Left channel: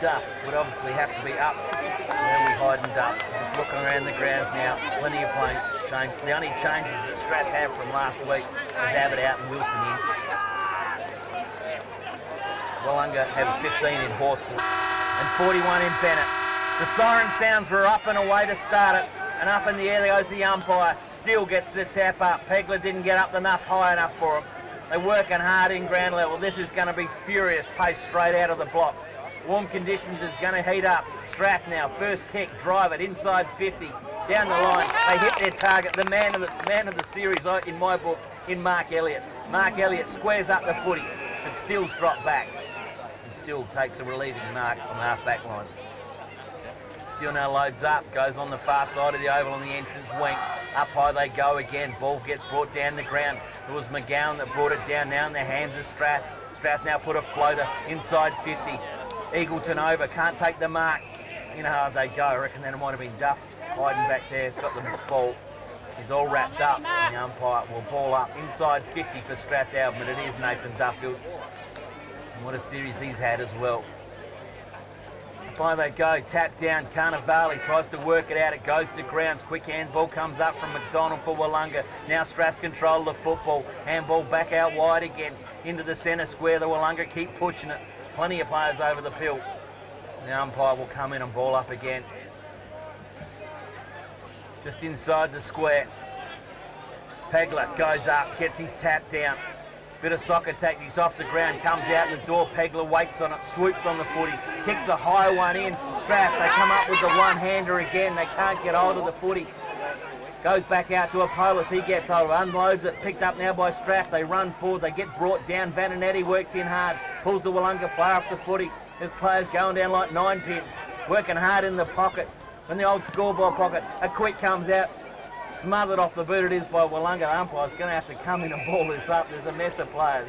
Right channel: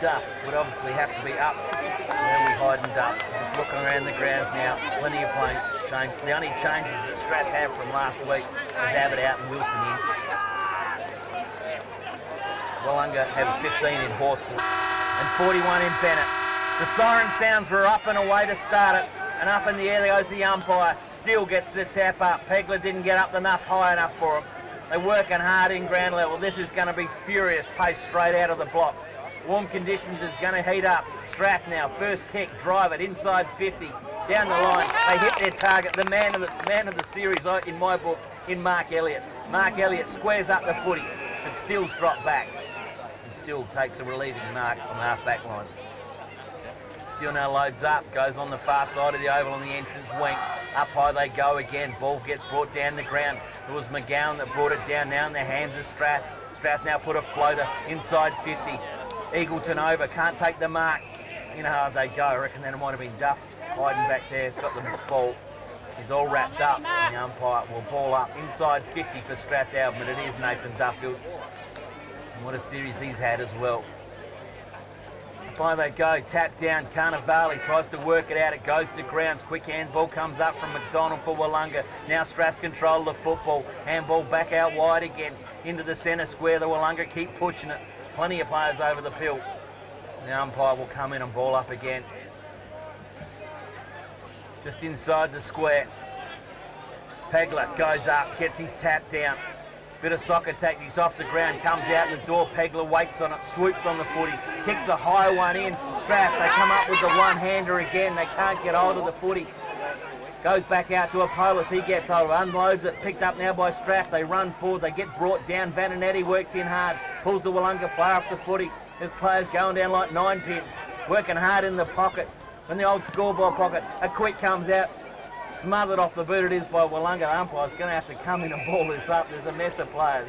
Duff would obviously have to be up where we hide and Duff. Just looking around the grounds now, plenty of playing change. The only changes that Strath had from last week was Abbott out and Wilson in. Willunga have 15 in Horsford and 41 in Bennett. The siren sounds were up and away to start it, and up in the air goes the umpire. Still gets the tap up. Pegler didn't get up enough high enough for him. They're working hard in ground level. This is going to be furious pace straight out of the blocks. Warm conditions is going to heat up. Strath now, first kick, drive it inside 50, down the line. They hit their target. The man of the series in my books, in Mark Elliott. Mark Elliott squares up the footy, but Stills drop back. And Still takes a relieving mark on the half-back line. Still now loads up, goes on the far side of the oval on the entrance wing. Up high they go again. Ball gets brought down the ground. It was McGowan that brought it down now in the hands of Strath. Strath now put a floater inside 50. Eagleton over, can't take the mark. You know how they go. I reckon that it might have been Duff hiding back there. It's got the ball. He's all wrapped up. The umpire will ball up inside 50 for Strathalbyn, but it is Nathan Duffield. And what a series he's had as well. By they go, tap down, Vale tries to work it out, it goes to grounds, quick handball comes up from McDonald for Willunga. Now Strath control the football, handball back out wide again, into the centre square, the Willunga keep pushing it. Plenty of players over the pill. The umpire will come in and ball up again. Just inside the square. Pegler goes up, gets his tap down. Bit of soccer tactics off the ground, comes out the door, Pegler waits on it, swoops on the footy, kicks a high one in. Strath, they come up with the one-hander again, they can't get hold of the footy. Goes back out to Apollos, he gets hold of it, unloads it, picked up now by Strath, they run forward, they get brought down, Vananetti works in hard, pulls the Willunga player off the footy. There's players going down like 9 pins, working hard in the pocket, in the old scoreboard pocket. A quick comes out, smothered off the boot it is by Willunga. The umpire's going to have to come in and ball this up. There's a mess of players.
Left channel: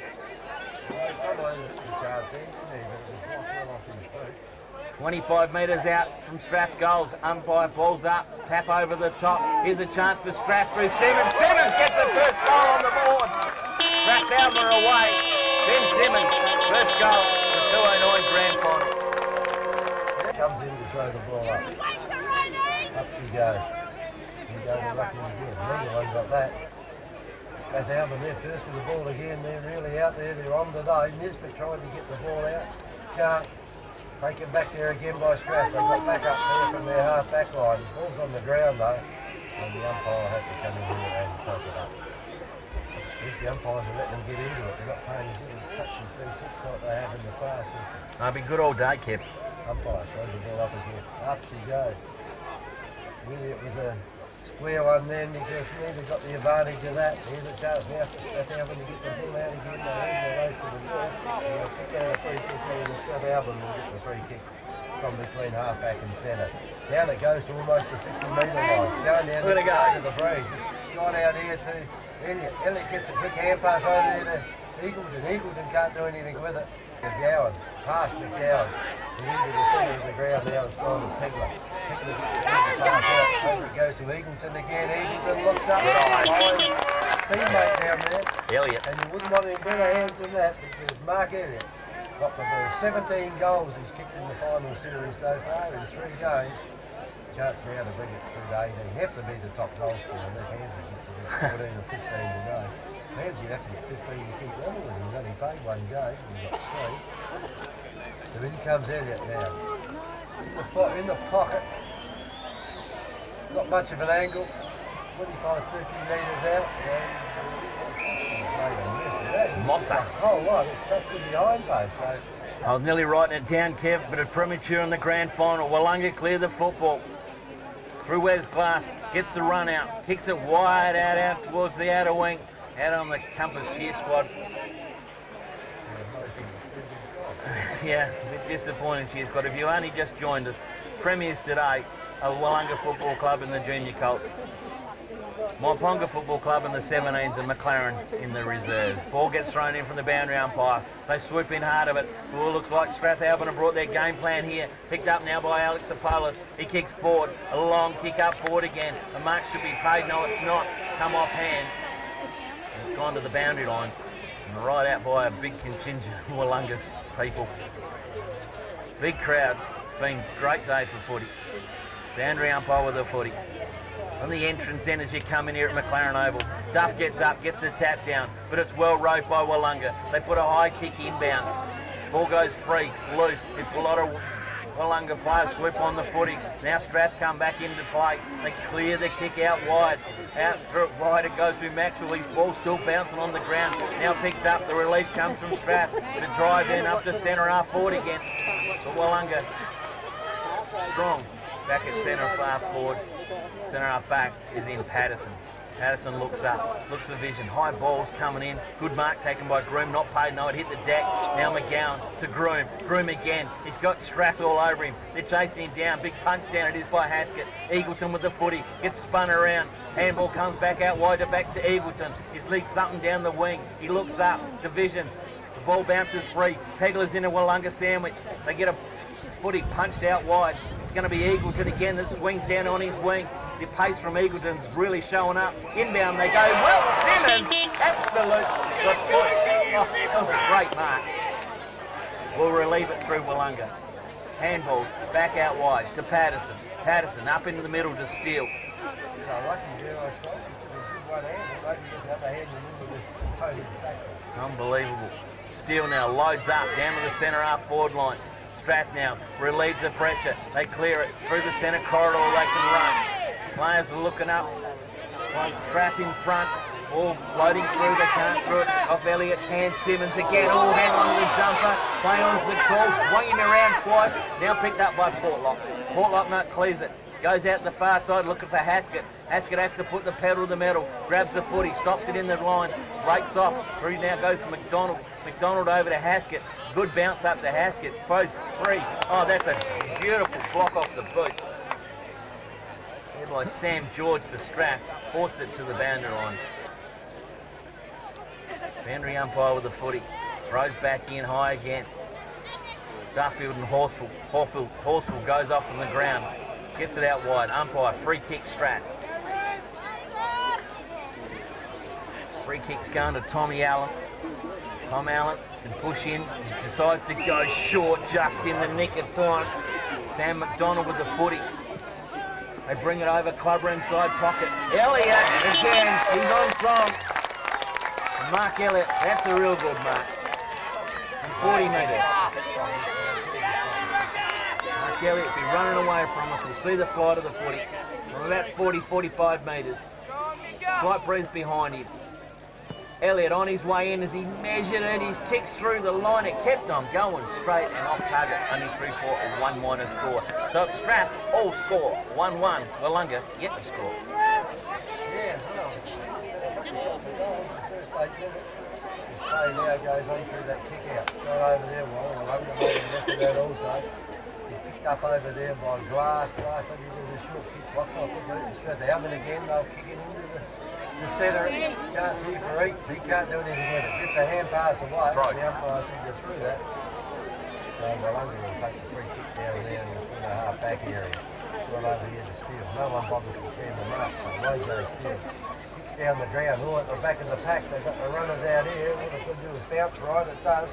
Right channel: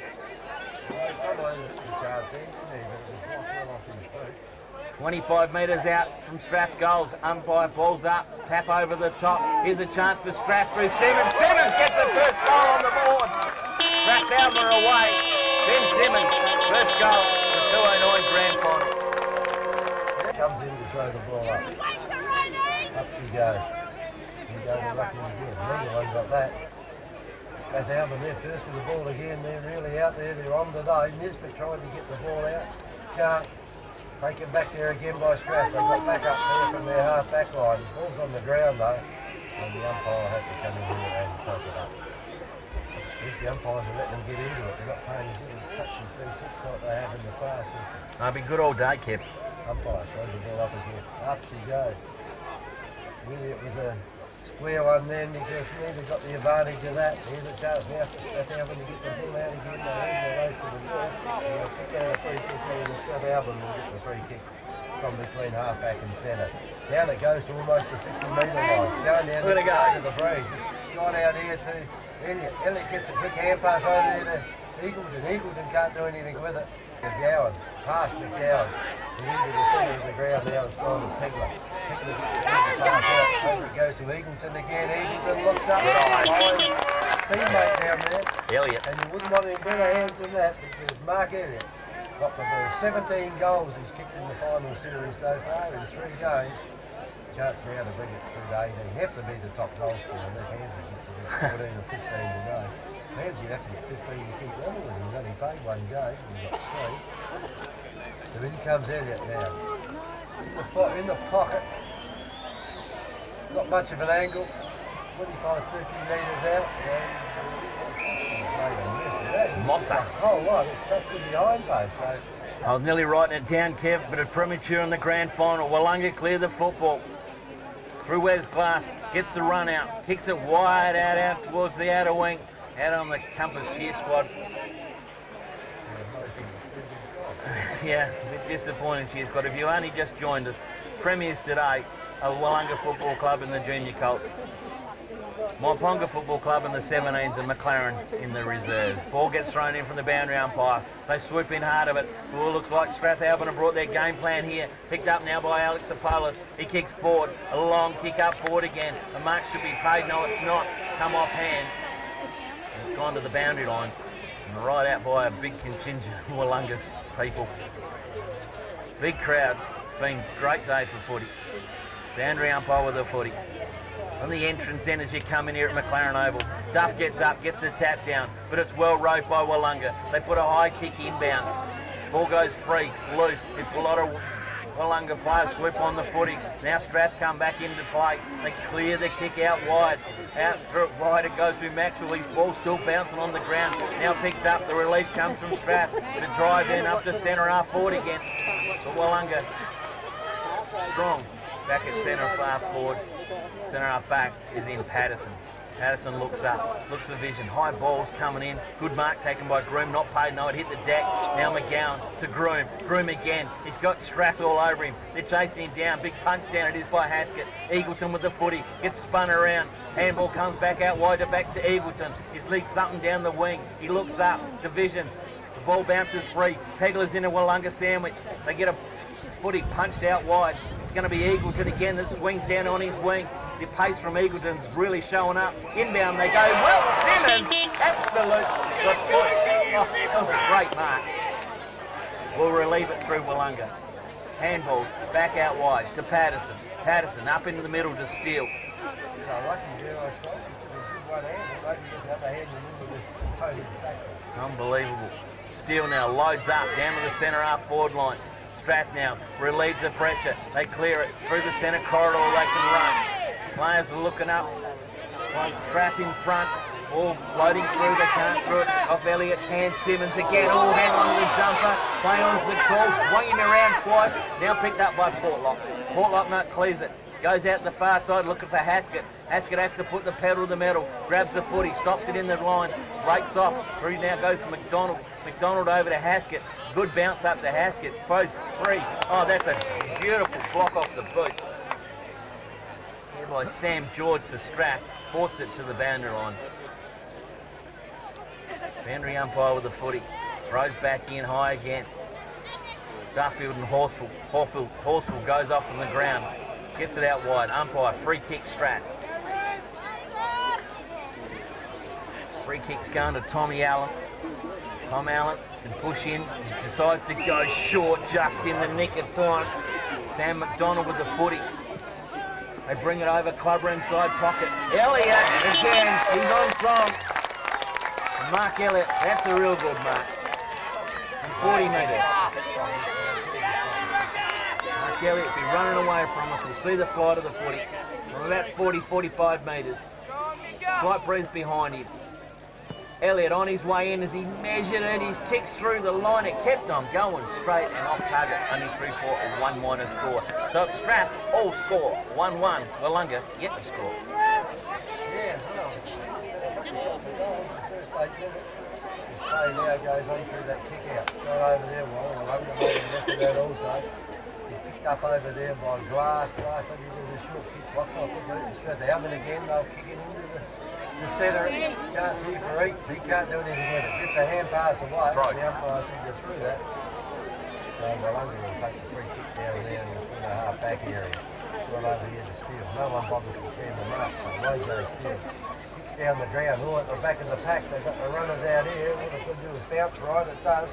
25 metres out from Strath goals. Umpire balls up, tap over the top. Here's a chance for Strath through Simmons. Simmons gets the first goal on the board. Strathalbyn are away. Ben Simmons, first goal, the 209 grand final. Comes in to throw the ball up. Up she goes. Lucky again. Neither one got that. Strathalbyn, they're first to the ball again. They're really out there. They're on today. Nisbet tried to get the ball out. Can't. Taken back there again by Strath. They got back up there from their half back line. Ball's on the ground though. And the umpire had to come in here and toss it up. The umpires will let them get into it. They're not paying touching 3 kicks like they have in the past. I've been good all day, Kev. Umpire throws the ball up again. Up she goes. Really, it was a square one then because neither got the advantage of that. Here's a chance now for Strathalbyn to get the ball out again. They leave the race for the ball. They'll kick out a free kick there and Strathalbyn will get the free kick from between half-back and centre. Down it goes to almost the 50-metre line. Going down to the breeze. Got out here to Elliott. Elliott gets a quick hand pass over there to Eagleton. Eagleton can't do anything with it. McGowan, past McGowan. Into the centre of the ground now, it's gone to Pegler. Pegler gets the pass out. Over it goes to Eagleton again. Eagleton looks up. Teammate down there. Elliott. And you wouldn't want any better hands than that because Mark Elliott got the ball. 17 goals he's kicked in the final series so far in 3 games. Chance now to bring it through to 18. You have to be the top goal scorer unless Hansy gets 14 or 15 to go. Hansy have to get 15 to keep level with him. He's only played 1 game. He's got 3. So in comes Elliott now. In the pocket. Not much of an angle. 25, 30 metres out. Mops up. Oh, right. It's touched the behind post. So I was nearly writing it down, Kev, but it's premature in the grand final. Willunga clear the football. Through Wes Glass, gets the run out, kicks it wide out towards the outer wing, out on the Compass cheer squad. Yeah, a bit disappointing cheer squad. If you only just joined us, premiers today are Willunga Football Club in the Junior Colts. Moponga Football Club in the 17s and McLaren in the reserves. Ball gets thrown in from the boundary umpire. They swoop in hard of it. Ball looks like Strathalbyn have brought their game plan here. Picked up now by Alex Apollos. He kicks forward. A long kick up forward again. The mark should be paid. No, it's not. Come off hands. It's gone to the boundary line. And right out by a big contingent of Willunga's people. Big crowds. It's been a great day for footy. Boundary umpire with the footy. On the entrance end as you come in here at McLaren Oval. Duff gets up, gets the tap down, but it's well rowed by Willunga. They put a high kick inbound. Ball goes free, loose. It's a lot of Willunga players swoop on the footy. Now Strath come back into play. They clear the kick out wide. Out through it wide, it goes through Maxwell. His ball still bouncing on the ground. Now picked up, the relief comes from Strath. The drive in up to centre half forward again. But Willunga strong. Back at centre half forward. Centre half back is in Patterson. Patterson looks up, looks for vision. High balls coming in. Good mark taken by Groom. Not paid, no, it hit the deck. Now McGowan to Groom. Groom again. He's got Strath all over him. They're chasing him down. Big punch down. It is by Haskett. Eagleton with the footy. Gets spun around. Handball comes back out wide back to Eagleton. He's leaked something down the wing. He looks up. Division. The ball bounces free. Pegler's in a Willunga sandwich. They get a footy punched out wide. It's going to be Eagleton again that swings down on his wing. The pace from Eagleton's really showing up. Inbound they go. Well, Simmons, absolute got foot. Oh, that was a great mark. We'll relieve it through Willunga. Handballs back out wide to Patterson. Patterson up into the middle to Steele. Unbelievable. Steele now loads up down to the centre half forward line. Strath now relieves the pressure. They clear it through the centre corridor. They can run. Players are looking up. One Strath in front. All floating through. They can't through it. Off Elliott's hand. Simmons again. All hang on to the jumper. Play on the call. Swinging around twice. Now picked up by Portlock. Portlock not clears it. Goes out the far side looking for Haskett. Haskett has to put the pedal to the metal. Grabs the footy. Stops it in the line. Breaks off. Through now goes to McDonald. McDonald over to Haskett. Good bounce up to Haskett. Throws free. Oh, that's a beautiful block off the boot. There by Sam George for Strath. Forced it to the boundary line. Boundary umpire with the footy. Throws back in high again. Duffield and Horsfall. Horsfall goes off from the ground. Gets it out wide. Umpire, free kick Strath. Free kick's going to Tommy Allen. Tom Allen can push in. He decides to go short just in the nick of time. Sam McDonald with the footy. They bring it over clubroom side pocket. Elliott again. He's on song. And Mark Elliott, that's a real good mark. And 40 metres. Mark Elliott be running away from us. We'll see the flight of the footy. From about 40, 45 metres. Slight breeze behind him. Elliott on his way in as he measured it. He's kicked through the line. It kept on going straight and off target. Only 3-4 and 1 minus score. So it's Strath all score. 1-1. Willunga yet to score. Yeah, well, first 8 minutes. Shea now goes on through that kick out. Got over there well. Willunga made a mess of that also. He picked up over there by Glass. Glass said he was a short kick. Blocked off the boot. Strathalbyn again. They'll kick it into the centre. Can't see for Eats. He can't do anything with it. Gets a hand pass away. Right. The umpire should go through that. So Willunga will take the free kick down there in the centre half back area. Right over here to Steele. No one bothers to stand the mark. Away goes Steele. Kicks down the ground. All at the back of the pack. They've got the runners out here. What it's going to do is bounce right. It does.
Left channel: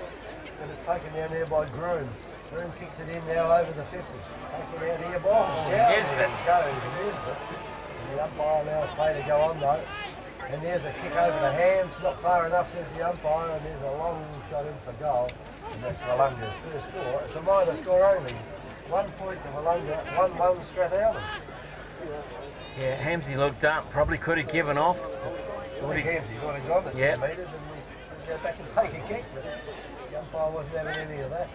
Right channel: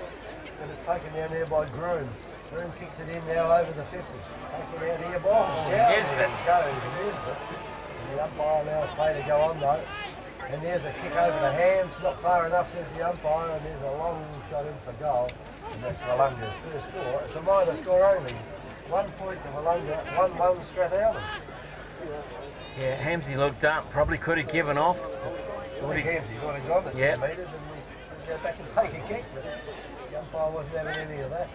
And it's taken down there by Groom. Groom kicks it in now over the 50. Taken out here by Nesbitt. Goes Nesbitt. And the umpire now is paid to go on though. And there's a kick over the hands, not far enough, says the umpire, and there's a long shot in for goal. And that's Willunga's first score. It's a minor score only. 1 point to Willunga, 1-1 Strathalbyn. Yeah, Hamsey looked up, probably could have given off. Thought Hamsey would have gone at 2 metres and we go back and take a kick, but the umpire wasn't having any of that.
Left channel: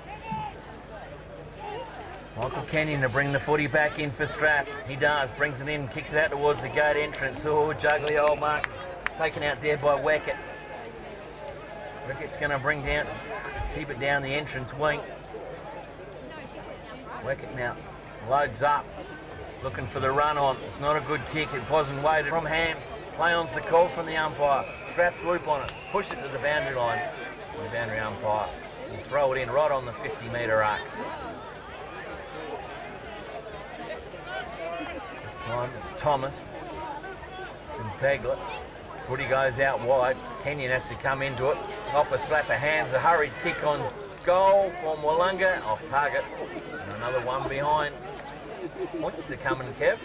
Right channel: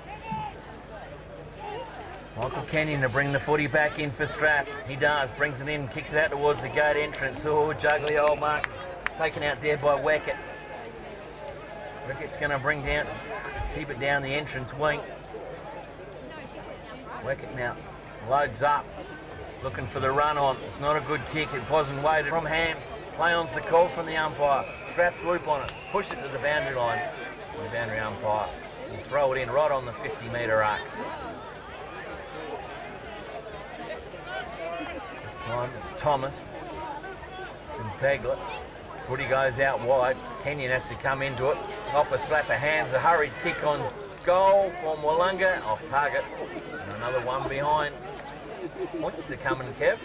Michael Kenyon to bring the footy back in for Strath. He does, brings it in, kicks it out towards the gate entrance. Oh, juggly old mark. Taken out there by Weckett. Weckett's going to bring down, keep it down the entrance wing. Weckett now loads up, looking for the run on. It's not a good kick, it wasn't weighted from Hams. Play on's the call from the umpire. Strath swoop on it, push it to the boundary line. And the boundary umpire will throw it in right on the 50-metre arc. Time it's Thomas and Pegler. Footy goes out wide. Kenyon has to come into it. Off a slap of hands. A hurried kick on goal from Willunga, off target. And another one behind. Points are coming, Kev.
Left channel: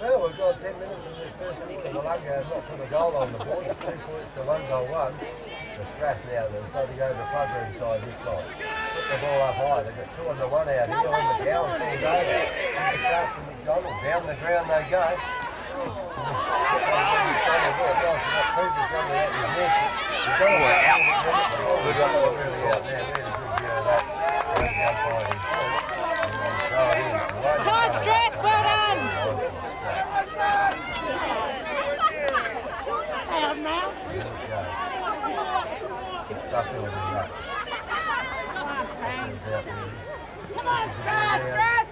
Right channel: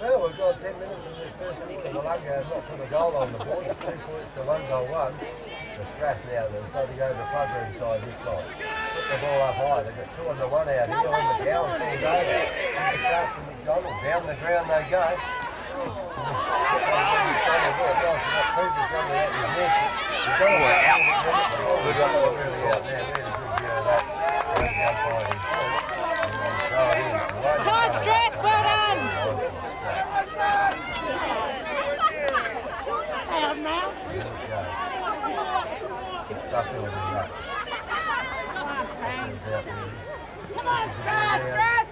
Well, we've got 10 minutes in this first quarter. Willunga have not put a goal on the board. It's 2 points to 1 goal 1. The Strath now, they're starting to go to the plug room side this time. Put the ball up high. They've got 2 on the 1 out here on the gown. Falls over. The chance to McDonald. Down the ground they go. Come on, Strath, well done! Out now. Come on, Strath!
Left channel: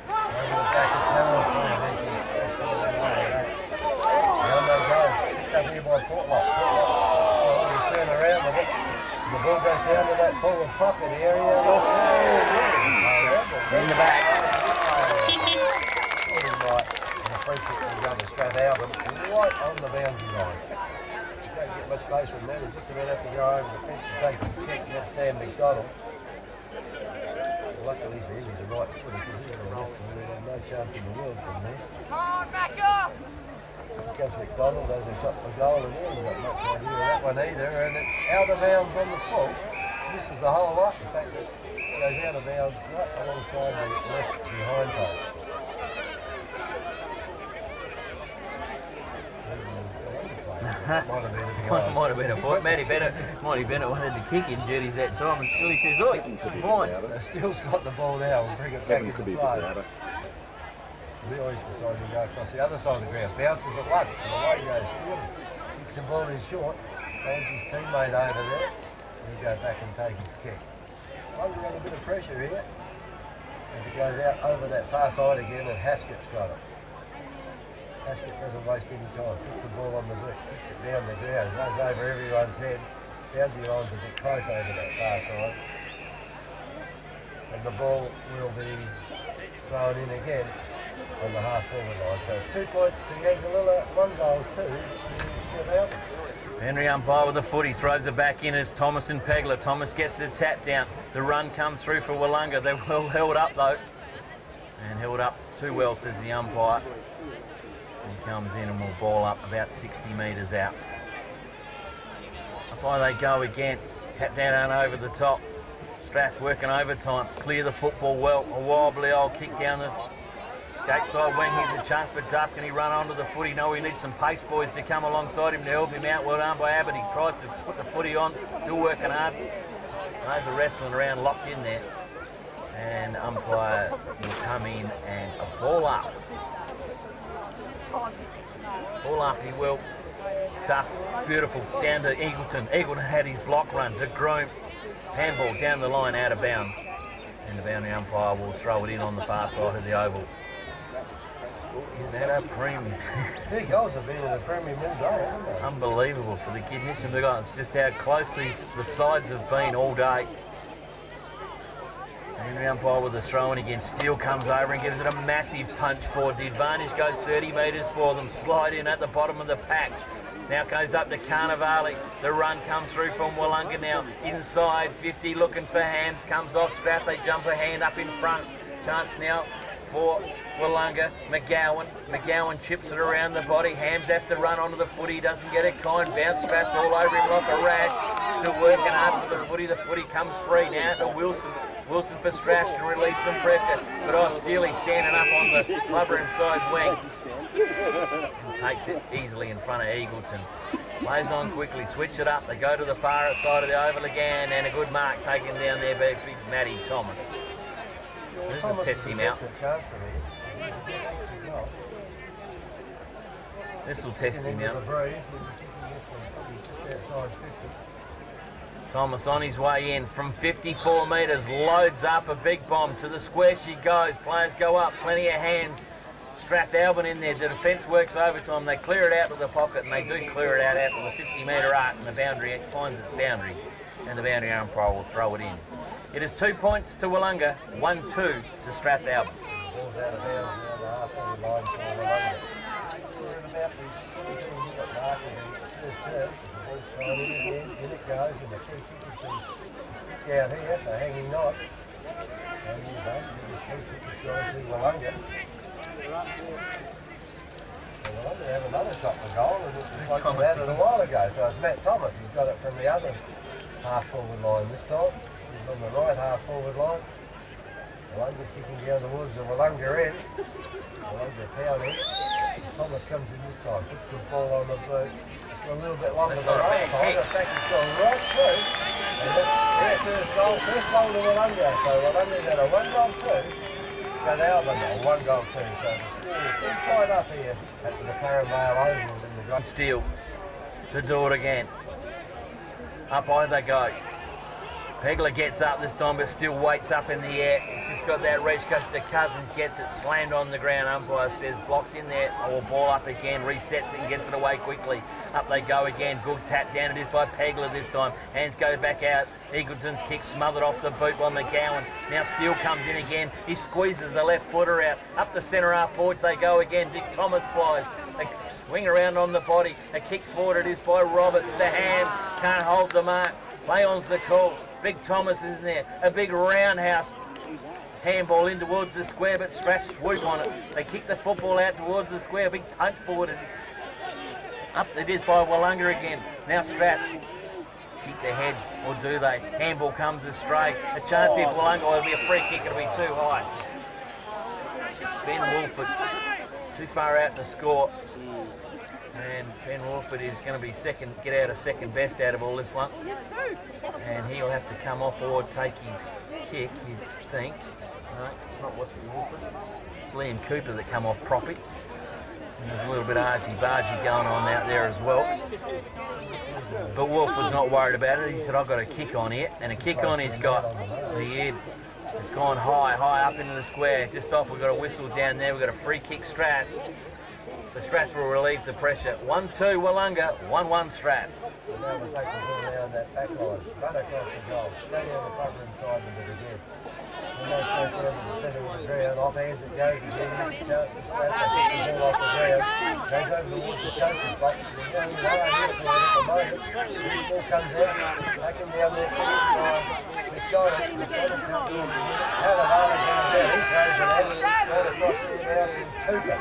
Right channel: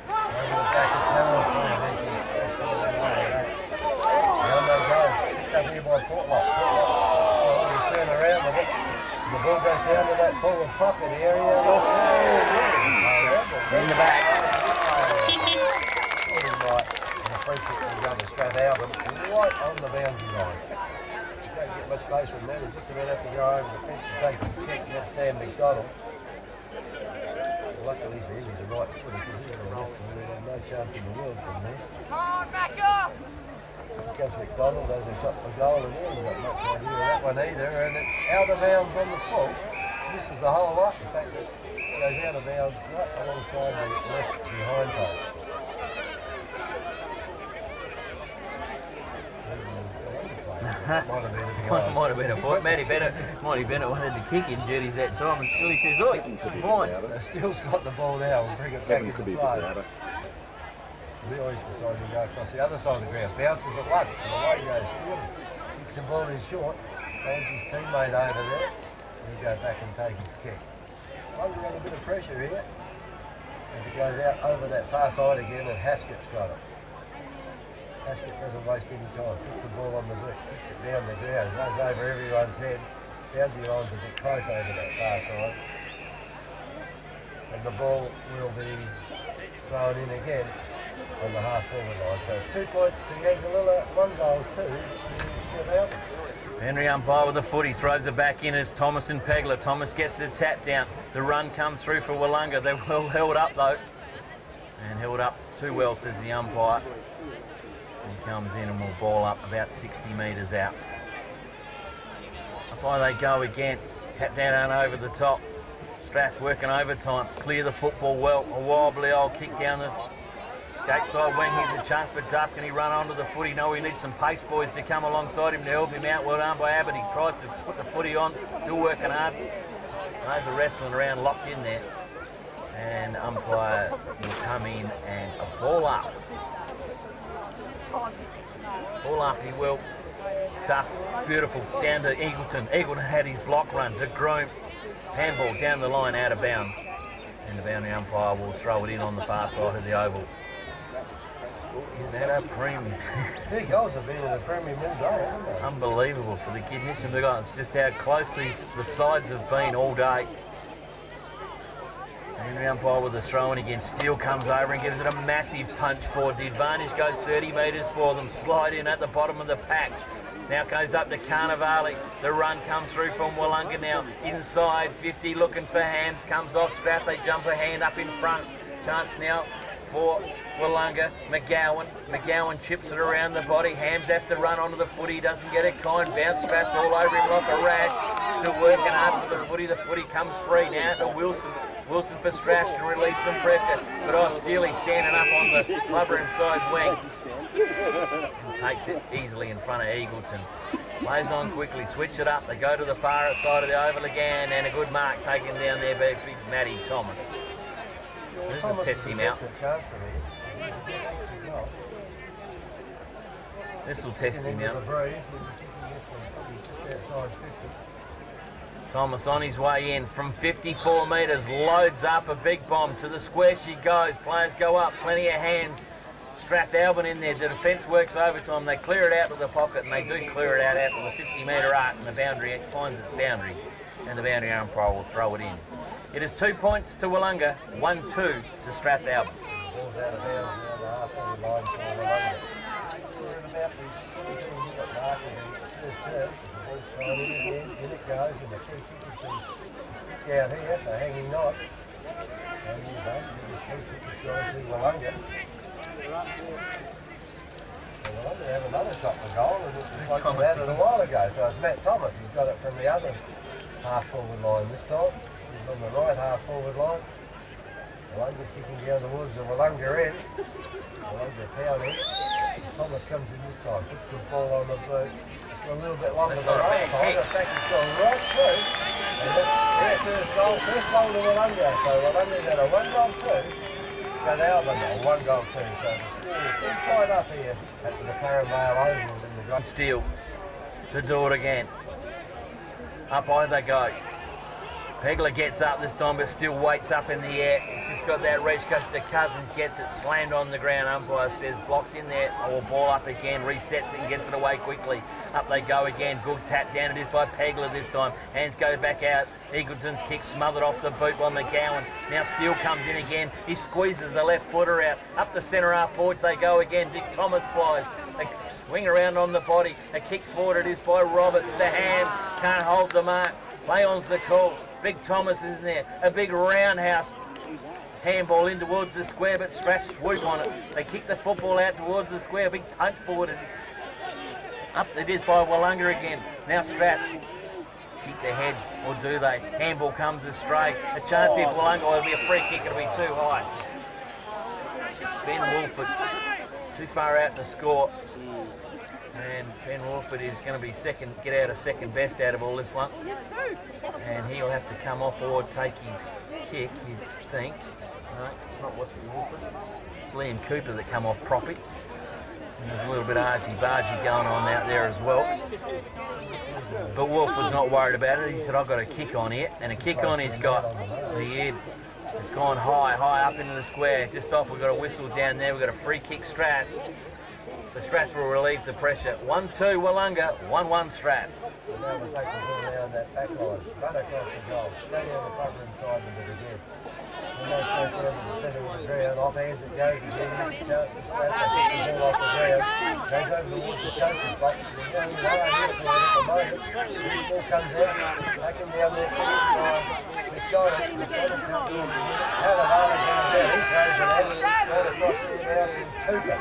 Down they go. Picked up here by Portlock. Turn around with it. The ball goes down to that forward pocket area. In the back. Free kick will go to Strathalbyn, right on the boundary line. You don't get much closer than that. He's just about have to go over the fence and take his kick. That's Sam McDonald. Luckily for him, he's a right footer because he's a left and there's no chance in the world from there. Come on, back up! Here comes McDonald as a shot for goal and he hasn't got much idea of that one either. And it's out of bounds on the full. This is the whole lot. In fact, it goes out of bounds right alongside the left behind post. Might have been a point. Matty Bennett wanted to kick in Judy's that time, and Steely says, "Oi, it's mine." So Steele's got the ball now. We'll bring it back into play. Really's decided to go across the other side of the ground. Bounces at once, and away goes Steele. Kicks the ball in short. Holds his teammate over there. He'll go back and take his kick. We've got a bit of pressure here. As it goes out over that far side again, and Haskett's got it. Haskett doesn't waste any time. Puts the ball on the brick, kicks it down the ground, goes over everyone's head. Boundary line's a bit close over that far side. And the ball will be thrown in again on the half-forward line. So it's 2 points to Yangalilla, 1 goal, 2 to Strathalbyn. Henry umpire with the footy, throws it back in as Thomas and Pegler. Thomas gets the tap down. The run comes through for Willunga. They're well held up though. And held up too well, says the umpire. He comes in and will ball up about 60 metres out. Up high they go again. Tap down and over the top. Strath working overtime. Clear the football well. A wobbly old kick down the skate side wing. Here's a chance for Duff. Can he run onto the footy? No, he needs some pace boys to come alongside him to help him out. Well done by Abbott. He tries to put the footy on. Still working hard. Those are wrestling around, locked in there. And umpire will come in and a ball up. Ball up he will. Duff, beautiful, down to Eagleton. Eagleton had his block run to Groom. Handball down the line, out of bounds. And the boundary umpire will throw it in on the far side of the oval. Is that a premium? 2 goals have been in the premium all day, haven't they? Unbelievable for the kid. It's just how close the sides have been all day. Henry umpire with the throw in again. Steele comes over and gives it a massive punch forward. The advantage goes 30 metres for them. Slide in at the bottom of the pack. Now goes up to Carnivale. The run comes through from Willunga now. Inside 50, looking for Hams. Comes off Strath. They jump a hand up in front. Chance now for Willunga. McGowan chips it around the body. Hams has to run onto the footy. Doesn't get it. Kind bounce. Strath's all over him like a rash. Still working hard for the footy. The footy comes free now to Wilson. Wilson for Strath can release some pressure. But Steely standing up on the clubber inside wing. And takes it easily in front of Eagleton. Plays on quickly, switch it up. They go to the far outside of the oval again, and a good mark taken down there by big Matty Thomas. This will test him out. This will test him out. Thomas on his way in from 54 metres, loads up a big bomb. To the square she goes. Players go up, plenty of hands. Strathalbyn in there. The defence works overtime. They clear it out to the pocket, and they do clear it out to the 50-metre arc, and the boundary finds its boundary, and the boundary umpire will throw it in. It is 2 points to Willunga, 1-2 to Strathalbyn. Ball's out of bounds around the half-forward line for Willunga. We're at about the 17-minute mark of the first return. It's a sign in again, in it goes, and the free kick is down here, so hanging knot. And he's done, the free kick is going to Willunga. So Willunga have another shot for goal, and it's like they had it a while ago. So it's Matt Thomas, he's got it from the other half-forward line this time. He's on the right half-forward line. Willunga kicking down towards the Willunga end. Willunga town end. Thomas comes in this time, puts the ball on the boot. It's got a little bit longer than last time. In fact, it's gone right through. And that's their first goal to Willunga. So Willunga got a 1-goal 2. Strathalbyn, a 1-goal 2. So the score is pretty tight up here at the McLaren Vale Oval in the Grand Steele to do it again. Up high they go. Pegler gets up this time, but still waits up in the air. He's just got that reach, goes to Cousins, gets it slammed on the ground. Umpire says blocked in there, or ball up again, resets it and gets it away quickly. Up they go again, good tap down, it is by Pegler this time. Hands go back out, Eagleton's kick smothered off the boot by McGowan. Now Steele comes in again, he squeezes the left footer out. Up the centre half forwards they go again, Dick Thomas flies. They swing around on the body, a kick forward it is by Roberts to Hams, can't hold the mark. Play on's the call. Big Thomas is in there, a big roundhouse handball in towards the square, but Strath swoop on it. They kick the football out towards the square, big punch forward. Up it is by Willunga again. Now Strath keep their heads, or do they? Handball comes astray. A chance here for Willunga, it'll be a free kick, it'll be too high. Ben Wolford too far out to score. And Ben Wolford is going to be second, get out a second best out of all this one. And he'll have to come off or take his kick, you think. No, it's not Wesley Wolford. It's Liam Cooper that come off proppy. And there's a little bit of argy-bargy going on out there as well. But Wolford's not worried about it. He said, I've got a kick on here. And a kick on he's got. The head has gone high up into the square. Just off, we've got a whistle down there. We've got a free kick Strath. So Strath will relieve the pressure. 1-2 Willunga, 1-1 Strath. So now we'll take the ball down that back line, run across the goal, go down the cover inside of it again. And they go down to the centre of the ground, off hands it goes again, chance for Strath to kick the ball off the ground, goes over towards the coach's box, they're going hard here for it at the moment. The ball comes out, back him down there, McDonald comes in, how the Vale goes down, he throws it out, right across there now to Cooper.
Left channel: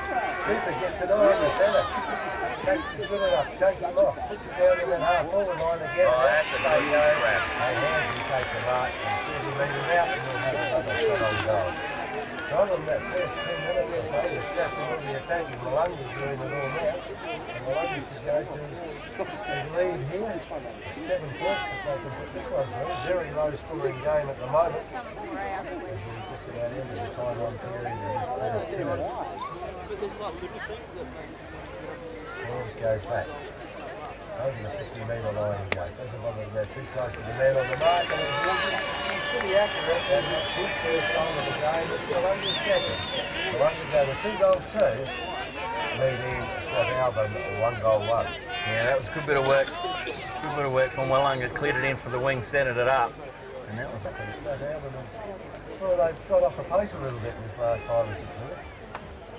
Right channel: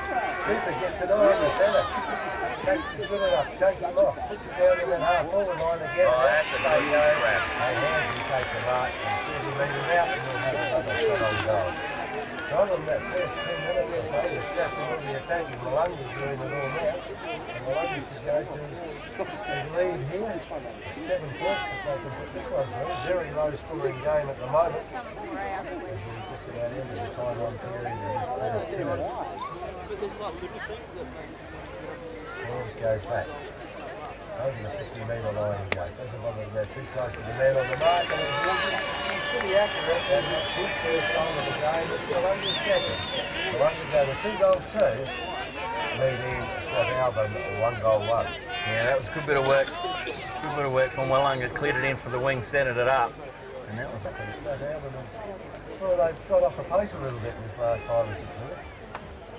Cooper gets it on the centre. Baxter's good enough, shake him off, puts it down in that half-forward line again. Oh, that's a good grab. Hey, hands will take the mark and 30 metres out and we'll have another shot on goal. So on them that first 10 minutes or so, the Strath will be attacking. Willunga's doing it all now. And Willunga could go to his lead here. 7 points if they can put this one through. Very low scoring game at the moment. As we're just about into the time on period of this first 2 minutes. Hands goes back. Over the 50-metre line he goes. Doesn't bother to go too close to the man on the mark. And he's pretty accurate. And that's his first goal of the game. It's Willunga's second. Willunga go to 2-2. Leading Strathalbyn 1-1. Yeah, that was a good bit of work. Good bit of work from Willunga. Cleared it in for the wing, centred it up. And that was it. Well, they've got off the pace a little bit in this last 5 or 6 minutes.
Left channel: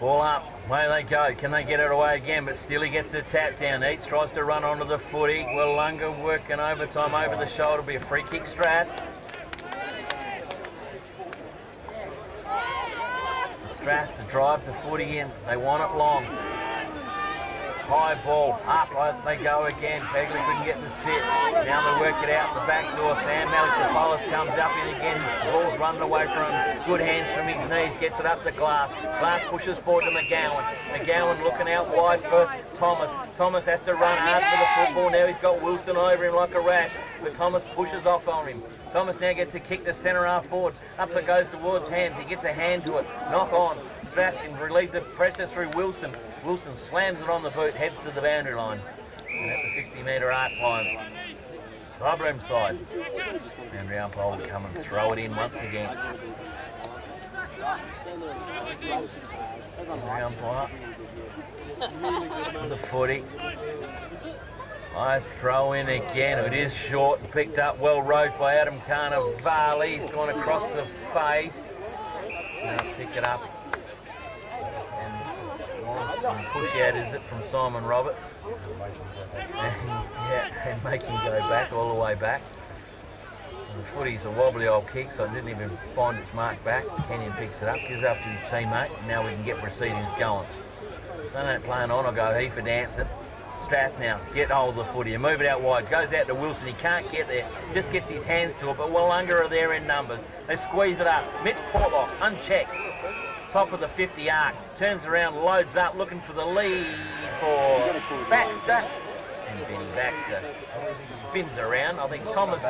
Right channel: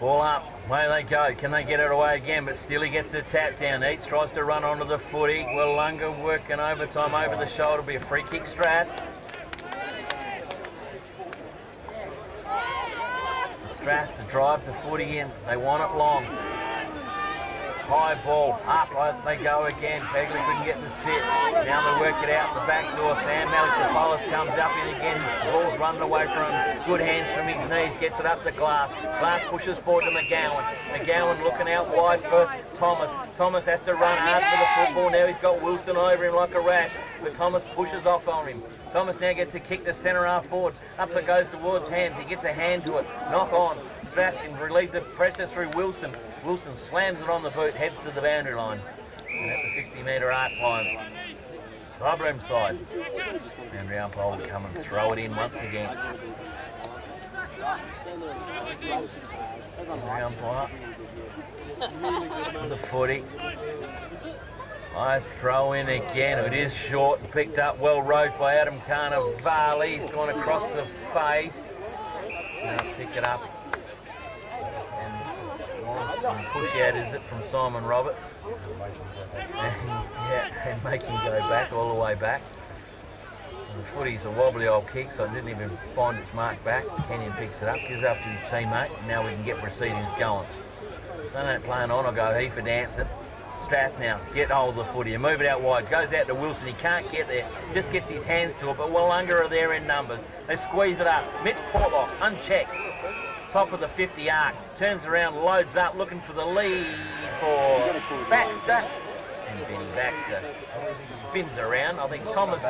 Ball up, away they go. Can they get it away again? But still he gets the tap down. Eats, tries to run onto the footy. Willunga working overtime over the shoulder. Be a free kick Strath. So Strath to drive the footy in. They want it long. High ball, up they go again. Pegler couldn't get the sit. Now they work it out the back door. Sam Malik comes up in again. His ball's running away from him. Good hands from his knees. Gets it up to Glass. Glass pushes forward to McGowan. McGowan looking out wide for Thomas. Thomas has to run hard for the football. Now he's got Wilson over him like a rat. But Thomas pushes off on him. Thomas now gets a kick to centre half forward. Up it goes towards Hams. He gets a hand to it. Knock on. Strath can relieve the pressure through Wilson. Wilson slams it on the boot, heads to the boundary line. And at the 50-metre arc line, clubroom side. Boundary umpire will come and throw it in once again. Boundary umpire. The footy. I throw in again. It is short, picked up well rode by Adam Khan of Vale. He's gone across the face. Now pick it up. And Some push out is it from Simon Roberts. And make him go back, all the way back. And the footy's a wobbly old kick, so it didn't even find its mark back. Kenyon picks it up, gives up to his teammate, and now we can get proceedings going. So don't playing on, I'll go he for dancing. Strath now, get hold of the footy and move it out wide. Goes out to Wilson, he can't get there, just gets his hands to it, but Willunga are there in numbers. They squeeze it up. Mitch Portlock, unchecked. Top of the 50 arc, turns around, loads up, looking for the lead for Baxter. And Benny Baxter spins around. I think Thomas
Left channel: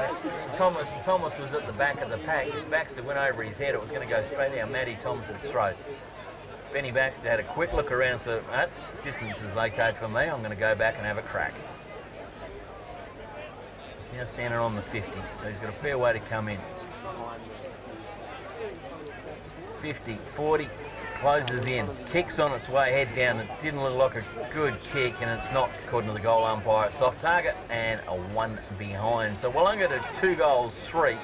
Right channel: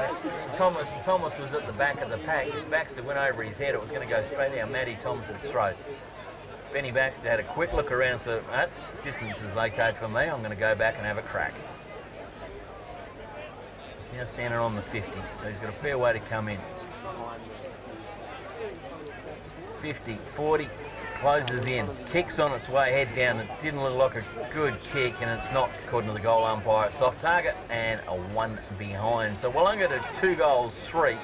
was at the back of the pack. Baxter went over his head. It was going to go straight down Matty Thomas's throat. Benny Baxter had a quick look around and thought, distance is okay for me. I'm going to go back and have a crack. He's now standing on the 50, so he's got a fair way to come in. 50, 40, closes in, kicks on its way, head down. It didn't look like a good kick, and it's not, according to the goal umpire. It's off target and a 1 behind. So Willunga to 2 goals, 3.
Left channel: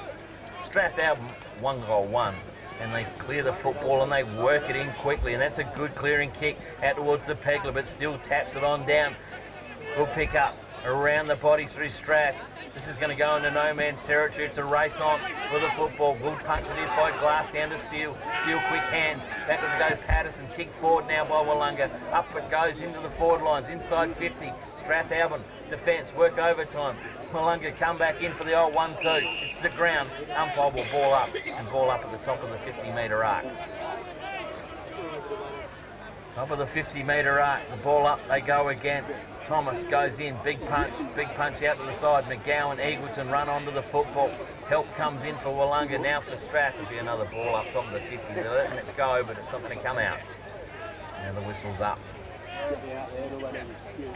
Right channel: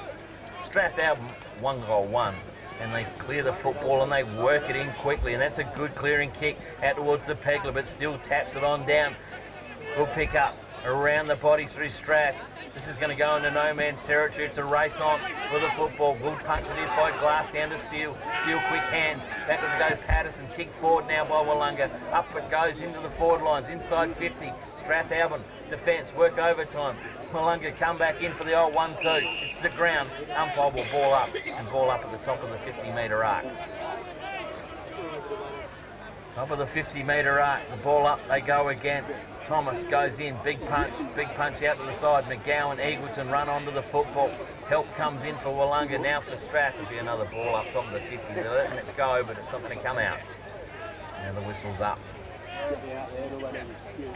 Strathalbyn 1 goal, 1. And they clear the football and they work it in quickly, and that's a good clearing kick out towards the Pegler, but still taps it on down. Good pick up around the body through Strath. This is going to go into no man's territory. It's a race on for the football. Good punch it is by Glass down to Steele. Steele quick hands. Back was go Patterson. Kick forward now by Willunga. Up it goes into the forward lines. Inside 50. Strathalbyn defence. Work overtime. Willunga come back in for the old 1-2. It's the ground. Umpire will ball up. And ball up at the top of the 50-metre arc. Top of the 50-metre arc. The ball up. They go again. Thomas goes in, big punch out to the side. McGowan, Eagleton run onto the football. Help comes in for Willunga, now for Strath. There'll be another ball up top of the 50. They're letting it go, but it's not going to come out. Now the whistle's up.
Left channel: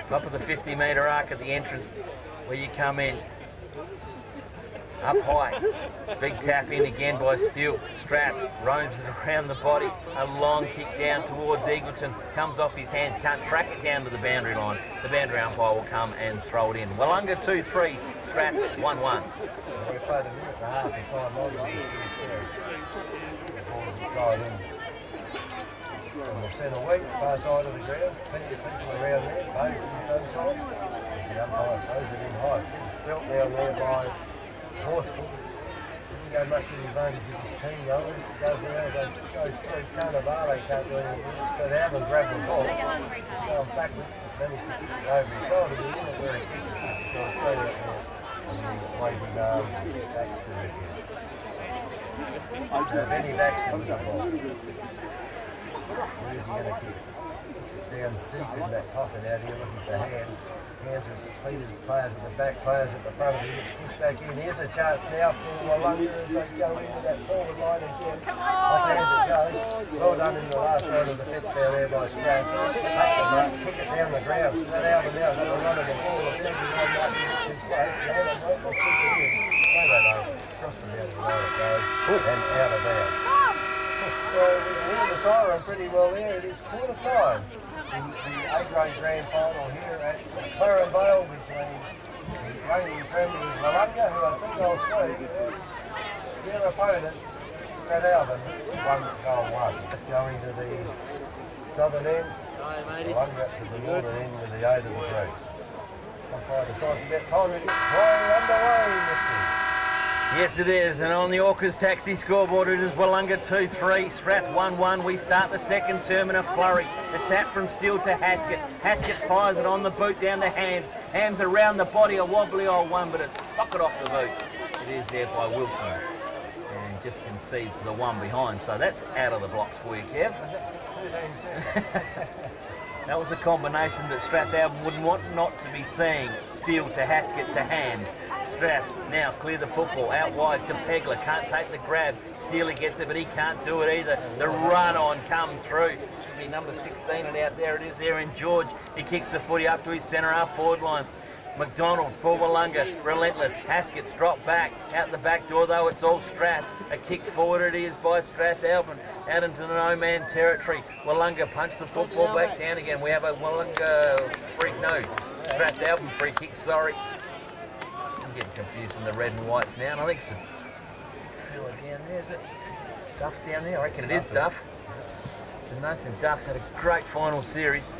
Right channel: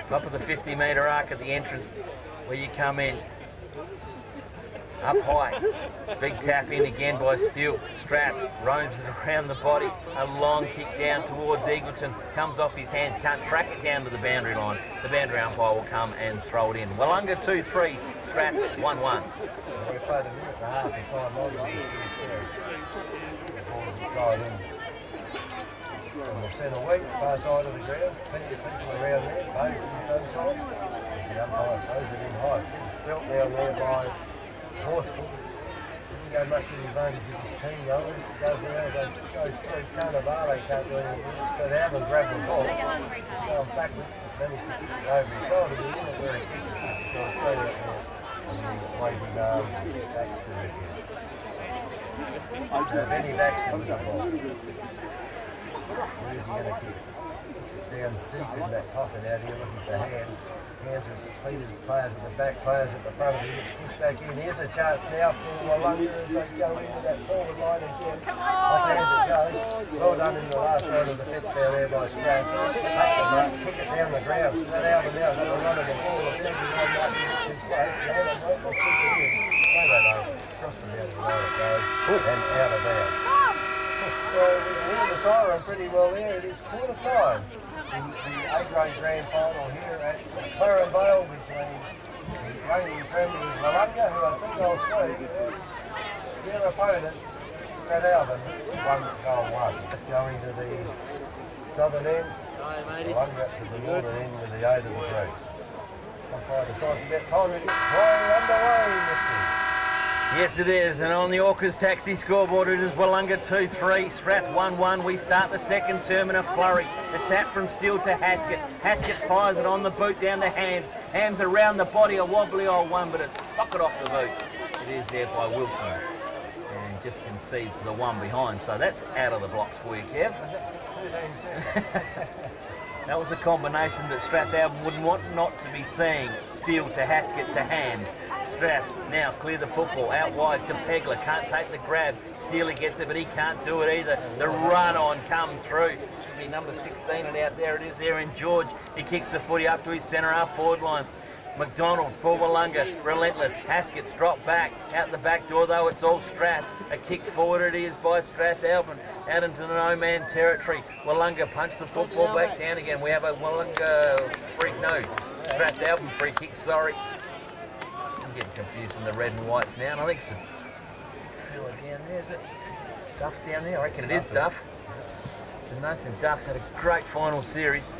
Top of the 50-metre arc at the entrance where you come in. Up high. Big tap in again by Steele. Strath roams it around the body. A long kick down towards Eagleton. Comes off his hands. Can't track it down to the boundary line. The boundary umpire will come and throw it in. Willunga 2-3. Strath 1-1. We played a minute and a half of time on the ball in the centre week, far side of the ground. Plenty of people around there, both in the sunshine. The umpire throws it in high. Built down there by Horseful. Didn't go much to the advantage of his team though. It goes around, goes through Vale, can't do anything. Strathalbyn grabbed the ball, going backwards, managed to kick it over his shoulder, but he didn't where he kicked it. He got straight out there and then waving Baxter again. So Benny Baxter with the ball. Where's he going to kick it? Down deep in that pocket out here looking for hands. Hands are completed players at the back, players at the front of it. Push back in. Here's a chance now for Willunga as they go into that forward line again. Off hands it goes. Well done in the last round of the fence down there by Strath. Take the mark, kick it down the ground. Strathalbyn now got a run of the ball. The fence line might be in his place. They don't know, they'll kick it in. They don't know. Cross the down the line it goes. And out of bounds. So we can hear the siren pretty well there. It is quarter time. The A-grade grand final here at McLaren Vale between the reigning premiers Willunga, who are 2 goals 3, their opponents Strathalbyn 1 goal 1. Let's go into the southern end, Willunga to the northern end with the aid of the Greeks. Umpire decides about time to get play underway, Mr. Yes, it is, and on the Orcas taxi scoreboard it is Willunga 2-3, Strath 1-1. We start the second term in a flurry. A tap from Steele to Haskett. Haskett fires it on the boot down to Hams. Hams around the body, a wobbly old one, but it's socket off the boot. It is there by Wilson, and just concedes the one behind. So that's out of the blocks for you, Kev. That was a combination that Strathalbyn wouldn't want not to be seeing. Steele to Haskett to Hams. Strath now clear the football out wide to Pegler. Can't take the grab. Steele gets it, but he can't do it either. The run on come through. Should be number 16, and out there it is there in George. He kicks the footy up to his centre half forward line. McDonald for Willunga, relentless. Haskett's dropped back. Out the back door though, it's all Strath. A kick forward it is by Strathalbyn. Out into the no-man territory. Willunga punch the football back down again. We have a Willunga free, no, Strathalbyn free kick, sorry. I'm getting confused in the red and whites now, and I think it's a fella down there, is it? Duff down there? I reckon it is Duff. So Nathan Duff's had a great final series.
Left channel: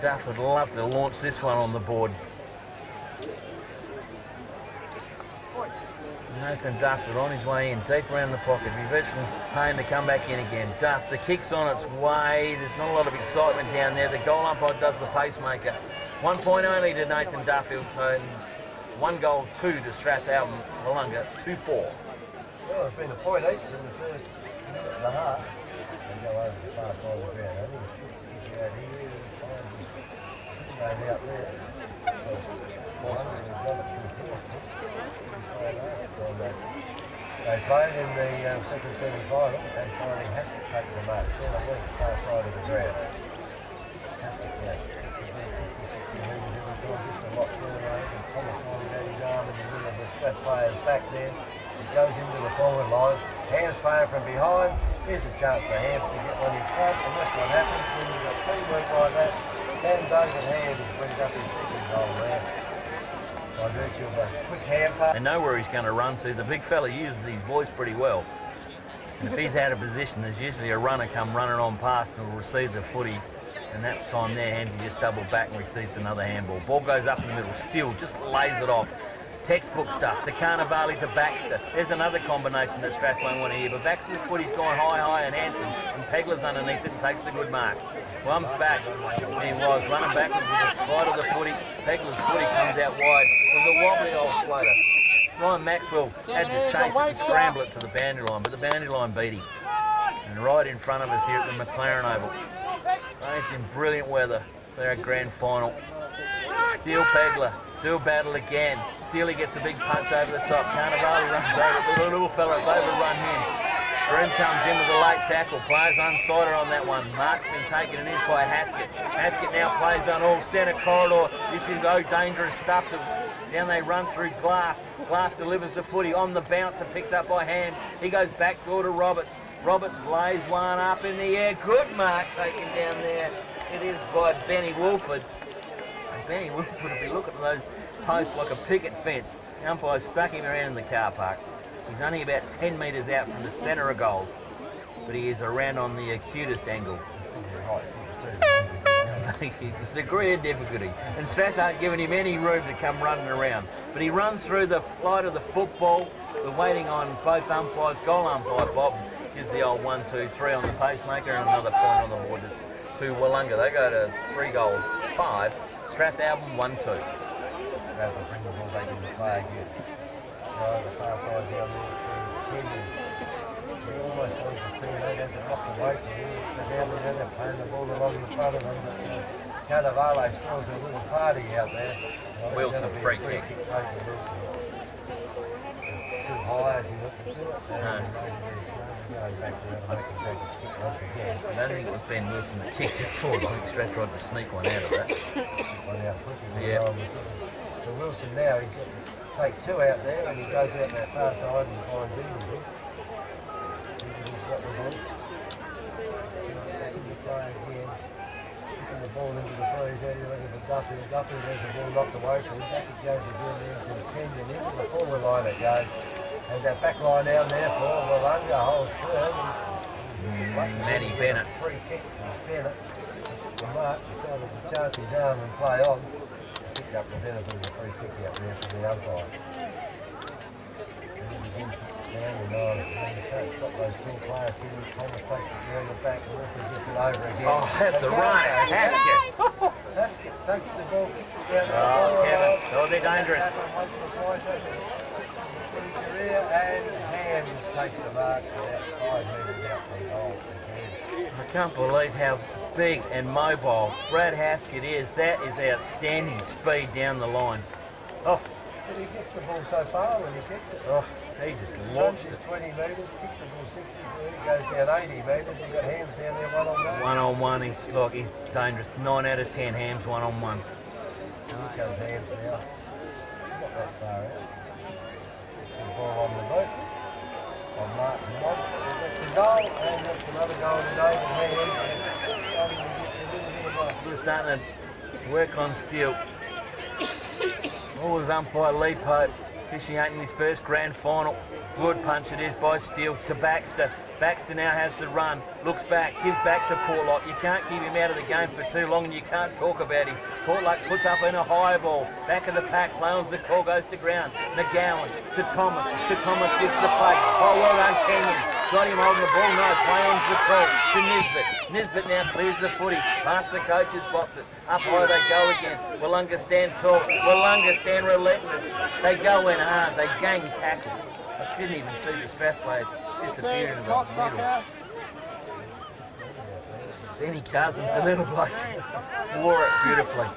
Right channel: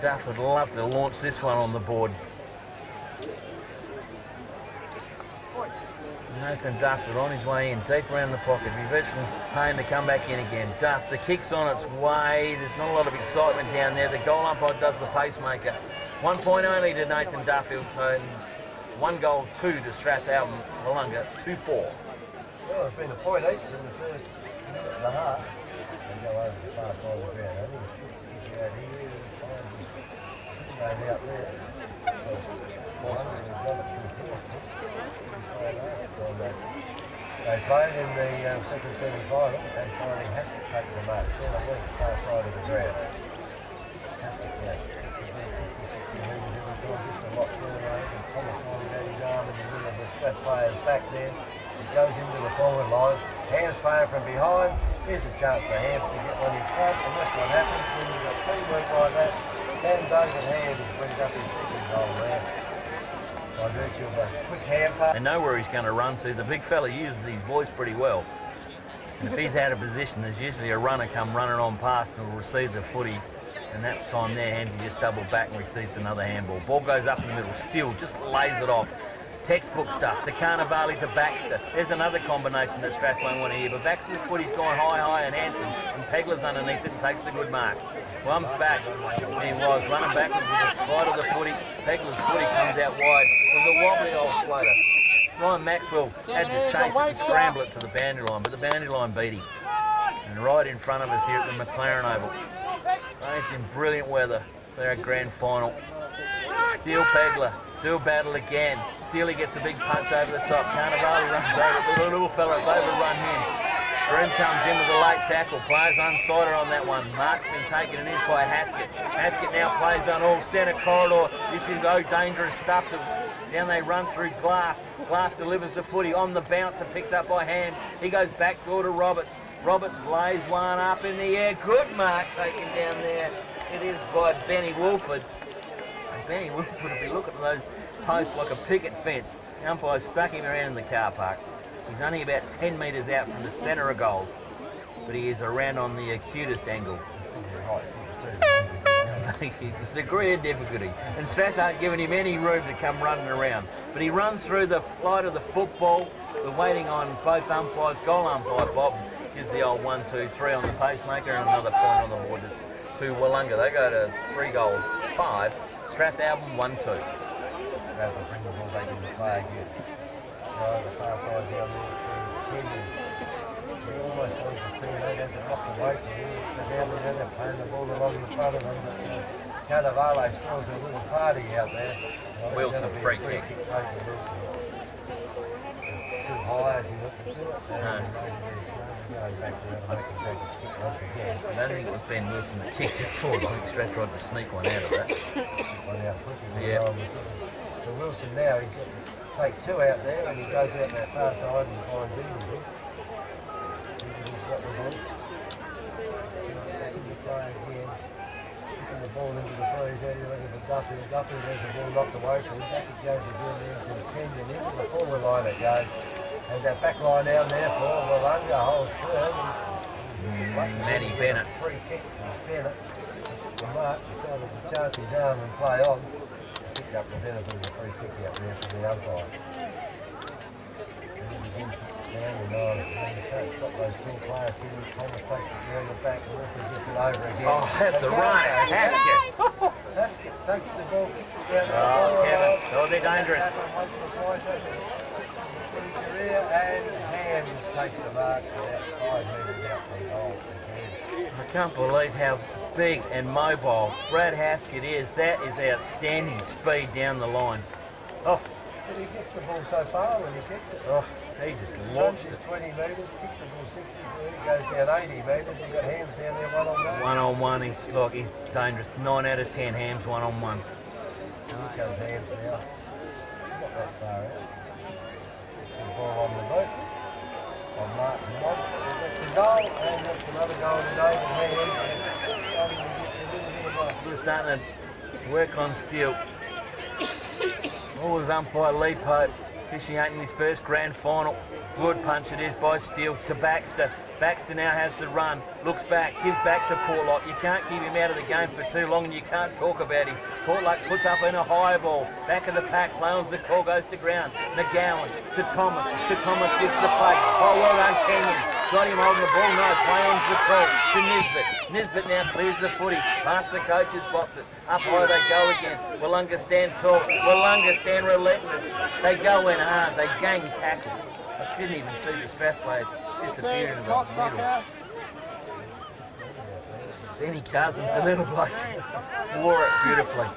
Duff would love to launch this one on the board. So Nathan Duff is on his way in, deep around the pocket. Be virtually paying to come back in again. Duff, the kick's on its way. There's not a lot of excitement down there. The goal umpire does the pacemaker. 1 point only to Nathan Duffield, so 1 goal, 2 to Strathalbyn, Willunga, 2-4. Well, it's been a point each in the first minute and a half. They go over the far side of the ground. I think it should kick out here. Out there. So, they played in the second semi-final and finally Haskett takes the mark. So they went far side of the ground. Haskett, it's a big 50-60 metres every time, gets a lot further over, and Thomas finally got his arm in the middle of the Strath player's back there. He goes into the forward line, Ham's playing from behind. Here's a chance for Ham to get one in front, and that's what happens when you've got teamwork like that. And David Ham has brings up his second goal there. By virtue of a quick hand pass. They know where he's going to run to. The big fella uses these boys pretty well. And if he's out of position, there's usually a runner come running on past and will receive the footy. And that time there, Hamsy just doubled back and received another handball. Ball goes up in the middle, still just lays it off. Textbook stuff, to Vale to Baxter. There's another combination that Strathalbyn want to hear, but Baxter's footy's gone high and handsome, and Pegler's underneath it and takes the good mark. Plum's back, he was running backwards with the fight of the footy. Pegler's footy comes out wide. It was a wobbly old floater. Ryan Maxwell had to chase it and scramble it to the boundary line, but the boundary line beat him. And right in front of us here at the McLaren Oval. It's in brilliant weather for our grand final. Steele Pegler, do a battle again. Steely gets a big punch over the top. Carnivale runs over. The little fella's overrun him. Broom comes in with a late tackle. Players unsighted on that one. Mark's been taken and is by Haskett. Haskett now plays on all centre corridor. This is dangerous stuff. Down they run through Glass. Glass delivers the footy on the bounce and picks up by Hand. He goes back door to Roberts. Roberts lays one up in the air. Good mark taken down there. It is by Benny Wolford. And Benny Wolford will be looking at those post like a picket fence. The umpire stuck him around in the car park. He's only about 10 metres out from the centre of goals, but he is around on the acutest angle. It's a degree of difficulty, and Strath aren't giving him any room to come running around. But he runs through the flight of the football. We're waiting on both umpires. Goal umpire Bob gives the old 1, 2, 3 on the pacemaker, and another point on the board to Willunga. They go to 3 goals, 5. Strathalbyn 1-2. Rather than bring the ball back into play again. The far side down there, he almost leaves his teammate as it knocked away from him. But down there, they're playing the ball along the front of him. Carnivale scores a little party out there. Wilson, free kick. Too high as he looked into it. Going back there to make him take a stick once again. I don't think it was Ben Wilson that kicked it forward. I think Strath tried to sneak one out of that. Yeah. So Wilson now, he's got to take 2 out there and he goes out that far side and finds easy. He's got the ball. He's playing again. Kicking the ball into the breeze. How do you look at the Duffy? The Duffy, there's the ball knocked away from him. Back it goes again there into the 10 and into the forward line it goes. And that back line down there for Willunga holds firm. Matty Bennett. Free kick from Bennett. The mark decided to charge his arm and play on. Picked up the benefit of the free kick out there for the umpire. And he was in, down and on. And he can't stop those 2 players. Thomas takes it down the back. The referee gets it over again. Oh, that's the run. Haskett. Haskett takes the ball, kicks it down. Oh, Kevin. That'll be dangerous. And Hands takes the mark about 5 metres out from goal. I can't believe how big and mobile Brad Haskett is. That is outstanding speed down the line. Oh, but he gets the ball so far when he kicks it. Oh, he just launched it. 20 metres, kicks the ball 60, so he goes down 80 metres. You've got Hams down there 1-on-1. 1-on-1, he's dangerous. 9 out of 10 Hams 1-on-1. Here comes Hams now. Not that far out. The ball on the boat on Martin Moss. That's a goal, and that's another goal to David Hands. We're starting to work on Steele. All with umpire Lee Pope. officiating his first grand final. Good punch it is by Steele to Baxter. Baxter now has to run, looks back, gives back to Portlock. You can't keep him out of the game for too long and you can't talk about him. Portlock puts up in a high ball. Back of the pack, Clowns, the call goes to ground. McGowan to Thomas. Thomas gives the play. Oh, well done, Kenyon. Got him holding the ball. No, play on's the call to Nisbet. Nisbet now clears the footy. Past the coach's box it. Up high they go again. Willunga stand tall. Willunga stand relentless. They go in hard. They gang tackle. I didn't even see the Strath players disappear into the middle. Benny Cousins, the little bloke, wore it beautifully.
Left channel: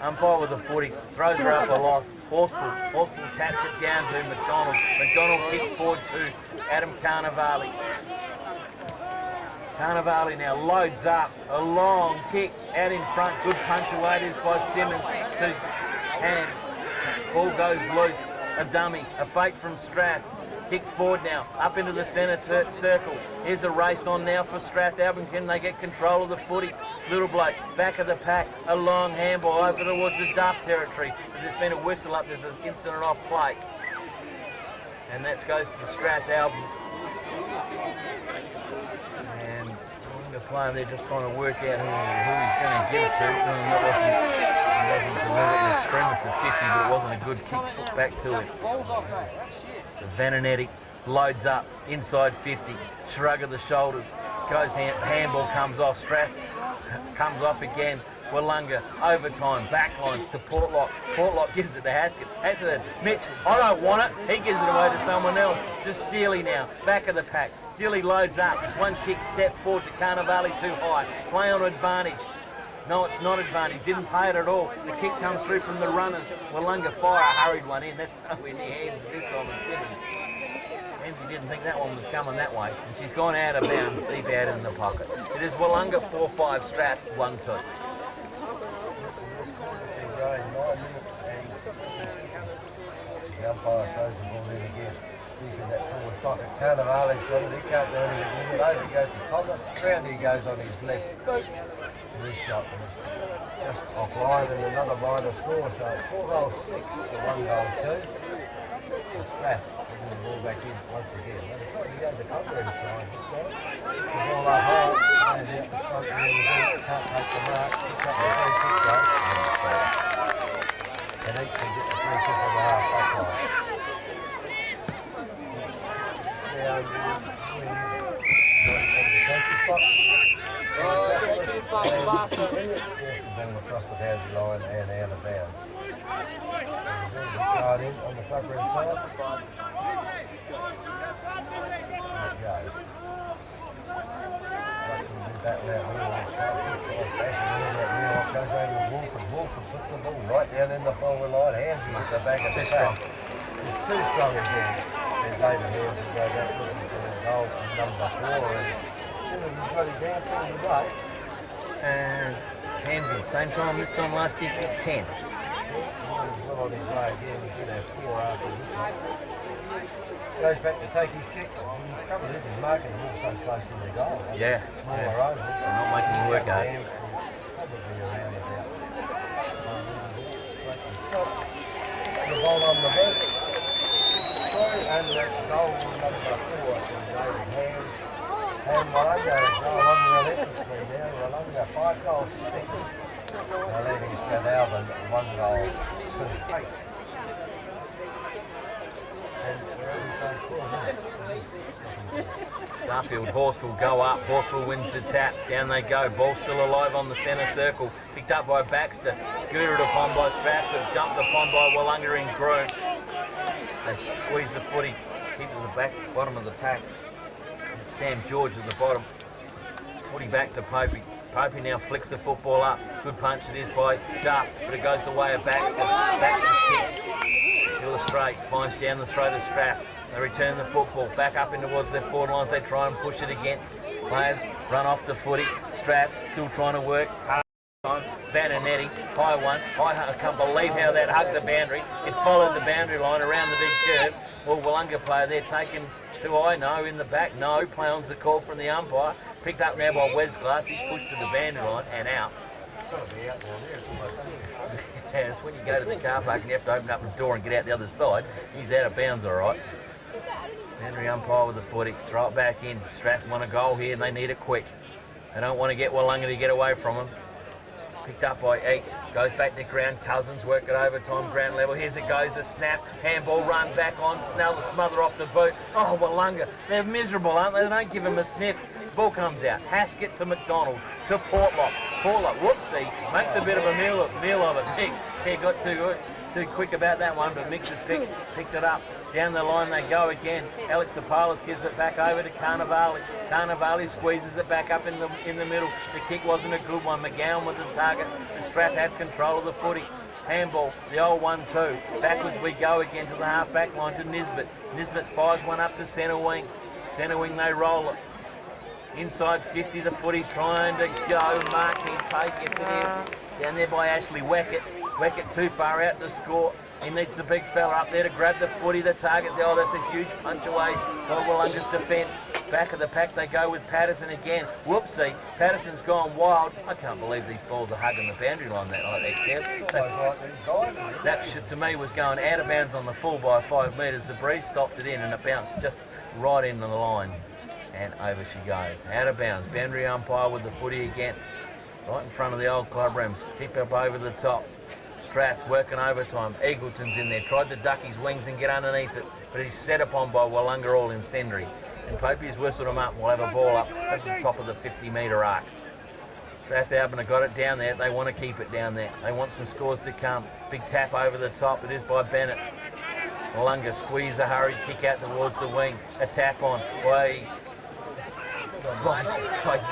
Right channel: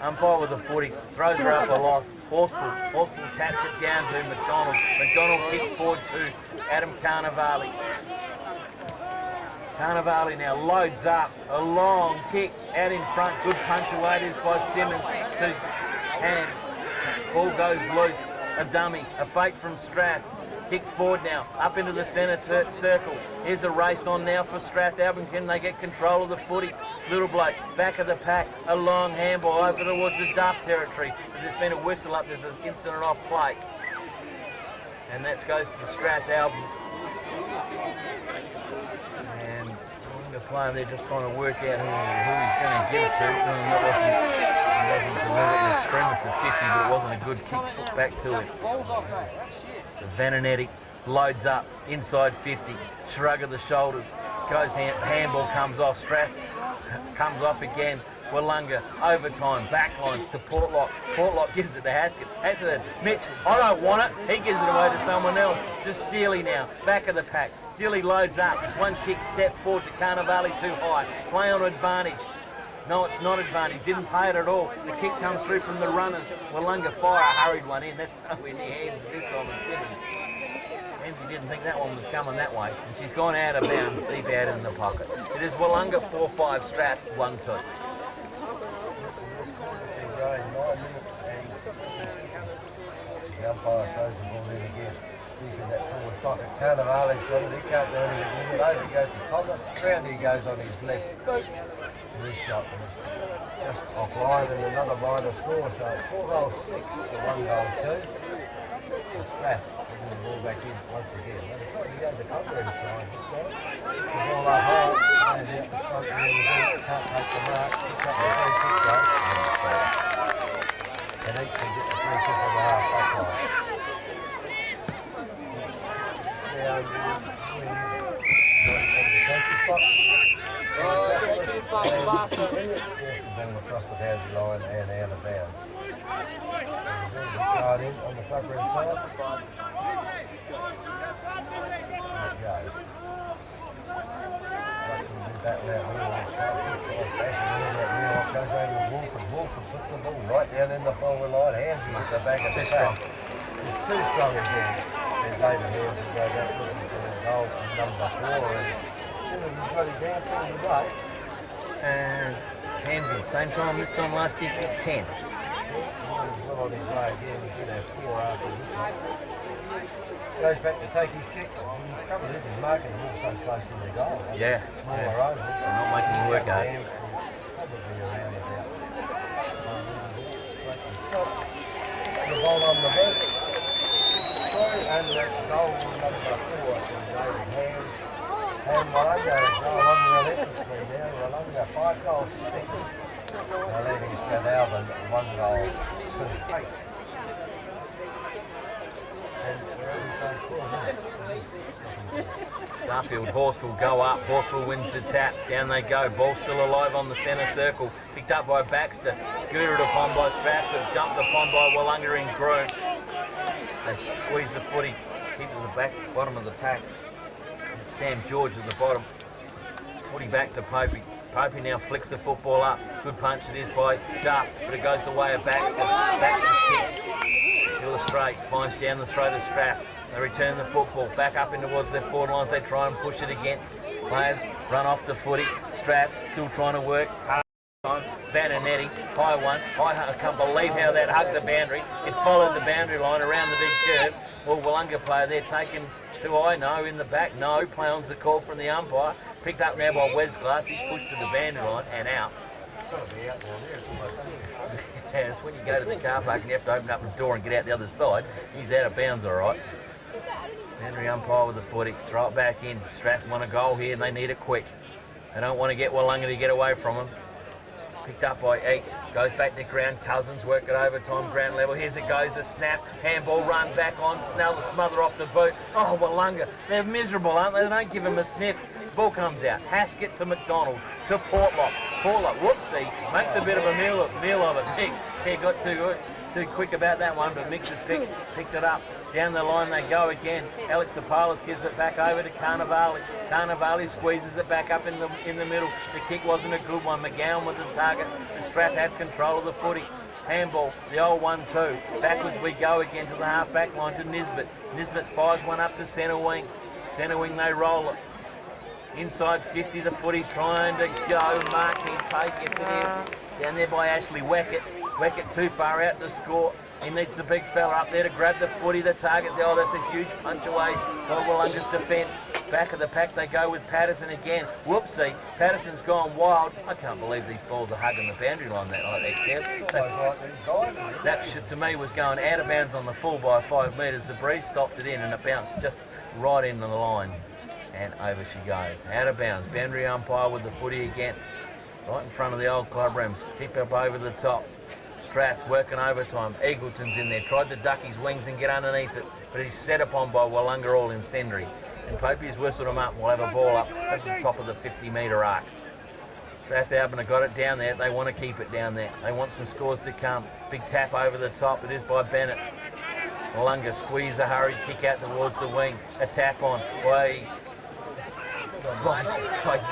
Umpire with the footy, throws her up a loss. Horsful taps it down to McDonald. McDonald kicks forward to Adam Carnevale. Carnevale now loads up, a long kick out in front. Good punch away it is by Simmons to Hands. Ball goes loose, a dummy, a fake from Strath. Kick forward now, up into the centre circle. Here's a race on now for Strathalbyn. Can they get control of the footy? Little bloke, back of the pack, a long handball over towards the Duff territory. There's been a whistle up, there's an incident off play. And that goes to the Strathalbyn. And the player, they're just trying to work out who he's going to give it to. It wasn't deliberately screaming for 50, but it wasn't a good kick foot back to it. So Vananetti loads up inside 50, shrug of the shoulders, goes handball comes off, Strath comes off again. Willunga overtime, backline to Portlock. Portlock gives it to Haskett. Haskett, Mitch, I don't want it. He gives it away to someone else. To Steely now, back of the pack. Steely loads up. One kick, step forward to Carnevale too high. Play on advantage. No, it's not advantage. Didn't pay it at all. The kick comes through from the runners. Willunga fire hurried one in. That's nowhere near Hands this time. Hamsy didn't think that one was coming that way. And she's gone out of bounds, deep out in the pocket. It is Willunga 4-5, Strath 1-2. The umpire throws the ball in again. Deep in that forward pocket. Carnevale's got it. He can't do anything with it. Over he goes to Thomas. Round he goes on his left. Boom. This shot was just offline and another minor score. So 4 goals 6 to 1 goal 2. So Strath getting the ball back in once again. He goes the covering side this time. The ball up high. And out the front end of the ball. Can't take the mark. Picks up the free kick though. And each can get the free kick on the half back line. Now, yes, the ball across the boundary line and out of bounds. Right in on the cover inside. There it goes. That goes over to Wolford. Wolford puts the ball right down in the forward line. Hands is the back of the pack. It's too strong again. And David Hands will go back looking for a goal from number 4. And as soon as he's got his hands pulled away. And Hamsy, same time this time last year, kicked 10. He's well on his way again. He should have 4 after this one. Goes back to take his kick. His trouble is he's marking the ball so close in the goal. Yeah. Smaller overs. They're not making him work out. Probably around about. The ball on the bench. And that's goal number 4 from David Hands. And Willunga is goal on the electric screen now. Willunga 5 goals 6. Now leading Strathalbyn 1 goal 2. Garfield, Horsfield go up. Horsfield wins the tap. Down they go. Ball still alive on the centre circle. Picked up by Baxter. Scooted upon by Strath, but jumped upon by Willunga in Groom. They squeeze the footy. Keep to the back, bottom of the pack. And Sam George at the bottom. Footy back to Popey. Popey now flicks the football up. Good punch it is by Duff, but it goes the way of Baxter. Baxter's kick. Illustrate, finds down the throat of Strath. They return the football back up in towards their forward lines. They try and push it again. Players run off the footy. Strath still trying to work hard. Vananetti, high one. I can't believe how that hugged the boundary. It followed the boundary line around the big curve. Well, Willunga player there taken too high. No, in the back. No, play on's the call from the umpire. Picked up now by Wes Glass. He's pushed to the boundary line and out. Yeah, it's when you go to the car park and you have to open up the door and get out the other side. He's out of bounds, all right. Boundary umpire with the footy, throw it back in. Strath want a goal here and they need it quick. They don't want to get Willunga to get away from them. Picked up by Eats, goes back to ground. Cousins work it overtime, ground level. Here's it goes, a snap, handball run back on. Snell the smother off the boot. Oh, Willunga, they're miserable, aren't they? They don't give him a sniff. Ball comes out. Haskett to McDonald to Portlock. Portlock, whoopsie, makes a bit of a meal of it. Mix, he got too quick about that one, but Mix has picked it up. Down the line they go again. Alex Sapalis gives it back over to Carnivale. Carnivale squeezes it back up in the middle. The kick wasn't a good one. McGowan with the target. The Strath had control of the footy. Handball, the old 1-2. Backwards we go again to the half-back line to Nisbet. Nisbet fires one up to centre wing. Centre wing they roll it. Inside 50, the footy's trying to go. Marking Pate, yes it is. Down there by Ashley Weckett. Weckett too far out to score. He needs the big fella up there to grab the footy. The target, oh, that's a huge punch away by Willunga's defence. Back of the pack they go with Patterson again. Whoopsie, Patterson's gone wild. I can't believe these balls are hugging the boundary line like that, Kev. That shit to me was going out of bounds on the full by 5 metres. The breeze stopped it in and it bounced just right into the line. And over she goes. Out of bounds. Boundary umpire with the footy again. Right in front of the old club rooms. Keep up over the top. Strath working overtime. Eagleton's in there. Tried to duck his wings and get underneath it. But he's set upon by Willunga all incendiary. And Popey's whistled him up. We'll have a ball up at the top of the 50-metre arc. Strathalbyn have got it down there. They want to keep it down there. They want some scores to come. Big tap over the top. It is by Bennett. Willunga squeeze a hurry. Kick out towards the wing. A tap on by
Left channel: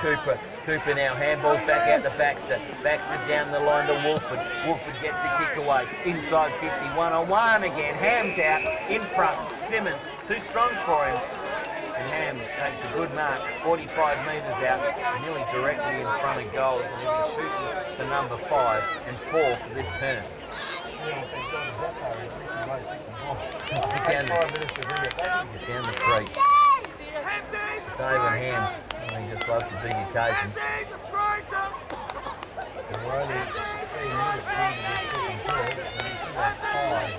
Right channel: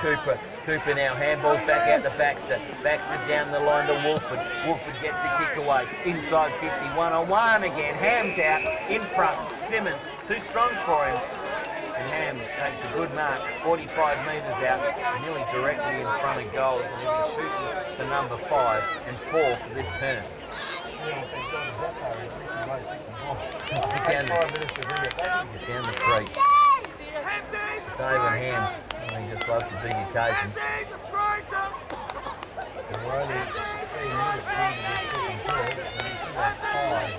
Cooper. Cooper now handballs back out to Baxter. Baxter down the line to Wolford. Wolford gets the kick away. Inside 50, 1-on-1 again. Ham's out in front. Simmons too strong for him. And Ham takes a good mark. 45 metres out, nearly directly in front of goals. And he'll be shooting for number 5 and 4 for this turn. Down the creek. David Hams, he just loves the big occasions. We're only 16 minutes into the second period,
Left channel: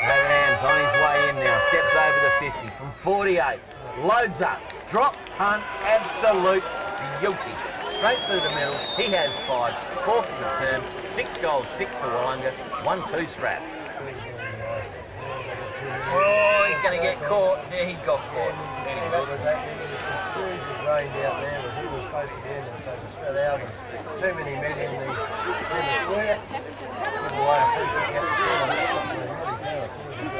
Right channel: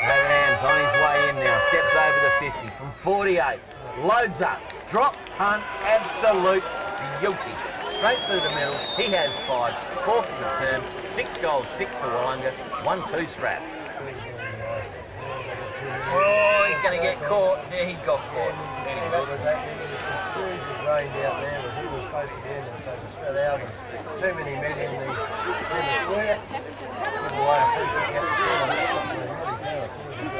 David Hams on his way in now, steps over the 50 from 48, loads up, drop, punt, absolute beauty. Straight through the middle, he has 5, 4 for the turn, 6 goals, 6 to Willunga, 1-2 Strath. Oh, he's going to get caught. Yeah, he got caught. That was rained out there, but he was supposed to be in and so the Strathalbyn. Too many men in the square. Good way of thinking out the corner. That's something they really can't afford to do.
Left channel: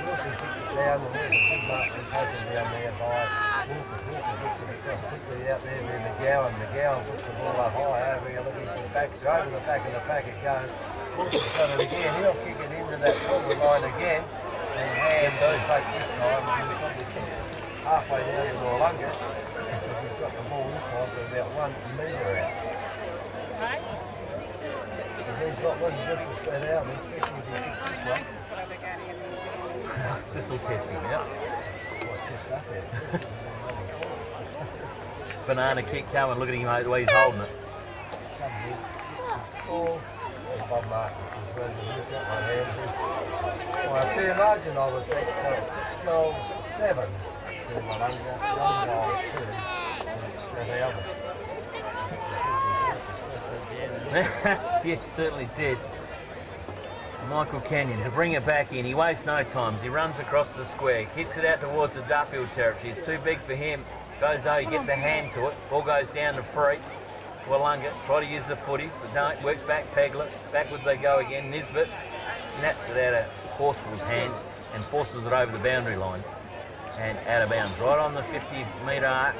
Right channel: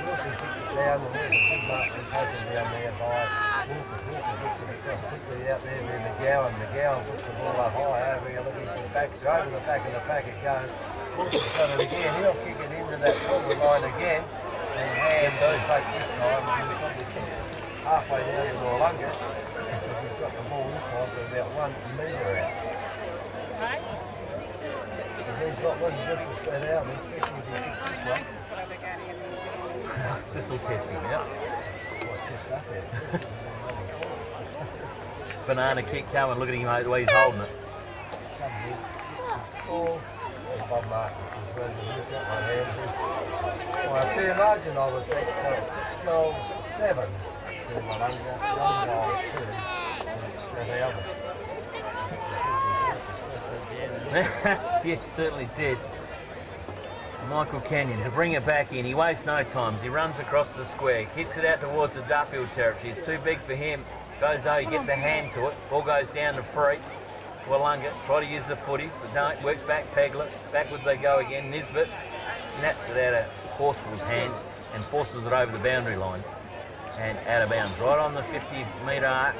Wilson kicks it down and there's a good mark and taken down there by Wolford. Wolford gets it across quickly out there with McGowan. McGowan puts the ball up high over here looking for Baxter. Over the back of the pack it goes. Wolford's got it again. He'll kick it into that forward line again. And Ham will take this time and he'll probably kick it halfway down to Willunga because he's got the ball this time for about 1 metre out. And he's got one good for Strathalbyn, especially if he kicks this one. This will test him out. What test us out? Banana kick coming, look at him the way he's holding it. Come here. Ball. And Bob Marcus as well. He's got my hands in. By a fair margin, I would think. So it's 6 goals, 7 to Willunga, 1 goal, 2 to Strathalbyn. Yeah, certainly did. So Michael Kenyon to bring it back in. He wastes no time. He runs across the square, kicks it out towards the Duffield territory. It's too big for him. Goes though, he gets a hand to it. Ball goes down to free. Willunga try to use the footy, but no, it works back. Pegler. Backwards they go again. Nisbet naps it out of Horsfall's hands and forces it over the boundary line and out of bounds. Right on the 50-metre arc.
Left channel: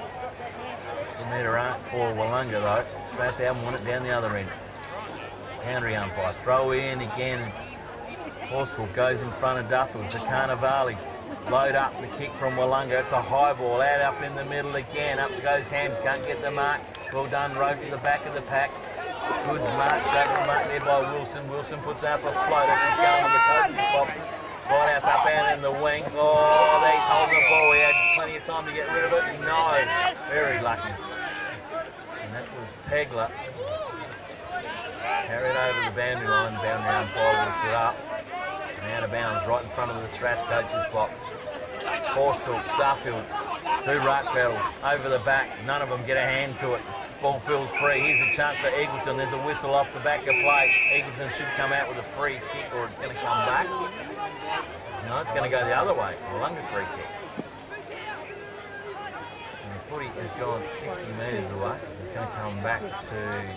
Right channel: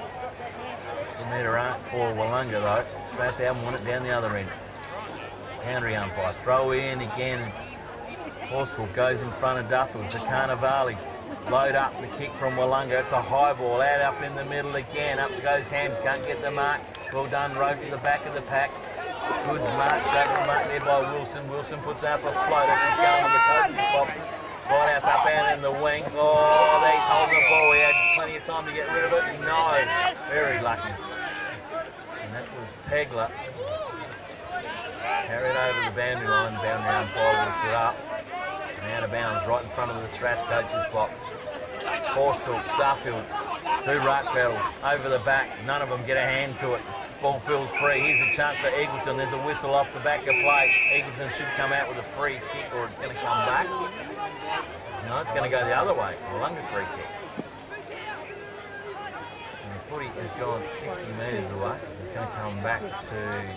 50-metre arc for Willunga though. Strathalbyn want it down the other end. Boundary umpire. Throw in again. Horsfall goes in front of Duffield to Carnivale. Load up the kick from Willunga. It's a high ball out up in the middle again. Up goes Hams. Can't get the mark. Well done. Rope to the back of the pack. Good mark. Great mark there by Wilson. Wilson puts up a floater. She's going with the coach's box. Right up out in the wing. Oh, he's holding the ball. He had plenty of time to get rid of it. No. Very lucky. And that was Pegler. Carried over the boundary line, boundary umpire will sit up. And out of bounds, right in front of the Strath coach's box. Horsfield, Duffield, do ruck battles, over the back, none of them get a hand to it. Ball feels free, here's a chance for Eagleton, there's a whistle off the back of play. Eagleton should come out with a free kick or it's going to come back. No, it's going to go the other way, Willunga free kick. And the footy has gone 60 metres away, it's going to come back to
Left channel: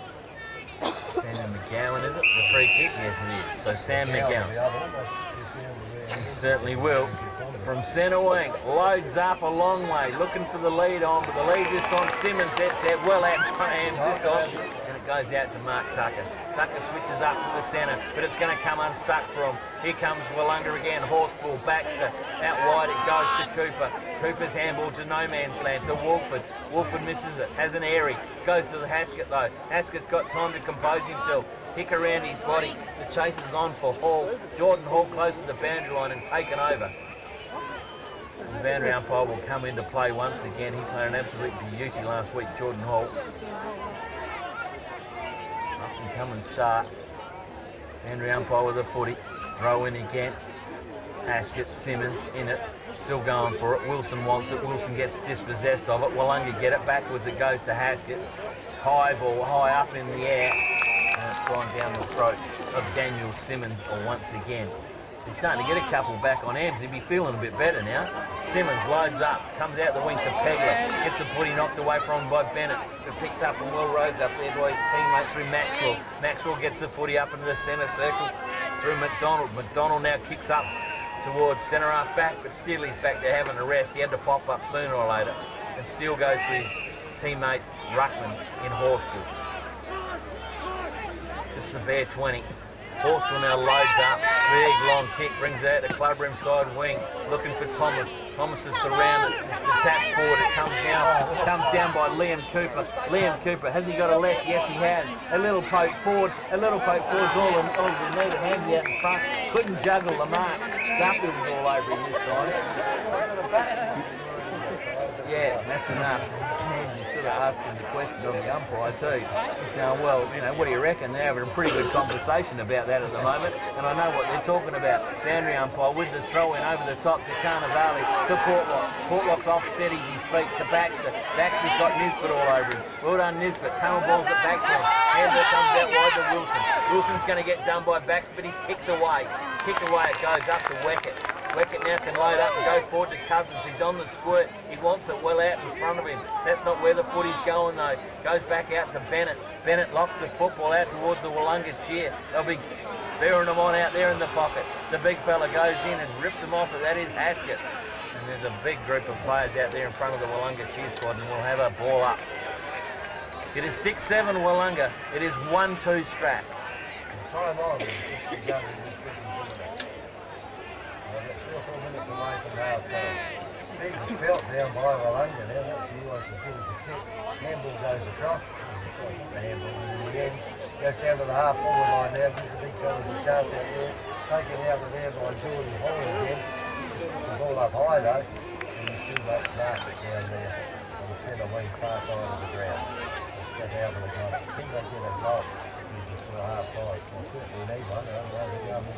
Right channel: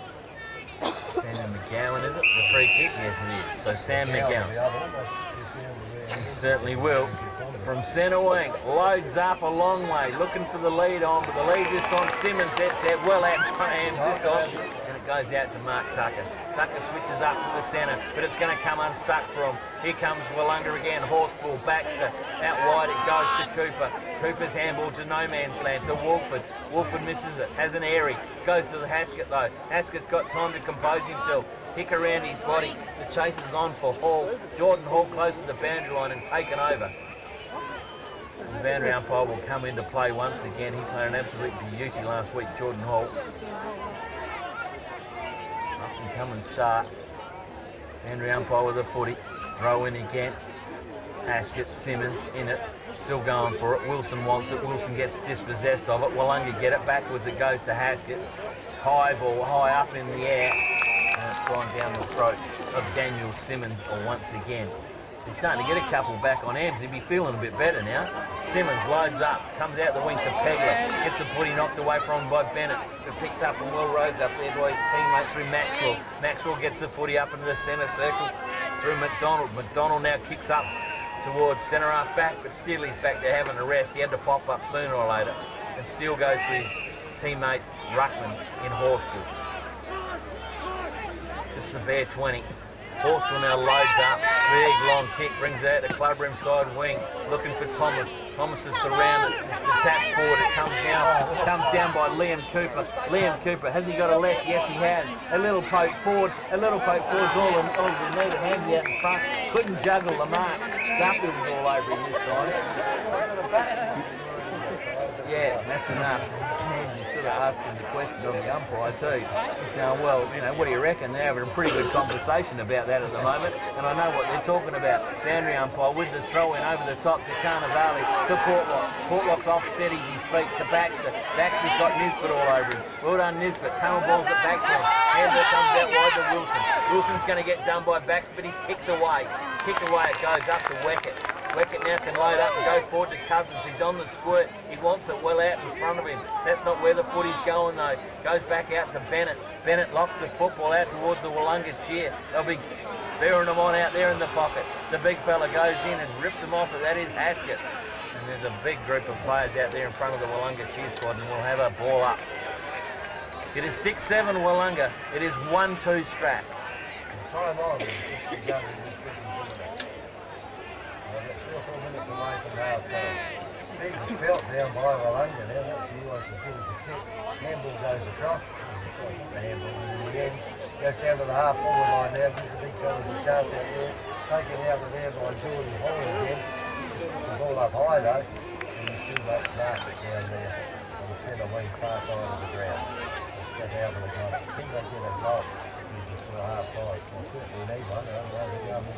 Sam McGowan, is it? The free kick? Yes it is, so Sam McGowan. He certainly will. From centre wing, loads up a long way, looking for the lead on, but the lead this time, Simmons, that's out, well out in front of him this time, and it goes out to Mark Tucker. Tucker switches up to the centre, but it's going to come unstuck for him. Here comes Willunga again, Horseful, Baxter, out wide it goes to Cooper. Cooper's handball to no man's land, to Wolford. Wolford misses it, has an airy, goes to the Haskett though. Haskett's got time to compose himself. Kick around his body, the chase is on for Hall. Jordan Hall close to the boundary line and taken over. The boundary umpire will come into play once again. He played an absolute beauty last week, Jordan Hall. Up and come and start. Boundary umpire with a footy. Throw in again. Haskett, Simmons in it. Still going for it. Wilson wants it. Wilson gets dispossessed of it. Willunga get it backwards. It goes to Haskett. High ball, high up in the air. And it's gone down the throat of Daniel Simmons once again. He's starting to get a couple back on Ams. He'd be feeling a bit better now. Simmons loads up, comes out the wing to Pegler, gets the footy knocked away from him by Bennett, who picked up and well roved up there by his teammate through Maxwell. Maxwell gets the footy up into the centre circle through McDonald. McDonald now kicks up towards centre half back, but still he's back there having a rest. He had to pop up sooner or later, and still goes to his teammate Ruckman in Horsfield. Just a bare 20. Horsfield now loads up, big long kick, brings out the clubroom side wing, looking for Thomas. Thomas is surrounded, the tap forward, it comes down by Liam Cooper. Liam Cooper, has he got a left? Yes he has. A little poke forward, all you need, a hand out in front, couldn't juggle the mark. Duffield was all over him this time. Yeah, that's enough. He's sort of asking the question of the umpire too. He's saying, well, you know, what do you reckon? They're having a pretty good conversation about that at the moment, and I know what they're talking about. Boundary umpire with the throw in over the top to Vale, to Portlock. Portlock's off steady his feet to Baxter. Baxter's got Nisbet all over him. Well done Nisbet. Tunnel balls it back to him. Handball comes out wide to Wilson. Wilson's going to get done by Baxter, but his kick's away. Kick away, it goes up to Weckett. Weckett now can load up and go forward to Cousins. He's on the squirt. He wants it well out in front of him. That's not where the footy's going though. Goes back out to Bennett. Bennett locks the football out towards the Willunga chair. They'll be spearing them on out there in the pocket. The big fella goes in and rips them off, and that is Haskett. And there's a big group of players out there in front of the Willunga cheer squad, and we'll have a ball up. It is 6-7 Willunga. It is 1-2 Strat. Time on. Away from half time. Big belt down by Willunga now, that's the US as good as a kick. Handball goes across, the handball in the end, goes down to the half forward line now, gives the big fellas a chance out there, taken out of there by Jordan Hall again. Just puts the ball up high though, and he's still got Market down there on the centre wing far side of the ground. Let's get out of the goal. I think they get a goal before half time. Well, certainly need one, otherwise they're going to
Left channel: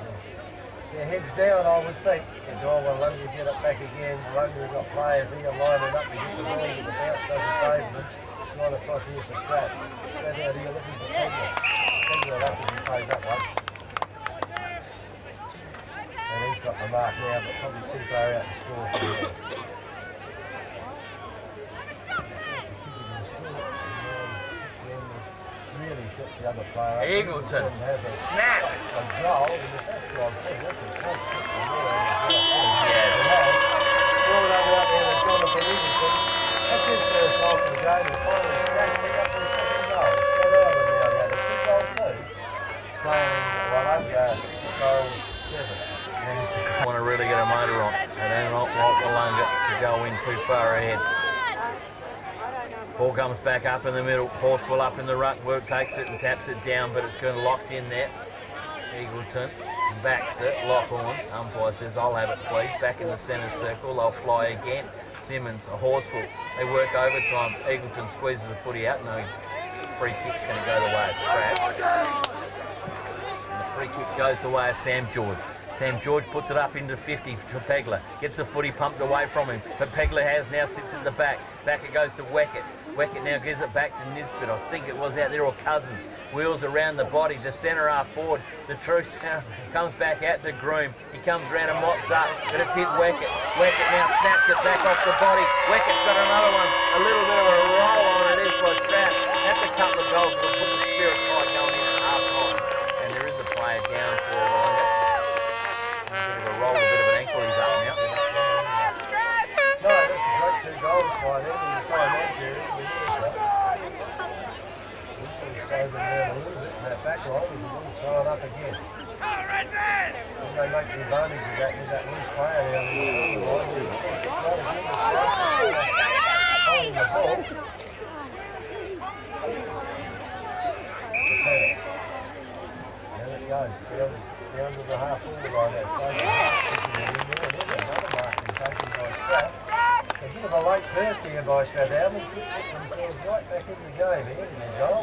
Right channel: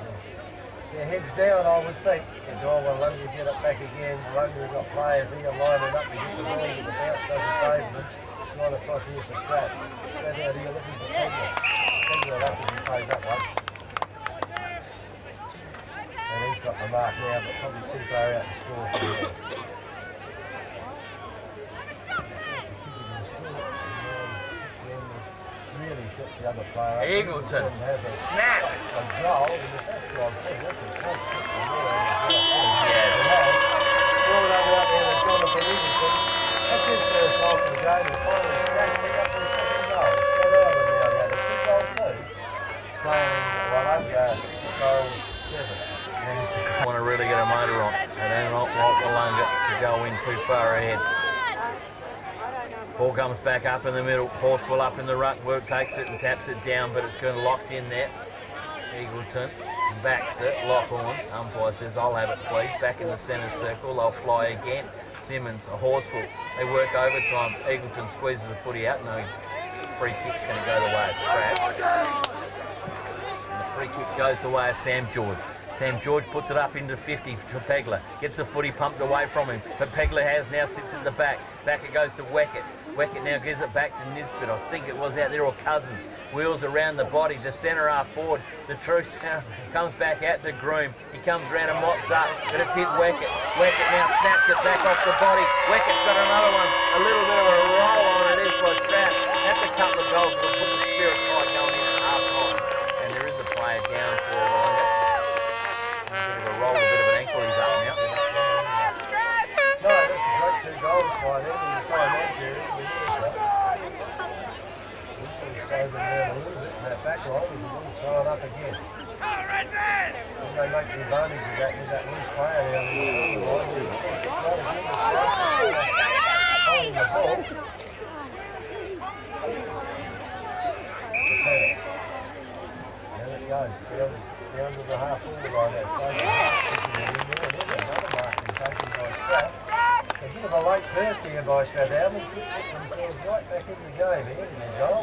their heads down, I would think. And Willunga get it back again. Willunga got players here lining up to get the ball, but the bounce doesn't favour them. Slide across here for Strat. Strat out here looking for Pegler. Pegler up if he plays that one. And he's got the mark now, but probably too far out to score for him. Really sets the other player up. Eagleton, snap! A goal, and if that's gone through, that's a close kick from there. Throw it over out there to Jonathan Eagleton. That's his first goal for the game, and finally Strathalbyn up for the second goal. Strathalbyn now got a 2-goal too. Playing Willunga 6 goals, 7. They want to really get a motor on. They don't want Willunga to go in too far ahead. Ball comes back up in the middle. Horswell up in the ruck. Work takes it and taps it down, but it's going locked in there. Eagleton, Baxter, lock horns. Umpire says, I'll have it please. Back in the centre circle. They'll fly again. Simmons, a Horsful. They work overtime. Eagleton squeezes the footy out. No free kick's going to go the way of Strat. Free kick goes the way of Sam George. Sam George puts it up into 50 for Pegler. Gets the footy pumped away from him. But Pegler now sits at the back. Back it goes to Weckett. Weckett now gives it back to Nisbet. I think it was out there, or Cousins. Wheels around the body. The centre half forward. The Truth now comes back out to Groom. He comes round and mops up. But it's hit Weckett. Weckett now snaps it back off the body. Weckett's got another one. A little bit of a roll on it is by Strat. That's a couple of goals that will put the spirit high going in at half time. And there is a player down for Willunga. Roll a bit of an ankle, he's up now. No, that's a great 2 goals by them in the time on period. We slowed them down a little bit in that back line, and we'll throw it up again. When they make the advantage of that with that loose player down the line, holding the ball. There it goes, down to the half forward line. Another marking taken by Strat. A bit of a late burst here by Strathalbyn. Put themselves right back in the game here in the goal.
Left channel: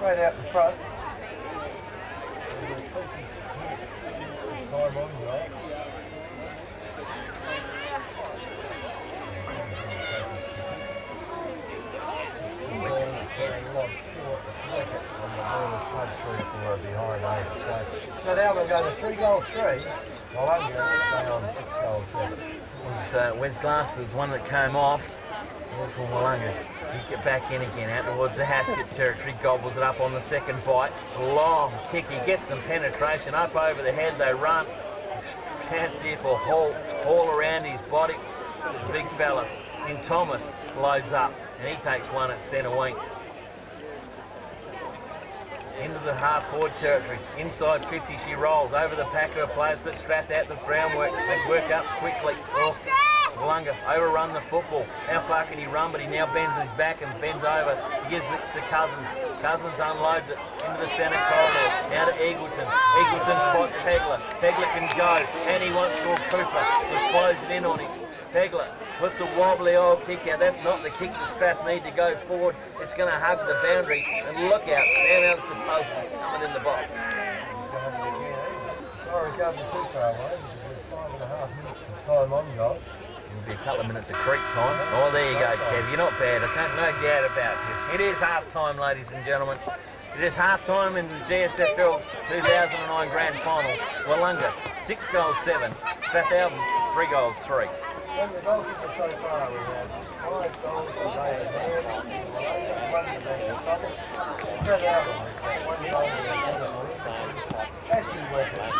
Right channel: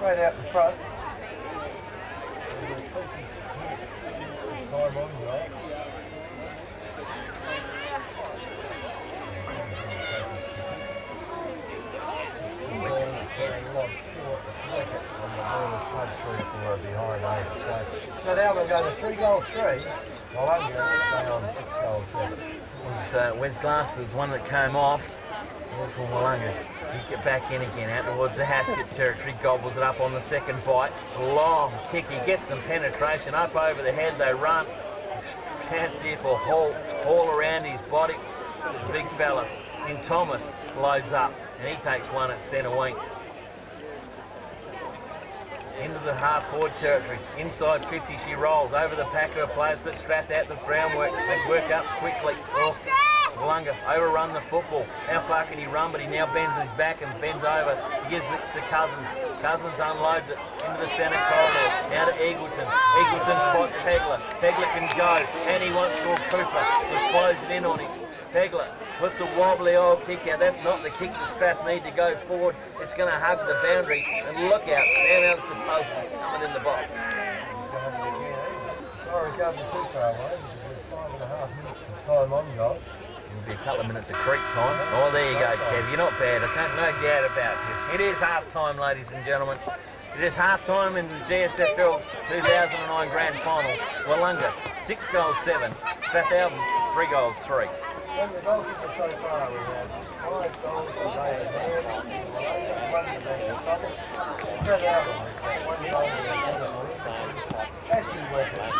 Right out in front. Time on goal. So now we're going to 3-3. Well, I'm going to stay on 6-7. It was Wes Glass, the one that came off. For Willunga. He get back in again out towards the Haskett territory. Gobbles it up on the second bite. Long kick. He gets some penetration up over the head. They run. Chance there for haul around his body. The big fella in Thomas loads up and he takes one at centre wing. Into the half-forward territory. Inside 50 she rolls. Over the pack of her players, but Strat out the groundwork. They work up quickly. Willunga overrun the football. How far can he run? But he now bends his back and bends over. He gives it to Cousins. Cousins unloads it into the centre corridor. Now to Eagleton. Eagleton spots Pegler. Pegler can go. And he wants to Cooper. Just close it in on him. Pegler puts a wobbly old kick out. That's not the kick the Strat need to go forward. It's going to hug the boundary. And look out, Sam Elton Post is coming in the box. Sorry, going too far away. There's 5.5 minutes of time on goal. It'll be a couple of minutes of creep time. Oh, there you go, Kev. You're not bad. I can't no doubt about you. It is half time, ladies and gentlemen. It is half time in the GSFL 2009 Grand Final. Willunga 6-7. Strathalbyn 3-3. When the goalkeeper so far, we have 5 goals for Vale. 1 to Thomas. Strathalbyn with 1 goal for Ashley Weckett.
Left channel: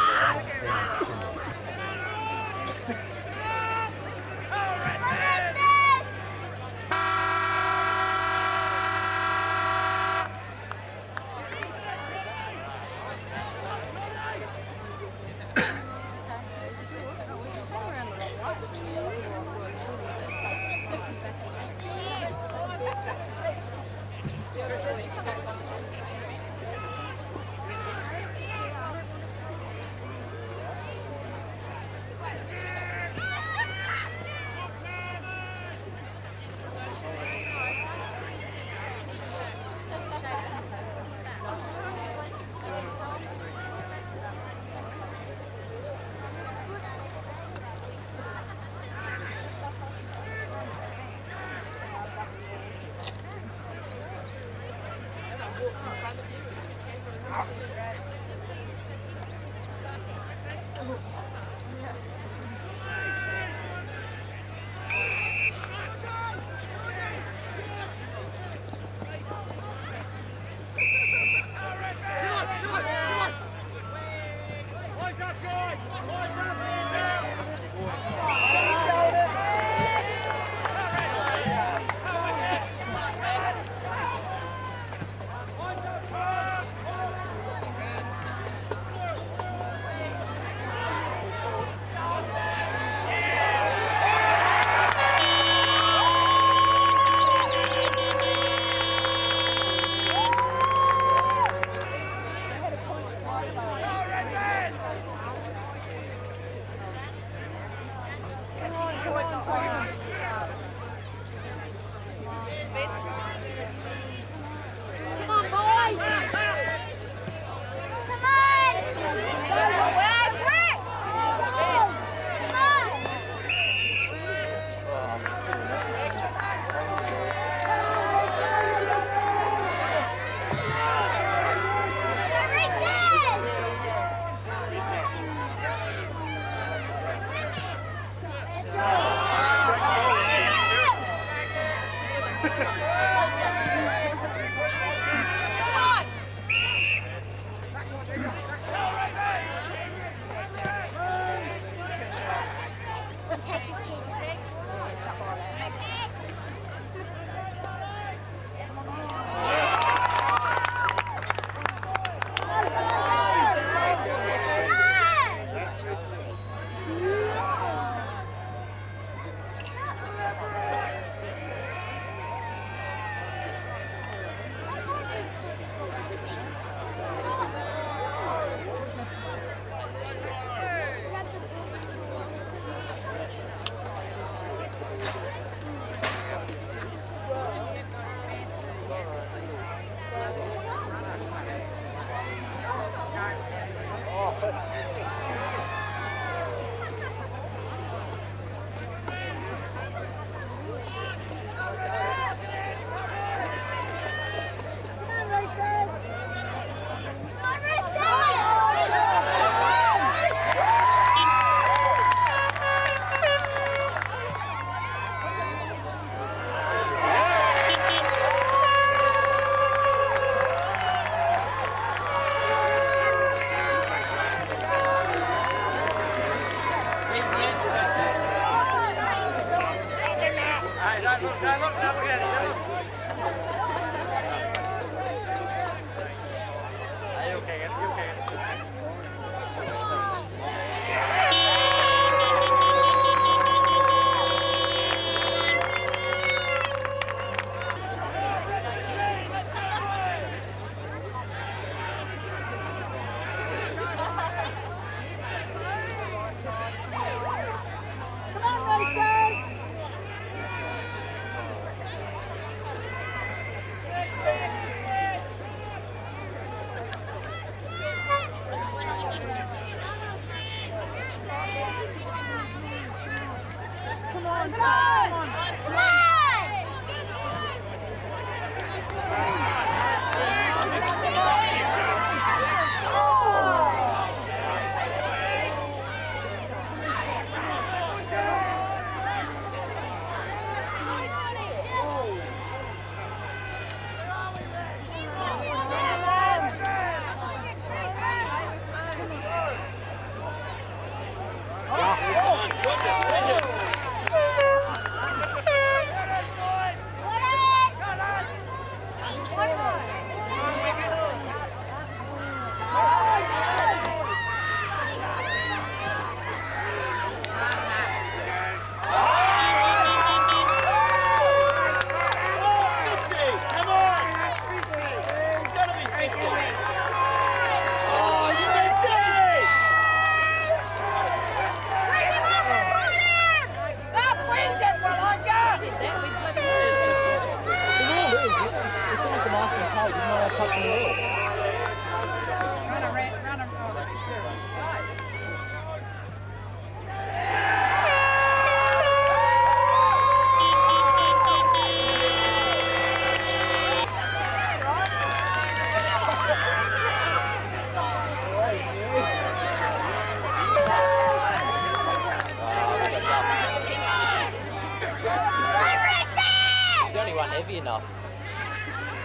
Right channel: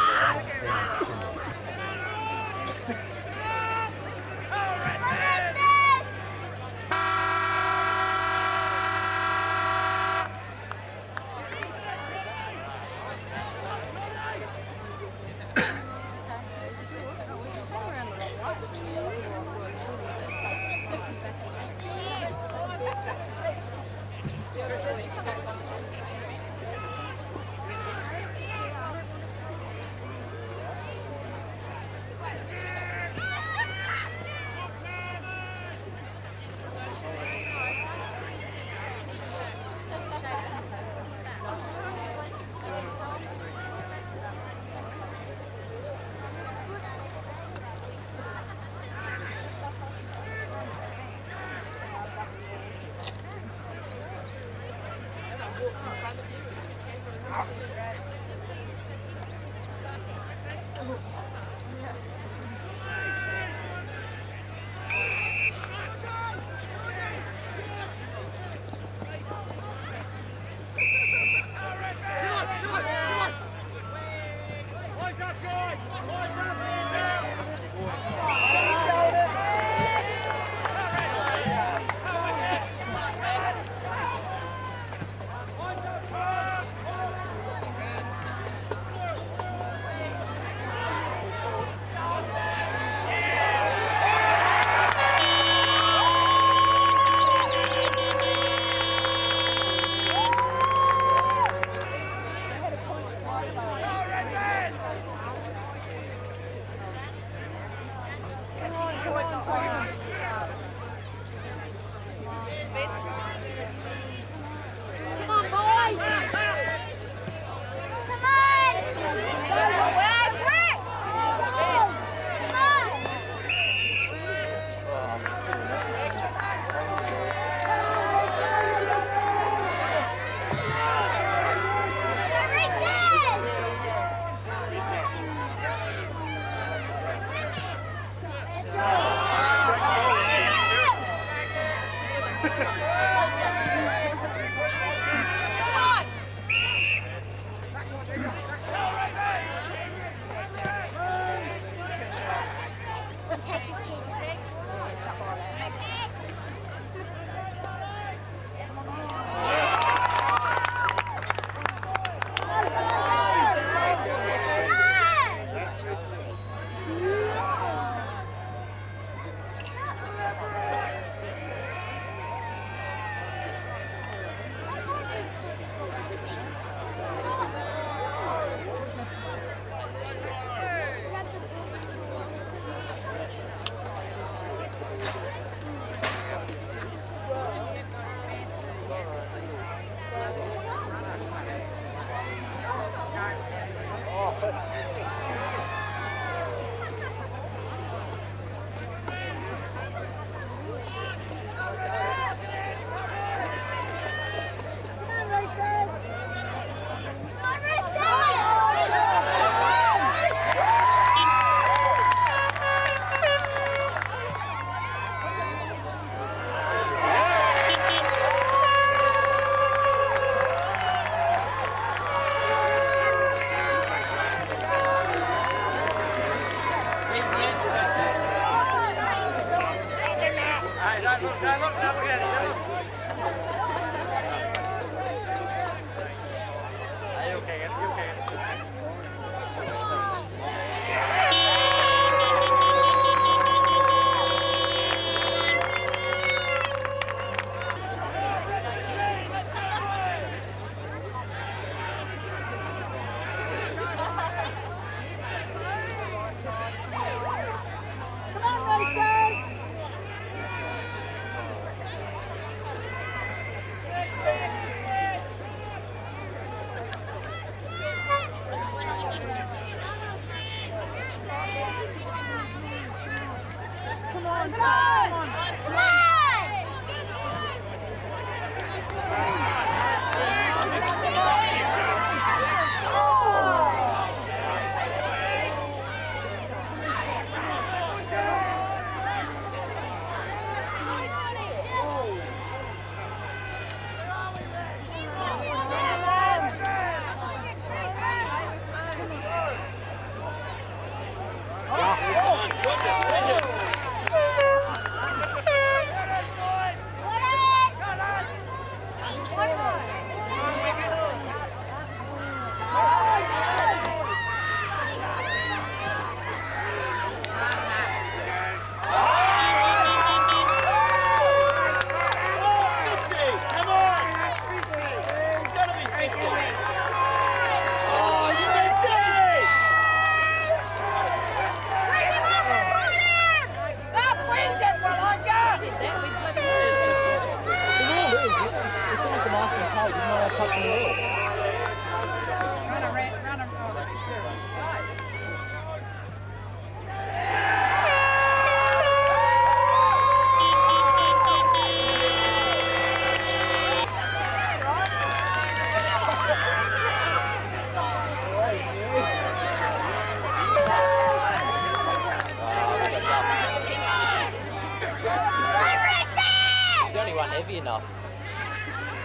Heavy enough.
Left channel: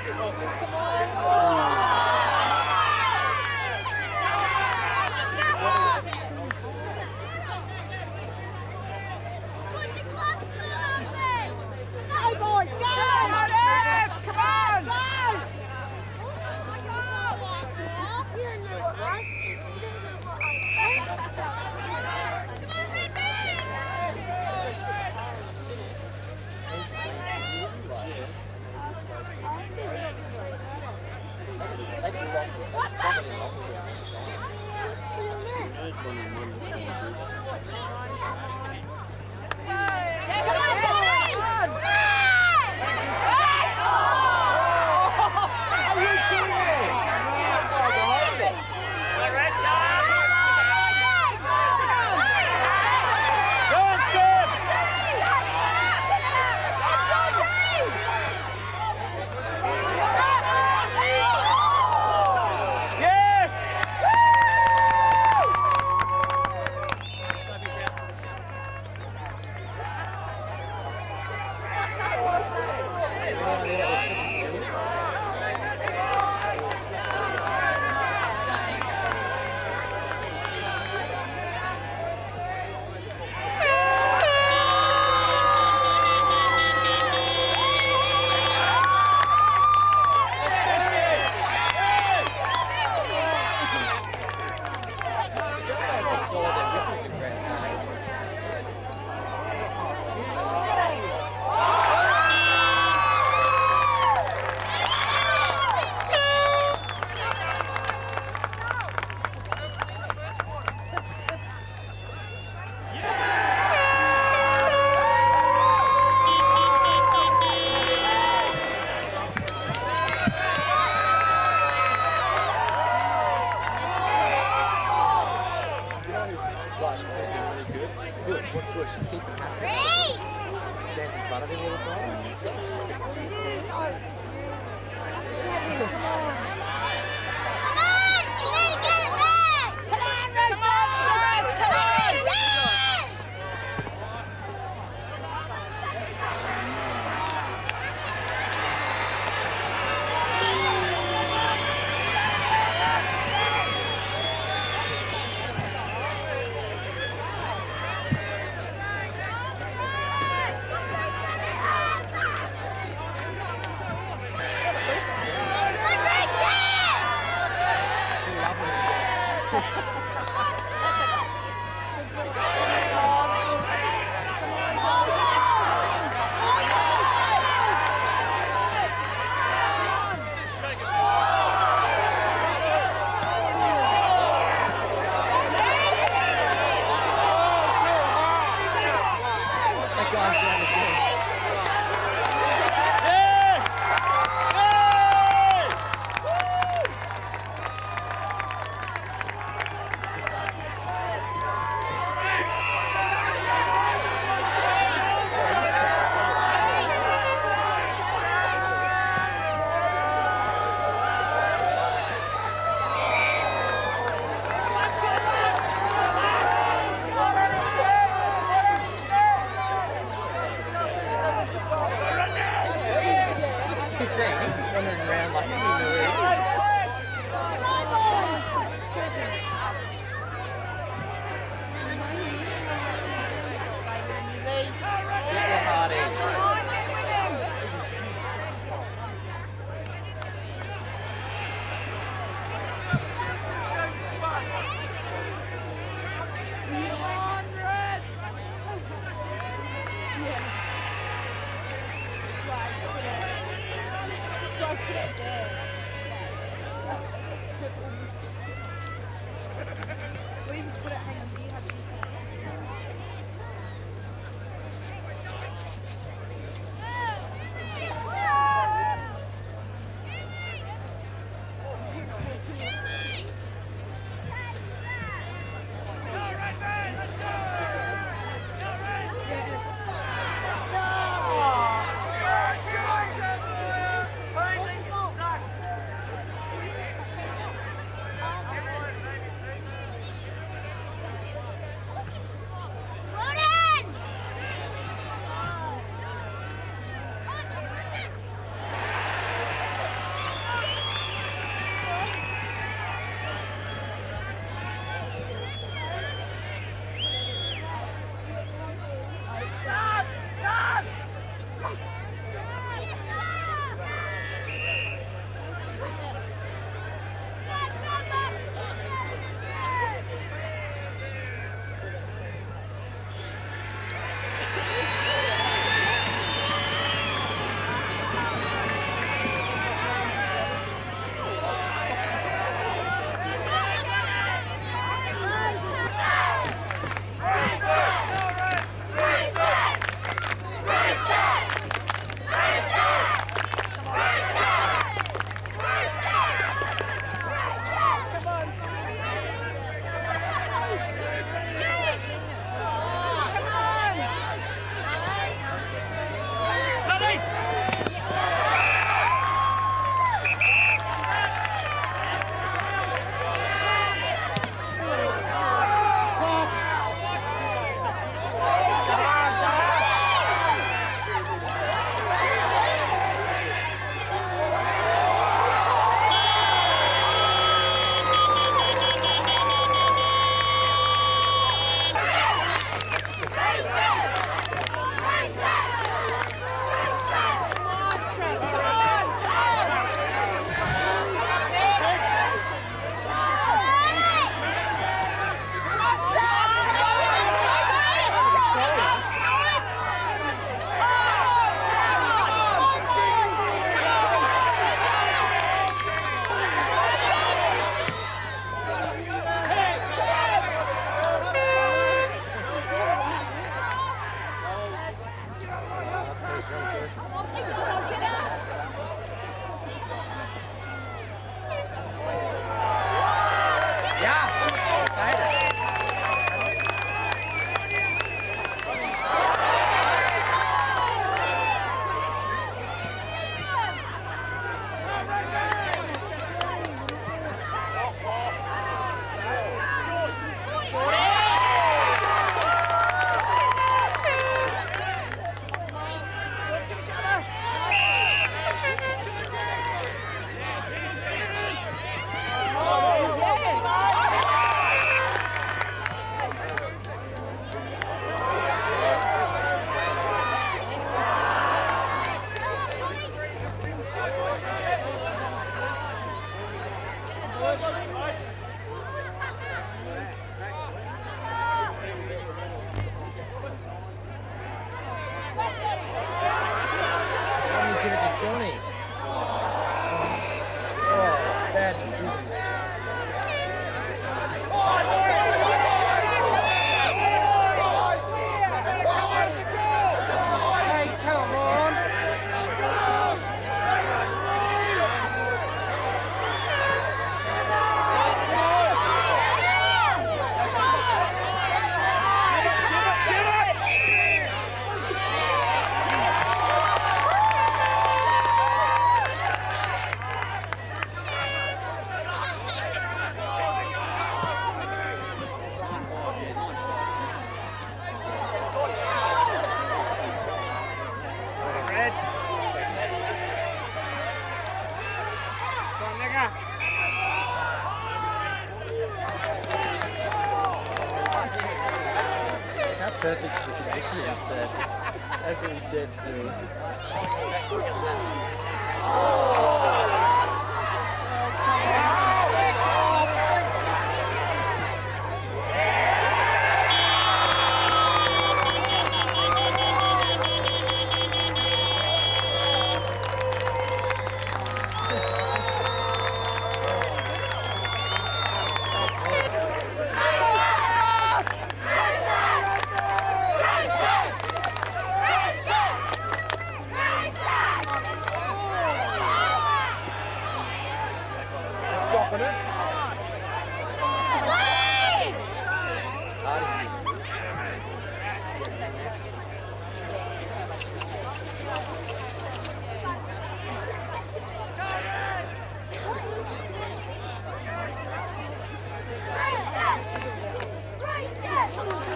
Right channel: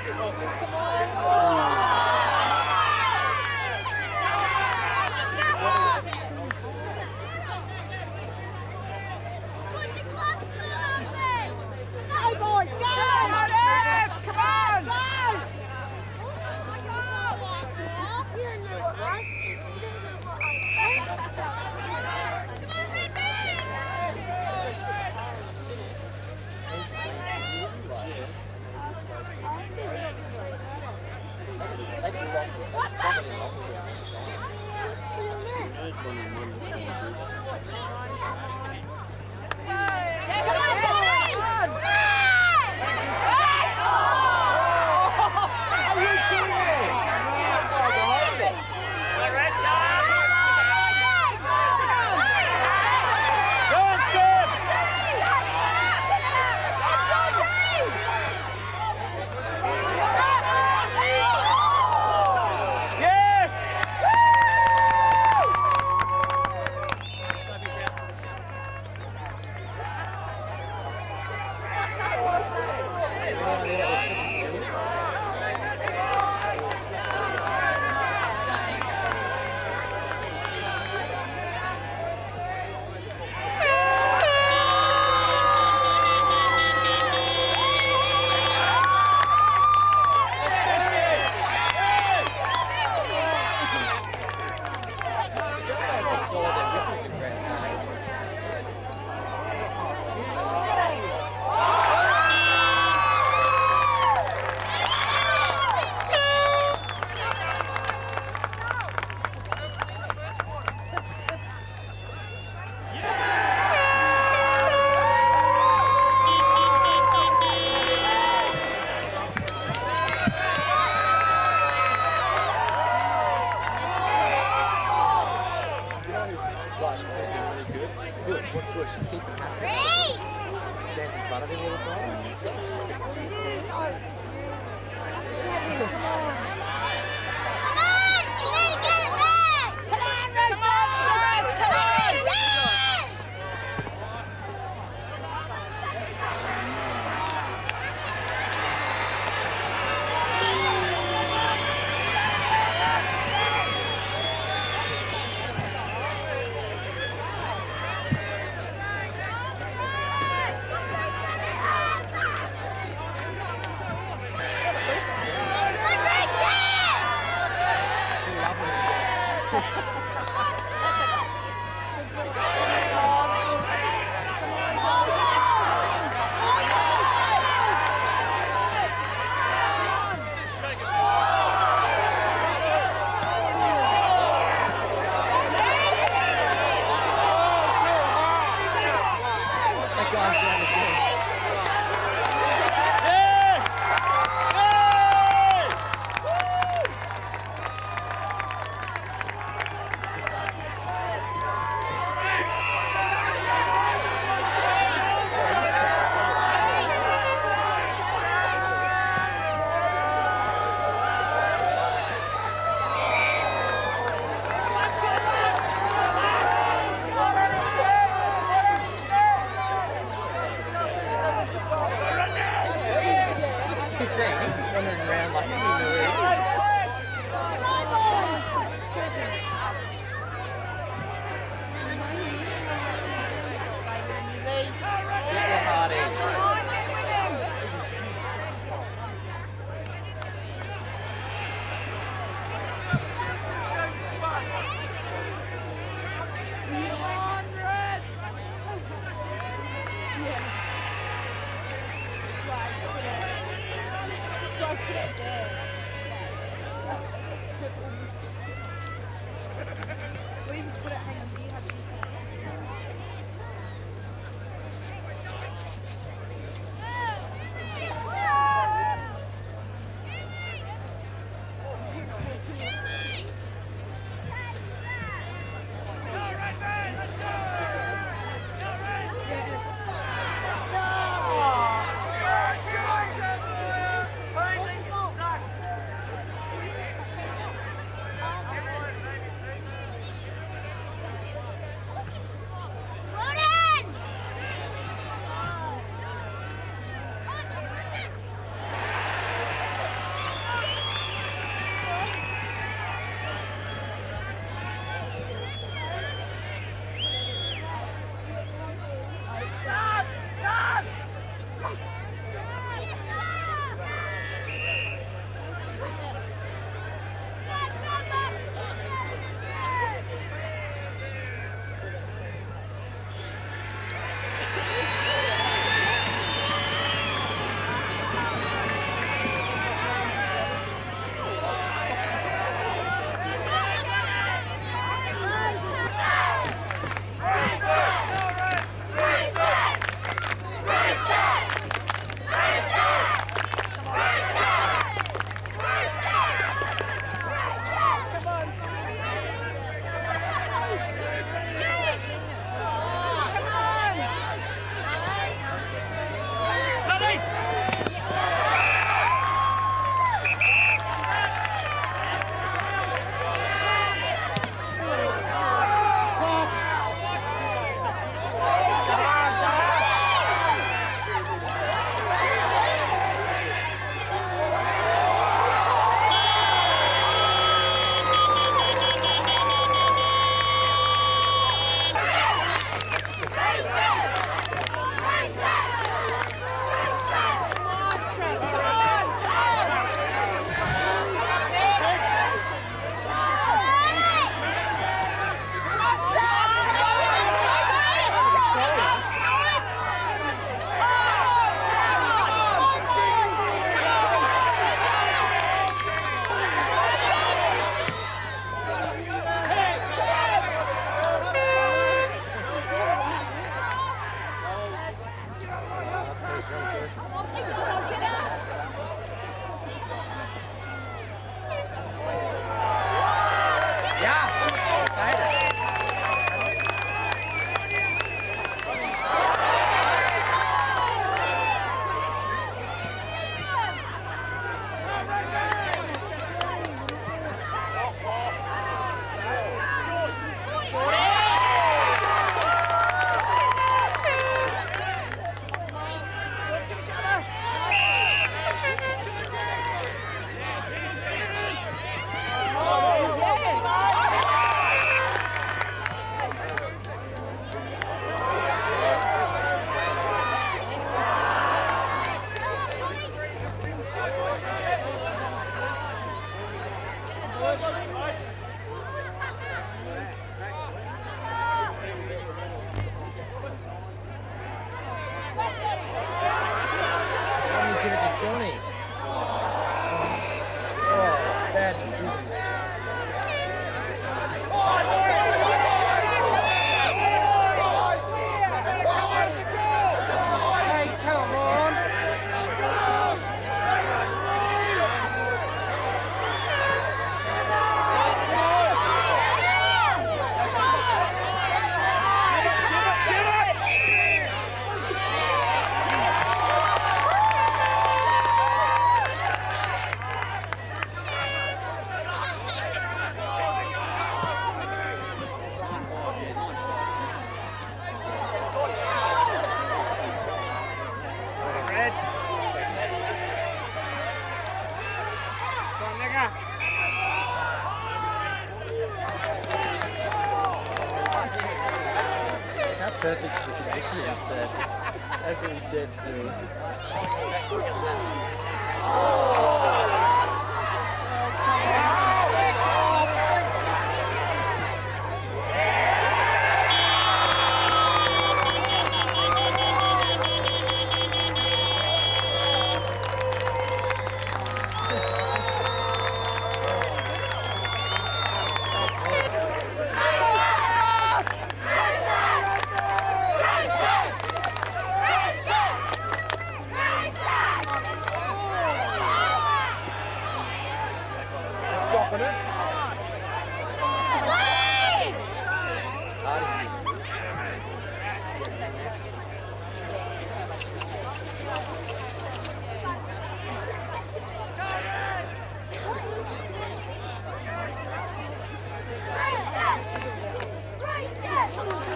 Go boys, go! Come on, Steph! Come on! Go! front of him all the time. Johnny. Bad decision. Hey, come on. How perfect the condition is there. It's absolutely dead still. Come on,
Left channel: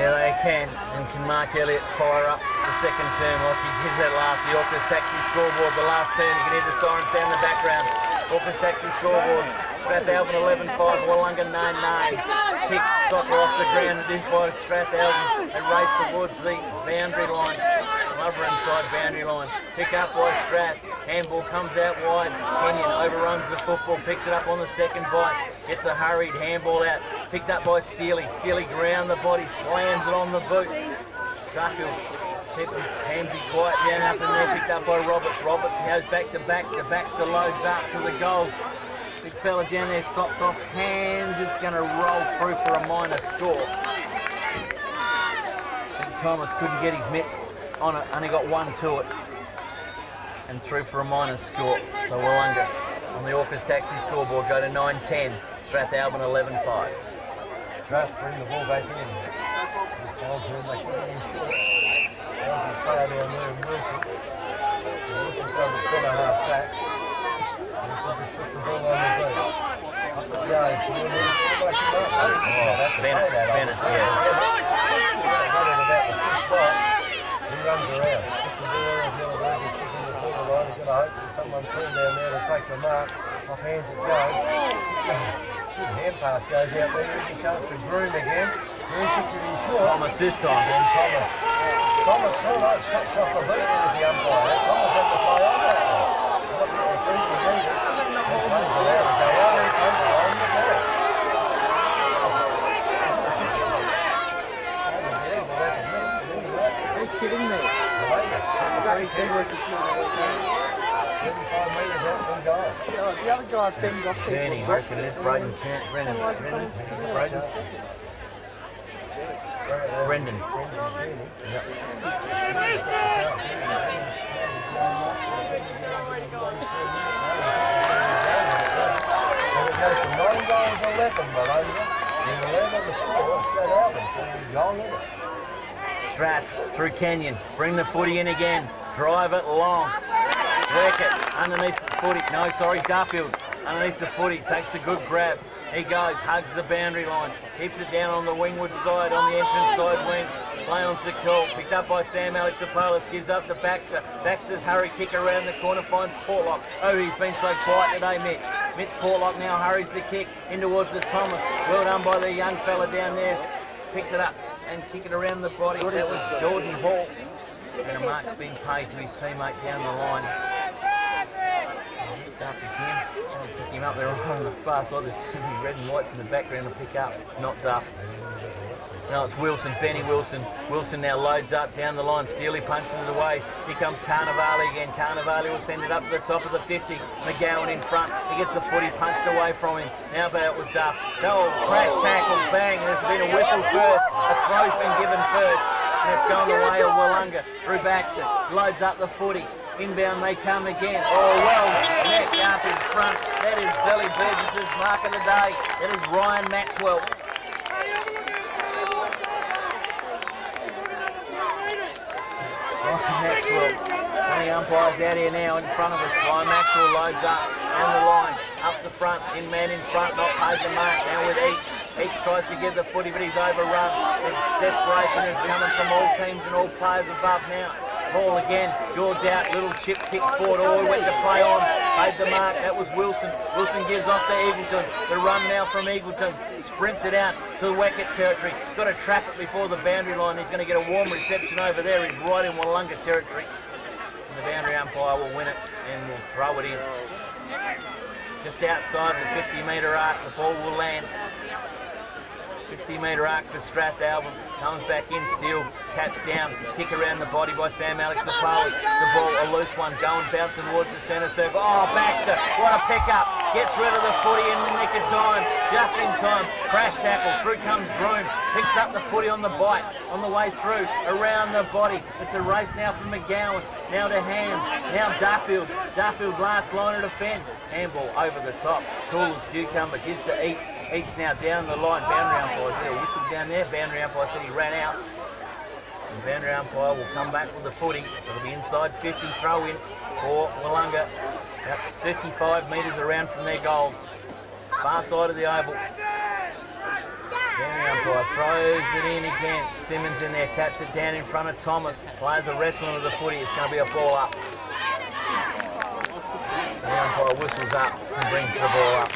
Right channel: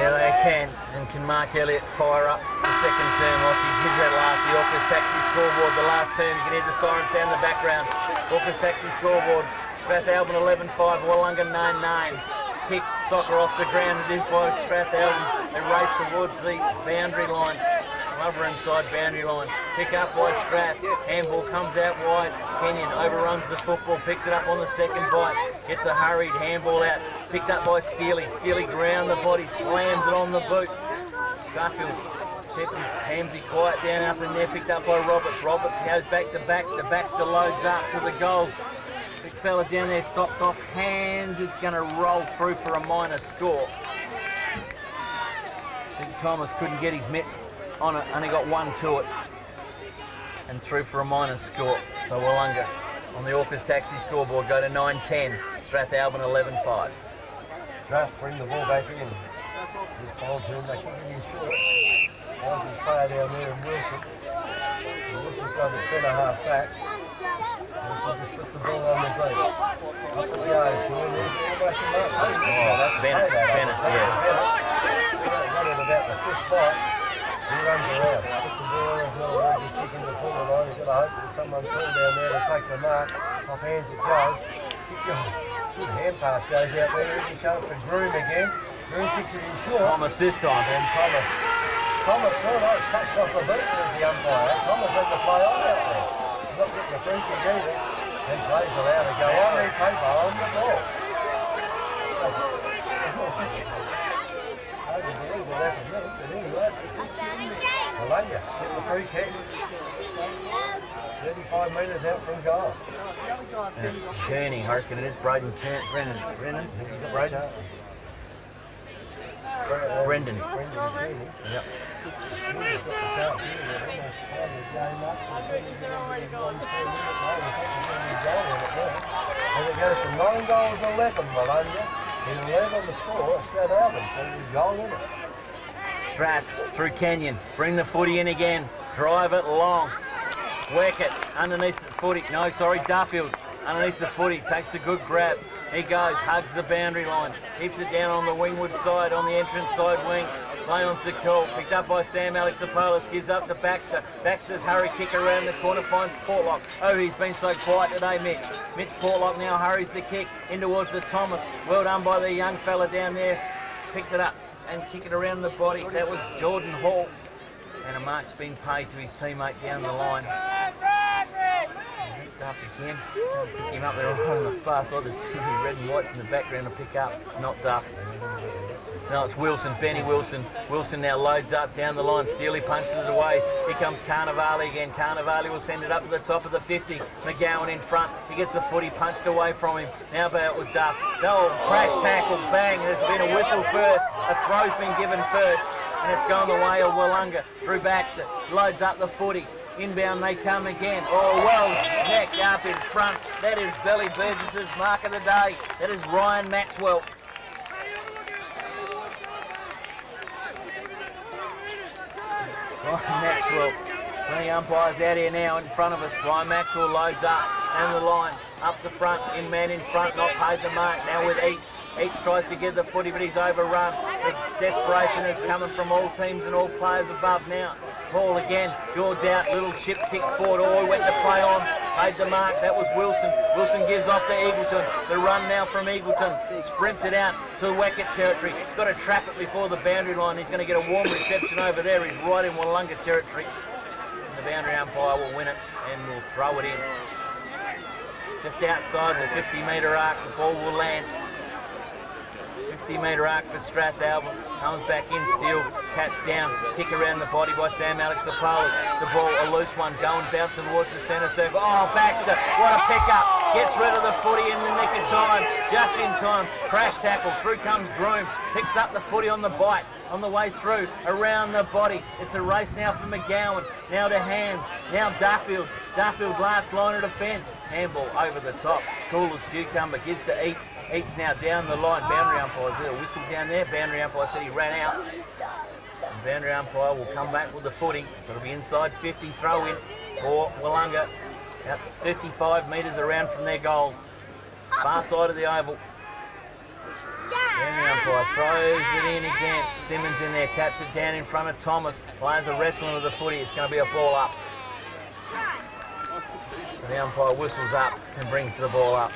Yeah, they can. And can Mark Elliott fire up the second term like he did that last? The Orcas Taxi scoreboard, the last term. You can hear the siren sound in the background. Orcas Taxi scoreboard. Strathalbyn 11-5, Willunga 9-9. Kick soccer off the ground. It is by Strathalbyn. They race towards the boundary line. Lover inside boundary line. Pick up by Strath. Handball comes out wide. Kenyon overruns the football, picks it up on the second bite. Gets a hurried handball out. Picked up by Steely. Steely ground the body, slams it on the boot. Duffield kept Hamsey quiet down up in there. Picked up by Roberts. Roberts goes back to Baxter. Baxter loads up to the goals. Big fella down there stopped off hands. It's going to roll through for a minor score. Big Thomas couldn't get his mitts on it, only got one to it. And through for a minor score. So Willunga on the Orcas Taxi scoreboard go to 9-10. Strathalbyn 11-5. Strath bring the ball back in. This final turn, they kick it in short. There's his player down there in Wilson. So Wilson's got the centre half back. Wilson just puts the ball on the boot. Up it goes. Almost a mark. Bennett, yeah. Bennett got it about the fifth bite. He runs around. Puts the ball on. He's got a very good kick in the forward line. He's got to hope there's someone tall down there to take the mark. Off hands it goes. Good hand pass goes out there. Here's a chance for Groom again. Groom kicks it in short. Thomas this time. And Thomas. Thomas, touched off the boot, says the umpire. Thomas had to play on out there. He's not getting a free kick either. And plays allowed to go on. He plays on the ball. Hard to believe what happened then, but anyway. Willunga get the free kick. 35 metres out from goal. It's Kearney, I reckon it is. Brendan. Brendan Kearney. Yep. He's got the chance here. He's almost playing his game up. He's won 4 minutes now. And it goes from 9 goals to 11, Willunga. And 11 to 4, Strathalbyn. So he's goal in it. Strath through Kenyon. Bring the footy in again. Drive it long. Work it underneath the footy. No, sorry, Duffield. Underneath the footy. Takes a good grab. He goes, hugs the boundary line. Keeps it down on the wingward side, on the entrance side wing. Play on Secure. Picked up by Sam Alexopoulos. Gives up to Baxter. Baxter's hurry kick around the corner. Finds Portlock. Oh, he's been so quiet today, Mitch. Mitch Portlock now hurries the kick in towards the Thomas. Well done by the young fella down there. Picked it up and kick it around the body. That was Jordan Hall. And a mark's been paid to his teammate down the line. Is it Duff again? Just go and pick him up there right on the far side. There's too many red and whites in the background to pick up. It's not Duff. No, it's Wilson, Benny Wilson. Wilson now loads up down the line. Steely punches it away. Here comes Carnivale again. Carnivale will send it up to the top of the 50. McGowan in front. He gets the footy punched away from him. Now about with Duff. Oh, crash tackle, bang. There's been a whistle first. A throw's been given first. And it's going the way of Willunga through Baxter. Loads up the footy. Inbound they come again. Oh, well, neck up in front. That is Billy Burgess's mark of the day. That is Ryan Maxwell. Ryan Maxwell. Plenty umpires out here now in front of us. Ryan Maxwell loads up down the line. Up the front. Man in front. Not paid the mark. Now with Each. Each tries to get the footy, but he's overrun. The desperation is coming from all teams and all players above now. Hall again, George out, little chip kick forward. Oh, he went to play on, paid the mark. That was Wilson. Wilson gives off to Eagleton. The run now from Eagleton. Sprints it out to the Weckett territory. Got to trap it before the boundary line. He's going to get a warm reception over there. He's right in Willunga territory. And the boundary umpire will win it and will throw it in. Just outside the 50-metre arc, the ball will land. 50-metre arc for Strathalbyn. Comes back in, Steele, taps down, kick around the body by Sam Alexopoulos. The ball, a loose one, going, bouncing towards the centre circle. Oh, Baxter, what a pickup. Gets rid of the footy in the nick of time, just in time. Crash tackle, through comes Groom. Picks up the footy on the bite, on the way through, around the body. It's a race now for McGowan. Now to Hams, now Duffield. Duffield last line of defence. Handball over the top. Cool as cucumber, gives to Eats. Eats now down the line. Boundary umpire, is there a whistle down there? Boundary umpire said he ran out. And boundary umpire will come back with the footy. So it'll be inside 50 throw in for Willunga. About 55 metres around from their goals. Far side of the oval. Boundary umpire throws it in again. Simmons in there, taps it down in front of Thomas. Players are wrestling with the footy. It's going to be a ball up. The umpire whistles up and brings the ball up.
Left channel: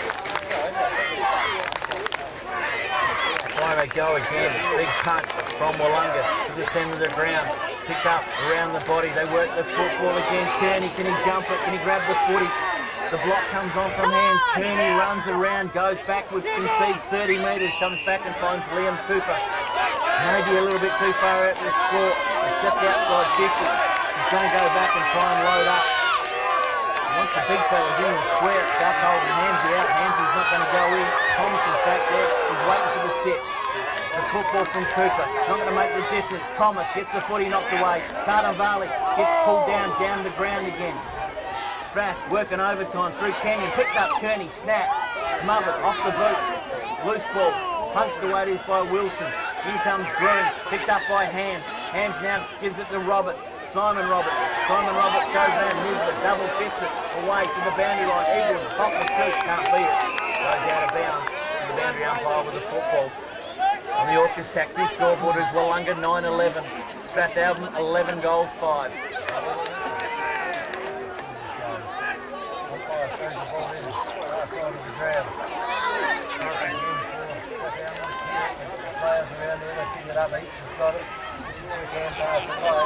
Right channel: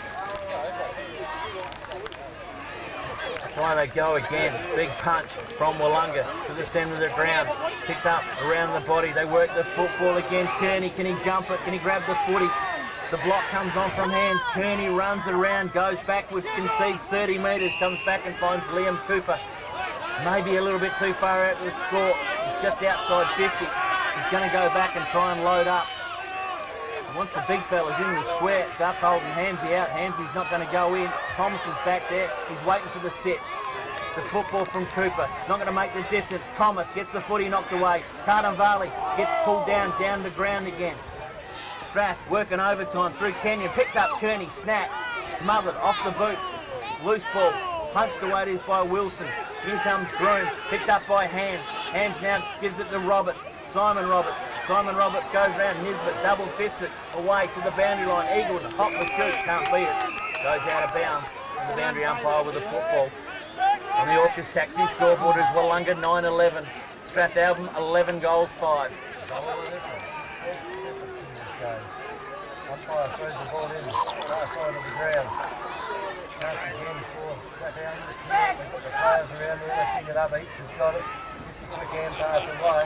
Away they go again. Big punch from Willunga to the centre of the ground. Picked up around the body. They work the football again. Kearney, can he jump it? Can he grab the footy? The block comes on from hands. Kearney runs around, goes backwards, concedes 30 metres, comes back and finds Liam Cooper. Maybe a little bit too far out to the score. He's just outside 50. He's going to go back and try and load up. He wants the big fellas in the square. Gus holding Hamsy out. Hamsy's not going to go in. Thomas is back there. He's waiting for the sit. The football from Cooper. Not going to make the distance. Thomas gets the footy knocked away. Vale gets pulled down the ground again. Strath working overtime through Kenyon. Picked up Kearney. Snap. Smothered off the boot. Loose ball. Punched away it is by Wilson. In comes Groom. Picked up by Hams. Hams now gives it to Roberts. Simon Roberts. Simon Roberts goes round. Nisbet double fists it away to the boundary line. Eagleton, hot pursuit, can't beat it. Goes out of bounds. And the boundary umpire with the football. On the Orcas taxi scoreboard is Willunga 9-11. Strathalbyn 11 goals 5. Umpire throws the ball in, far side of the ground. Counts again for Strathalbyn to clear it. They've got the players around there, they pick it up. Each has got it. Just a quick hand pass away.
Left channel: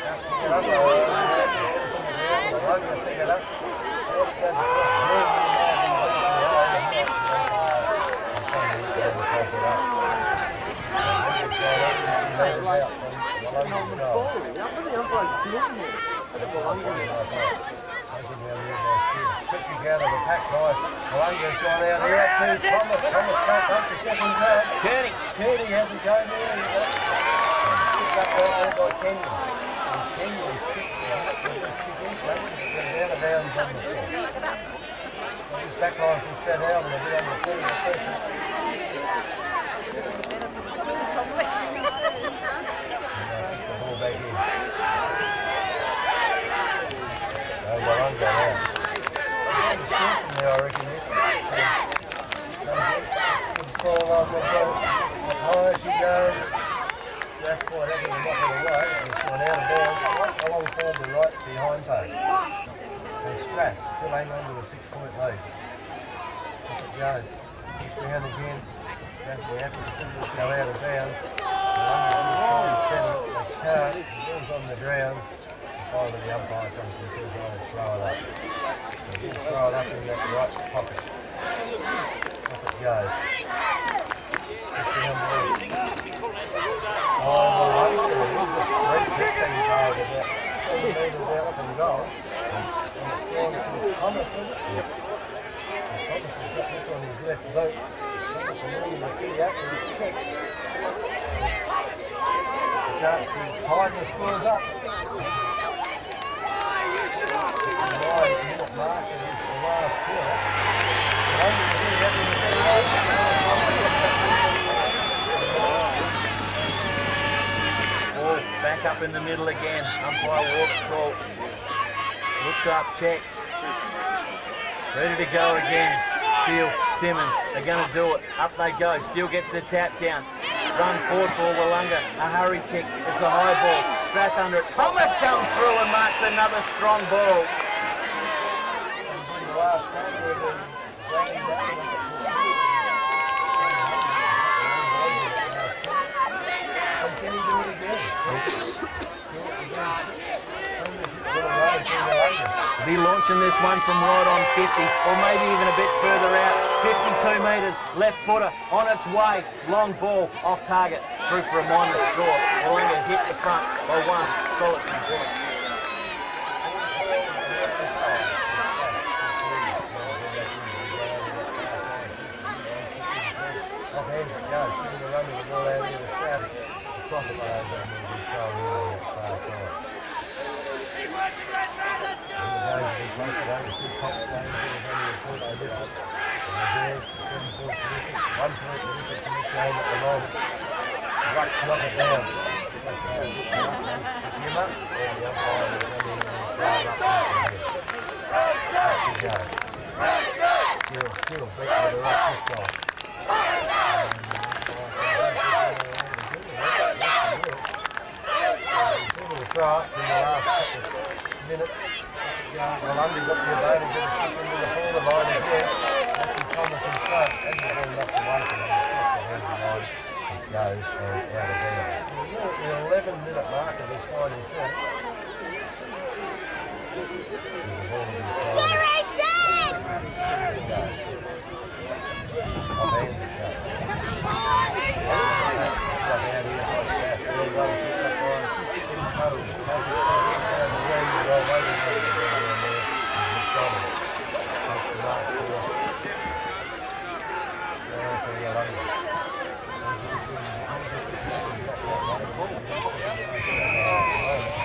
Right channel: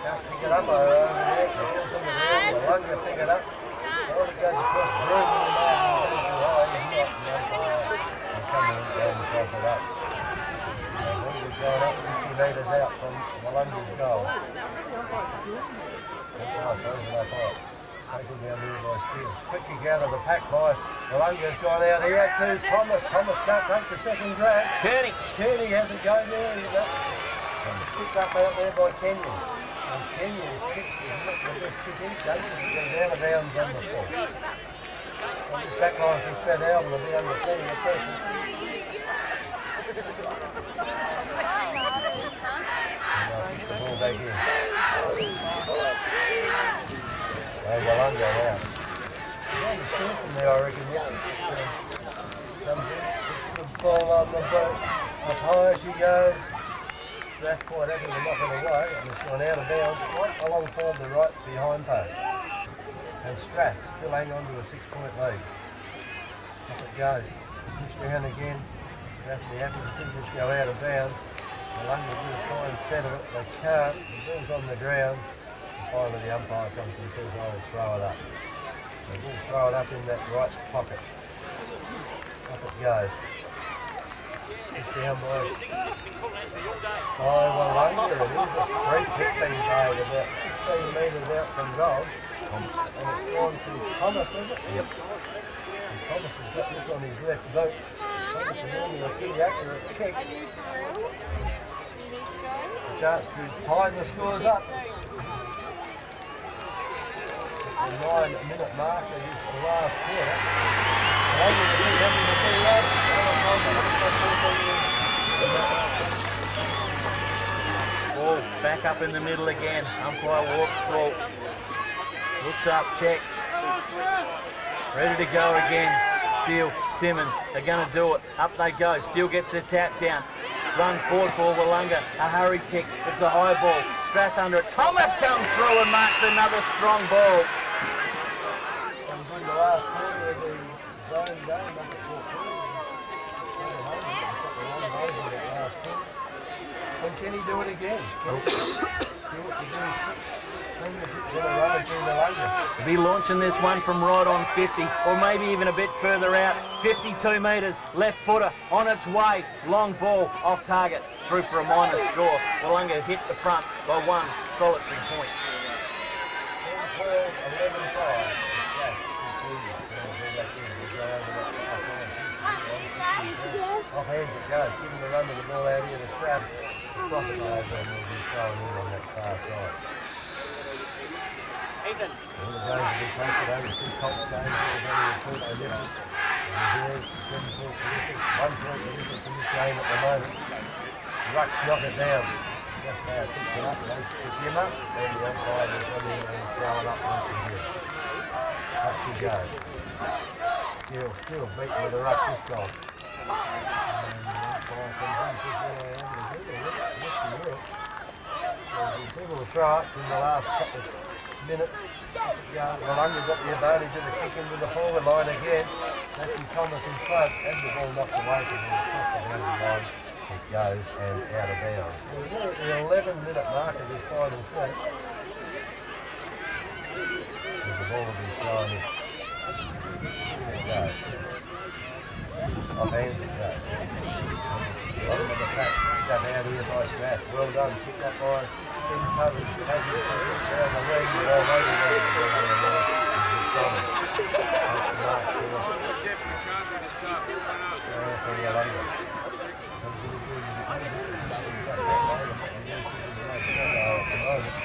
Can't pick it up over there. The ball's on the ground. Willunga pick it up. I want it goes across the room when he may have been way too high. He's not. The umpire will come in down and toss it up. The ball is going up 50 metres out from Willunga's goal. Umpire throws it up high. Taken down there by Spears. Quickly out of the pack by Willunga's gone out here to Thomas. Thomas can't take the second grab. Kearney. Kearney has a go there. He's up. Picked up out there by Kenyon. And Kenyon's kick is not the best kick he's done because it goes out of bounds on the full. So this back line from Strathalbyn will be under plenty of pressure. And they'll kick the ball back in. Willunga now. They're going to score from there, I reckon, Nicky. Comes in, puts the ball on the boat. Up high she goes. Strath quite happy to knock it away, and it's gone out of bounds right alongside the right behind post. And Strath still hang on to a 6-point lead. Up it goes. Push down again. Strath will be happy to see this go out of bounds. Willunga will try and centre it. They can't. The ball's on the ground. Finally the umpire comes and says, oh, throw it up. So we'll throw it up in that right pocket. Up it goes. Push down by Willunga. It is a free kick being paid about 15 metres out from goal. And it's gone to Thomas, is it? Yep. And Thomas has got this on his left boot. Thomas is normally a pretty accurate kick. A chance to tie the scores up. The 9-minute mark is the last quarter. Willunga will be happy to see that. Ball back up in the middle again. Umpire walks tall. Looks up, checks. Ready to go again. Steele, Simmons, they're going to do it. Up they go. Steele gets the tap down. Run forward for Willunga. A hurry kick. It's a high ball. Strath under it. Thomas comes through and marks another strong ball. And good in the last quarter of the grand game up at Port Phillip. A couple of long goals in that last quarter. And can he do it again? Can he do it to do 6 premierships in a row to Willunga? To be launching this one from right on 50, or maybe even a bit further out. 52 metres, left footer on its way. Long ball off target, through for a minor score. Willunga hit the front by 1 solitary point. 10-12, 11-5. Off hands it goes, giving the run to the ball out here to Strath. Across it goes and will be thrown in on that far side. All the games have been close today. The 2 Colts games, there was only a point for difference. And there's 7 points for difference. 1 point for difference in this game at the moment. Rucks knock it down. That player picks it up, they pick him up, and the umpire will come in and throw it up once again. Up she goes. Still beaten with a ruck this time. And throw-ups in the last couple of minutes. Willunga got the advantage of the kick into the forward line again. That's Thomas in front, and the ball knocked away from him across the boundary line. It goes and out of bounds. We're at the 11-minute mark of this final term. There's a ball to be thrown in. Here it goes. Off hands it goes. Bottom of the pack, picked up out here by Strath. Well done, picked up by Ben Cousins. Cousins down the wing, but although he wanted the ball down there, is McDonald. Takes the mark for Willunga. Comes in again, you get more distance looking back that way than what you're thinking the most at the moment.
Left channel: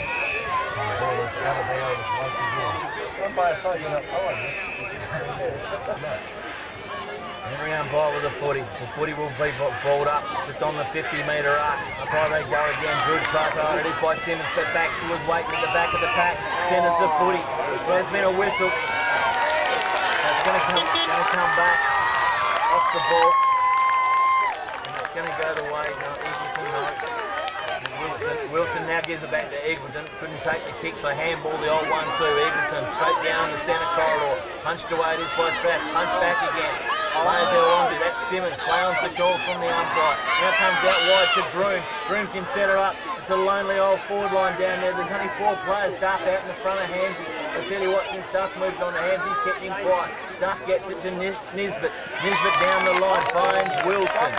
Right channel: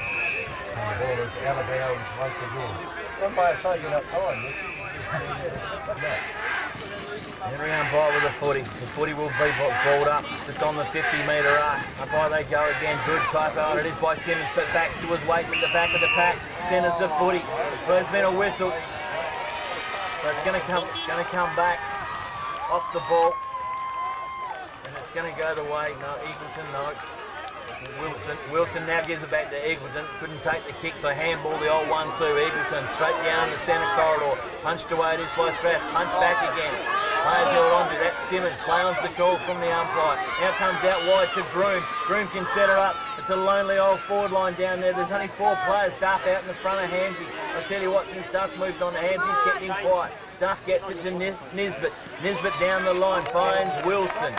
And the ball is out of bounds once again. Not by a soaking up time, no. Henry umpire with the footy. The footy will be balled up just on the 50-metre arc. Up high they go again. Good typo, and it is by Simmons, but Baxter was waiting at the back of the pack. Centres the footy. There's been a whistle. So it's going to come back off the ball, and it's going to go the way. No, Eagleton, no. Wilson now gives it back to Eagleton. Couldn't take the kick, so handball the old 1-2. Eagleton straight down the centre corridor. Punched away it is by Strath. Punch back again. Players held on to that. Simmons play on the call from the umpire. Now comes out wide to Groom. Groom can set her up. It's a lonely old forward line down there. There's only 4 players. Duff out in the front of Hamsey. I tell you what, since Duff moved on to Hamsey, kept him quiet. Duff gets it to Nisbet. Nisbet down the line finds Wilson.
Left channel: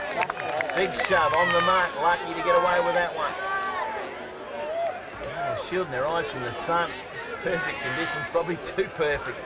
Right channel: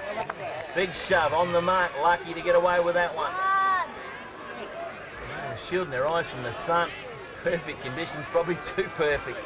Big shove on the mark. Lucky to get away with that one. Shielding their eyes from the sun. Perfect conditions, probably too perfect.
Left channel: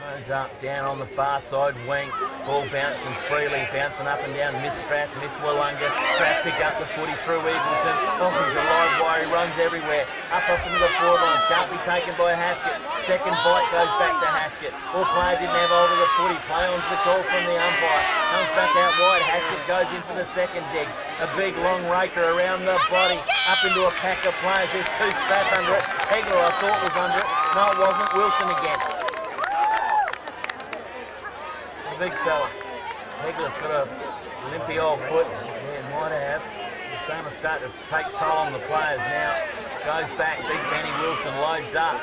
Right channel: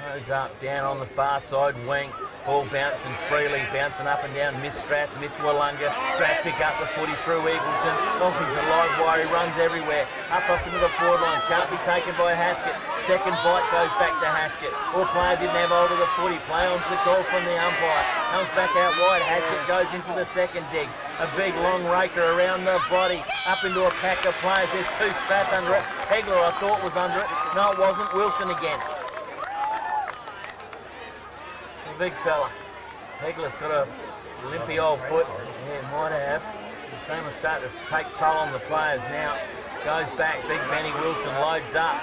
Loads up, down on the far side wing. Ball bouncing freely, bouncing up and down. Miss Strath, miss Willunga. Strath pick up the footy through Eagleton. Oh, he's a live wire, he runs everywhere. Up into the forward lines, can't be taken by Haskett. Second bite goes back to Haskett. All player didn't have hold of the footy. Play on's the call from the umpire. Comes back out wide, Haskett goes in for the second dig. A big long raker around the body, up into a pack of players. There's 2 Strath under it. Hegler I thought was under it. No, it wasn't. Wilson again. The big fella. Hegler's got a limpy old foot. Yeah, might have. He's going to start to take toll on the players now. Goes back, Big Benny Wilson loads up.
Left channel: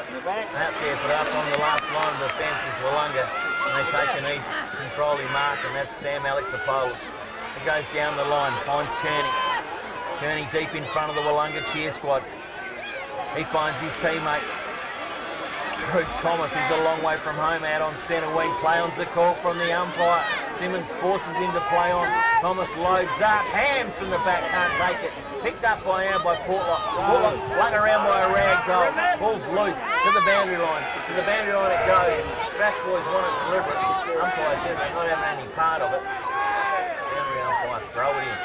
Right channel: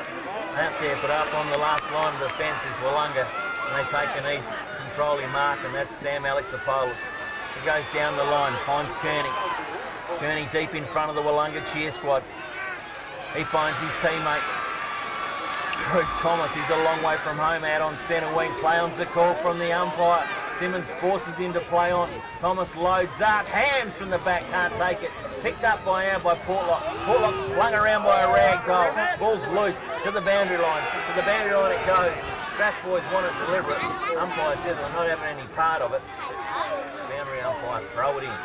Out there, but up on the last line of defence is Willunga. And they take an easy controlling mark, and that's Sam Alexopoulos. He goes down the line, finds Kearney. Kearney deep in front of the Willunga cheer squad. He finds his teammate. Through Thomas, he's a long way from home, out on centre wing. Play on's the call from the umpire. Simmons forces him to play on. Thomas loads up, hams from the back, can't take it. Picked up by Portlock. Portlock's flung around by a rag doll. Ball's loose to the boundary line. To the boundary line it goes. Strath boys want it deliberate. Umpire says they're not having any part of it. Boundary umpire, throw it in.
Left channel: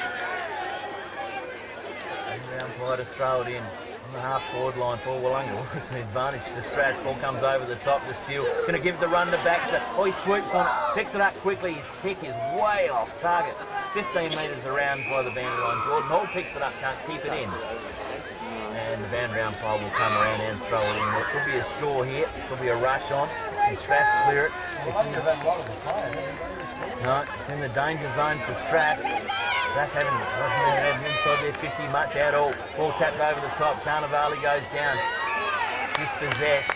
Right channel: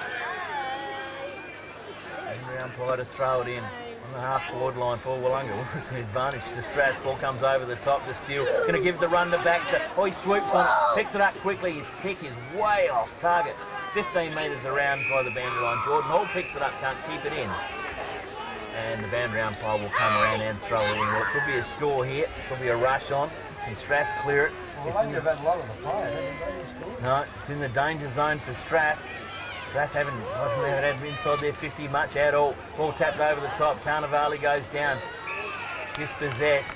Boundary umpire to throw it in. On the half-forward line for Willunga. Was an advantage to Strath. Ball comes over the top to Steele. Going to give the run to Baxter. Oh, he swoops on it. Picks it up quickly. His kick is way off target. 15 metres around by the boundary line. Jordan Hall picks it up. Can't keep it in. And the boundary umpire will come around and throw it in. Well, it could be a score here. Could be a rush on. Can Strath clear it? No, it's in the danger zone for Strath. Strath haven't had inside their 50 much at all. Ball tapped over the top. Carnivale goes down. Dispossessed.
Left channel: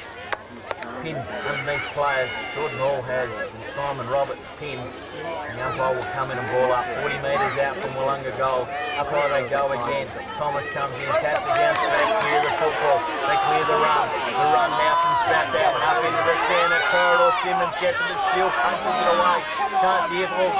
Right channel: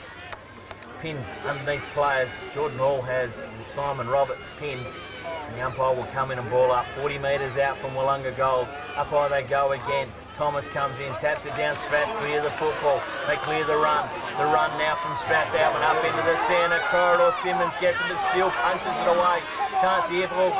Pinned underneath players. Jordan Hall has Simon Roberts pinned. And the umpire will come in and ball up 40 metres out from Willunga goals. Up high they go again. Thomas comes in, taps it down. Strath clear the football. They clear the run. The run now from Strathalbyn up into the centre corridor. Simmons gets it, but still punches it away. Chance here for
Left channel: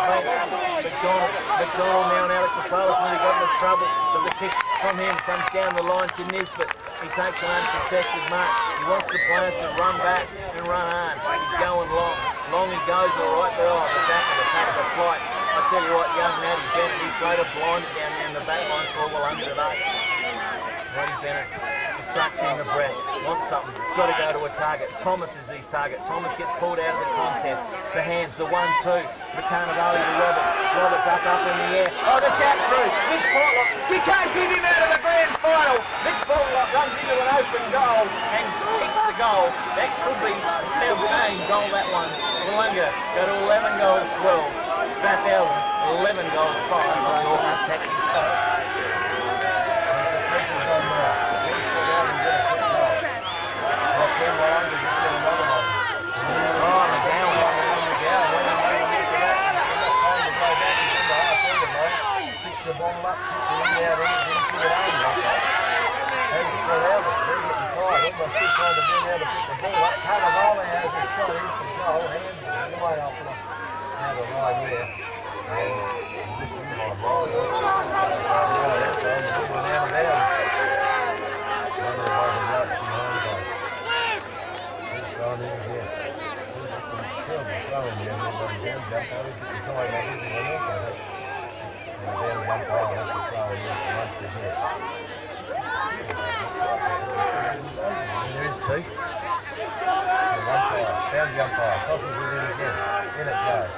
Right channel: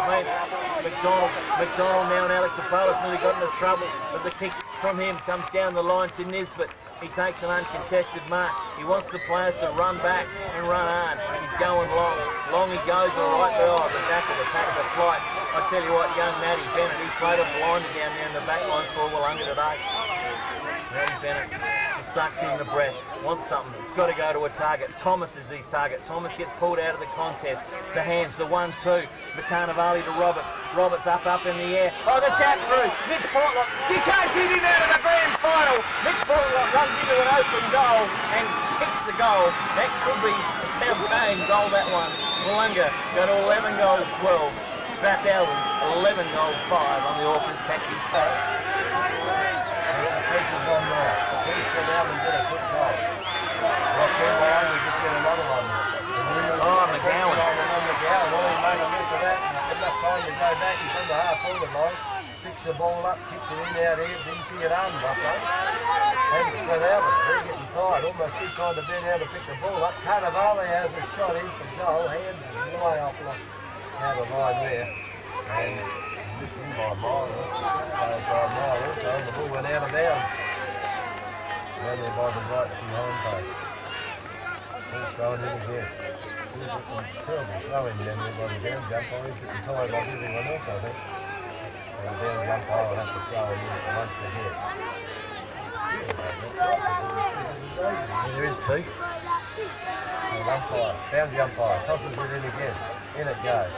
McDonald now, and Alexopoulos nearly got into trouble, but the kick from him comes down the line to Nisbet. He takes an uncontested mark. He wants the players to run back and run hard. He's going long. Long he goes all right, but the back of the pack of the flight. I tell you what, young Matty Bennett, he's played a blinder down there in the back lines for Willunga today. Matty Bennett just sucks in the breath, wants something. It's got to go to a target. Thomas is his target. Thomas gets pulled out of the contest. The hands, the 1-2. Carnivale to Roberts. Roberts up in the air. Oh, the tap through. Mitch Portlock. You can't keep him out of the grand final. Mitch Portlock runs into an open goal and kicks the goal. That could be a telltale goal, that one. Willunga go to 11 goals, 12. Strathalbyn, 11 goals, 5 on the Orcas taxi scope. It's a pressure's on now. Then Strathalbyn get a quick goal. Right then, Willunga just get another one. And really McGowan. McGowan, all he made a mess of that. Enough time to go back. He's on the half-forward line. Picks the ball up, kicks it in out there, didn't kick it hard enough though. And Strathalbyn, they're getting tired, almost still trying to bend out to pick the ball up. Vale has a shot in for goal, hands way off out of line there. And just in by mile, the ball went out of bounds. And they're by the right behind post. It's going in again. He's got some terrible throwing down there by the bounds umpire. He's getting tired like everyone else, I think. And the bounds umpire will have to throw it in once again. Yeah, there is two. The umpire, boundary umpire, tosses it in again. In it goes.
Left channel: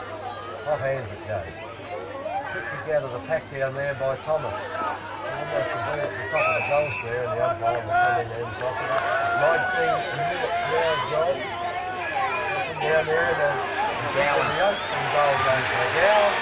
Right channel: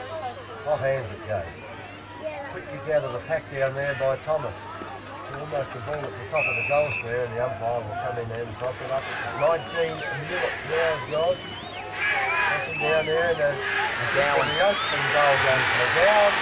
Off hands it goes. Quick kick out of the pack down there by Thomas. Almost the ball at the top of the goal square, and the umpire will come in and toss it up. 19 minutes now has gone. Something down there, and McGowan. The opening goal goes to McGowan.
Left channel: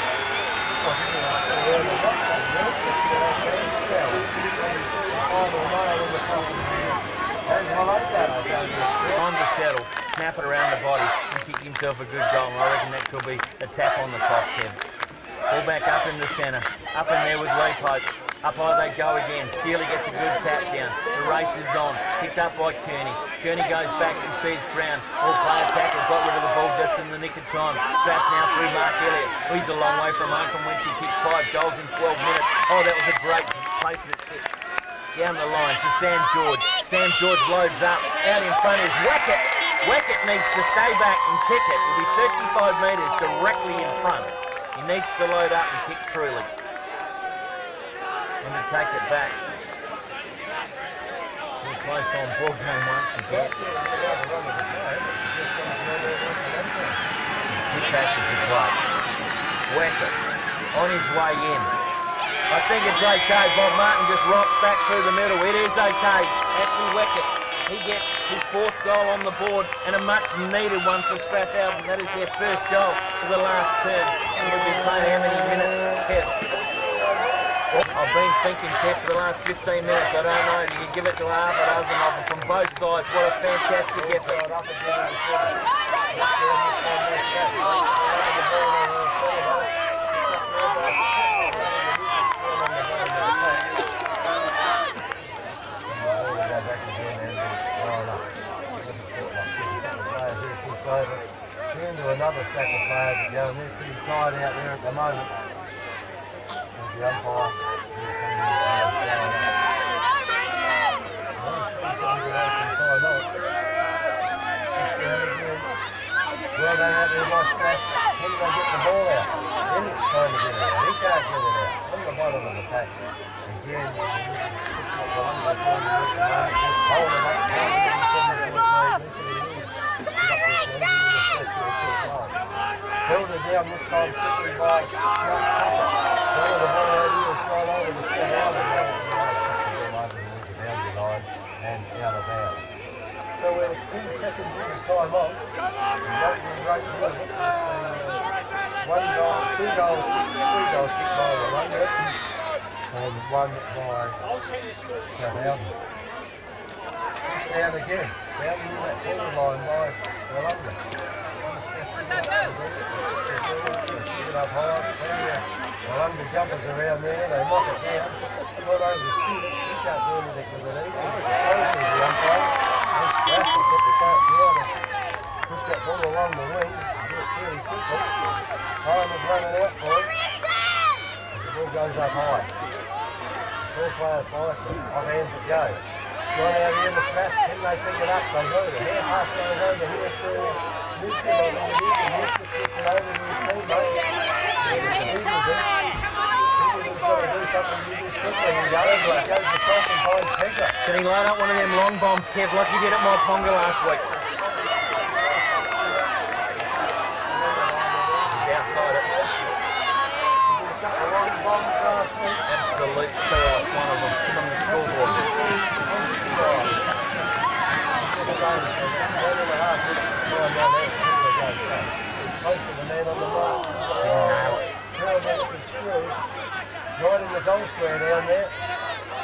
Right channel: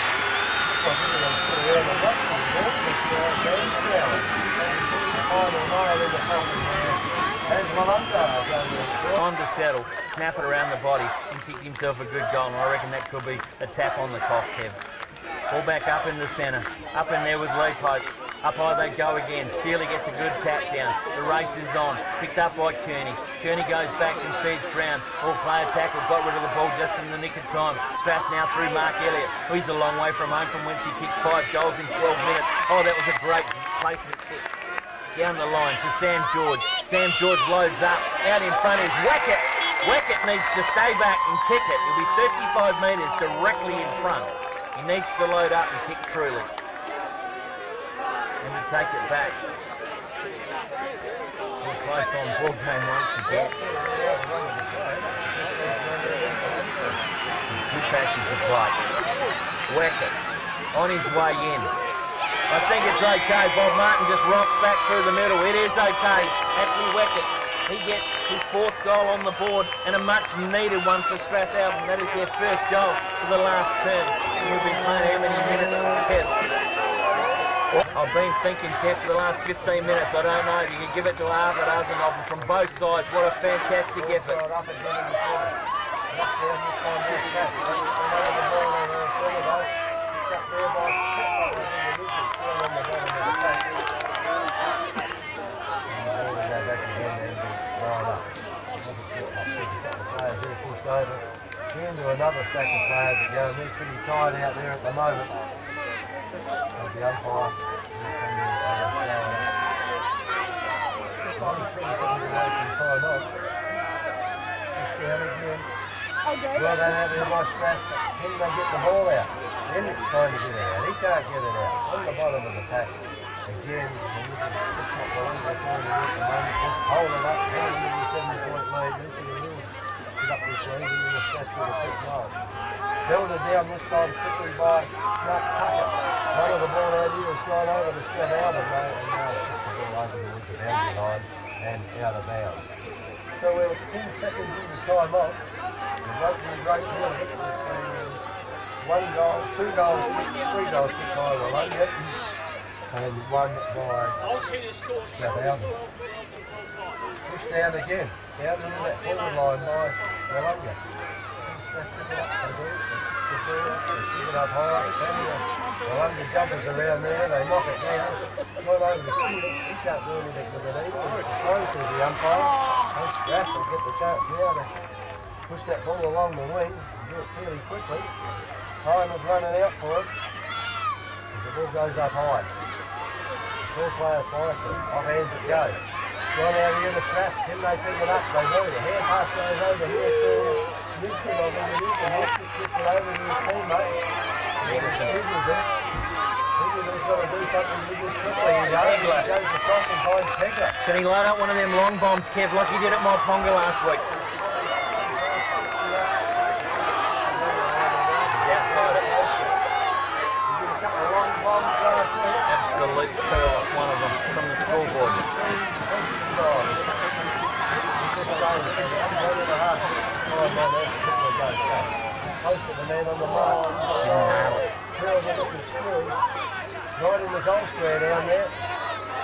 Looks like everyone's still around the rock from there. That's now Sam McGowan. Probably puts the final nail in the coffin there. As Willunga goes in. Time to settle, snap it around the body, and kick himself a good goal. And I reckon that could be a tap on the cough, Kev. Ball back up in the centre, up in there with Lee Pope. Up high they go again. Steely gets a good tap down. The race is on. Picked up by Kearney. Kearney goes back and sees ground. All player tackle. Got rid of the ball just in the nick of time. Strath now through Mark Elliott. Oh, he's a long way from home from whence he kicked 5 goals in 12 minutes. Oh, that was a great placement kick. Down the line to Sam George. Sam George loads up. Out in front is Wackett. Wackett needs to stay back and kick it. He'll be 35 metres directly in front. He needs to load up and kick truly. And to take it back to a close on ball game once again. Good passage to play. Wackett on his way in. I think it's okay. Bob Martin just rocks back through the middle. It is okay. Ashley Wackett, he gets his 4th goal on the board and a much needed one for Strathalbyn. That is their first goal for the last term. And we've been playing how many minutes, Kev? I've been thinking, Kev, for the last 15 minutes. I don't know. You can give it to half a dozen of them from both sides. What a fantastic effort. Up again in the centre. Knocked down this time by Strath. Don't get the run of the ball in the centre though. Picked up there by Strath, like I think it is. It's down on the bottom of the pack. And the ball will go back again and be thrown up. I just thought like this. A couple of players here pushed over. Into another stack of players that go, and they're pretty tired out there at the moment. As the umpire will come in and throw it up. Only 30 seconds away from time off. Push down again. Well done out there by Strath. Can they get the ball out? Elliott's trying to get it out. He can't get it out. It's on the bottom of the pack. Again, and this is just what Willunga are trying to do at the moment. Just hold it up, hang on to the 7-point lead. At least they can really get up this lead, even the Strath with a quick goal. Held it down this time quickly by Mark Tucker. Run of the ball out here has gone over to Strathalbyn and now pushed the ball over towards the boundary line and out of bounds. So we're 10 seconds into time off. We won't do a great deal of it. There's been 1 goal, 2 goals kicked, 3 goals kicked by Willunga and 1 by Strathalbyn. Pushed down again, down into that forward line by Willunga. Strath pick it up, they do it, they pick the ball up, they pick it up high, plenty of Willunga jumpers around there, they knock it down. Gone over to Steele, he can't do anything with it either, and it's the close as the umpire. And Strath will get the chance now to push that ball along the wing and do it fairly quickly. Time is running out for him as the ball goes up high. The 4 players fly for it, off hands it goes. Gone out here to Strath, can they pick it up? They do. The hand pass goes over here to Nisbet, I think it is, and Nisbet gets it over to his teammate. Eagleton's got to do something with this quickly, he does. Pegler. He goes across and finds Pegler. Can he load up one of them long bombs, Kev, like he did at my Ponga last week? It's probably 45, 50 out. He's outside it. He did a couple of long bombs last week. Absolute pearler, one of them, from the scoreboard. This game, so that's 1.5 minutes of time on there. Pegler goes back. He's close to the man on the mark. Didn't nail it. Terrible looking screwy. Right in the goal square down there.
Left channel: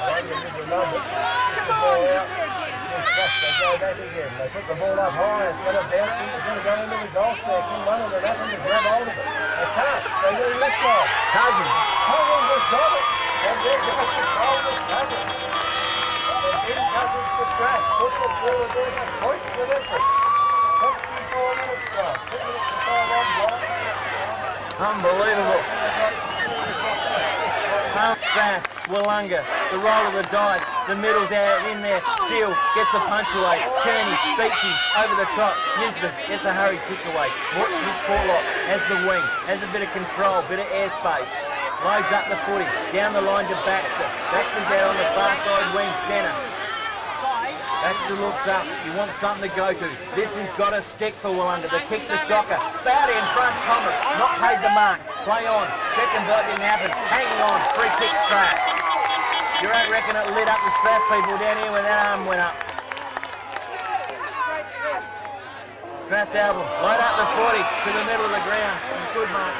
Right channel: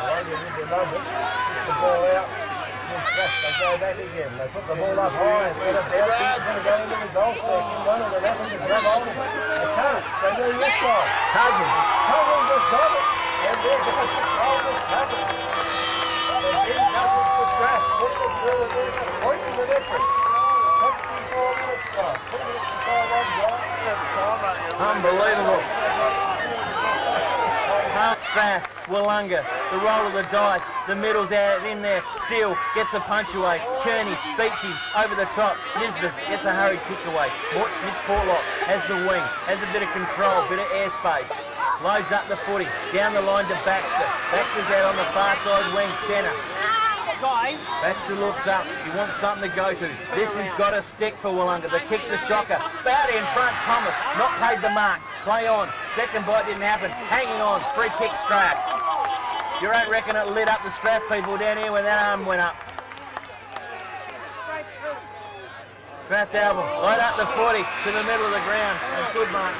Willunga with the numbers, push the ball out, then Strath, they go back again. They put the ball up high, it's going to bounce in, it's going to go into the goal section. One of them happened to grab hold of it. They can't, they do this time. Cousins. Cousins has got it, and there goes the Coldest Cousins. The Ben Cousins for Strath, puts it through, and there's a point in the difference. 24 minutes gone, 2 minutes of time on gone. Unbelievable. Strath, Willunga, the roll of the dice, the middle's out in there, Steele gets a punch away, Kearney beats him over the top, Nisbeth gets a hurried kick away, Mitch Portlock has the wing, has a bit of control, bit of airspace, loads up the footy, down the line to Baxter, Baxter's out on the far side wing, centre. Baxter looks up, he wants something to go to. This has got to stick for Willunga. The kick's a shocker. Bowdy in front, Thomas, not paid the mark. Play on, second bite didn't happen. Hanging on, free kick Strath. You don't reckon it lit up the Strath people down here when that arm went up. Strathalbyn, load up the 40 to the middle of the ground. A good mark.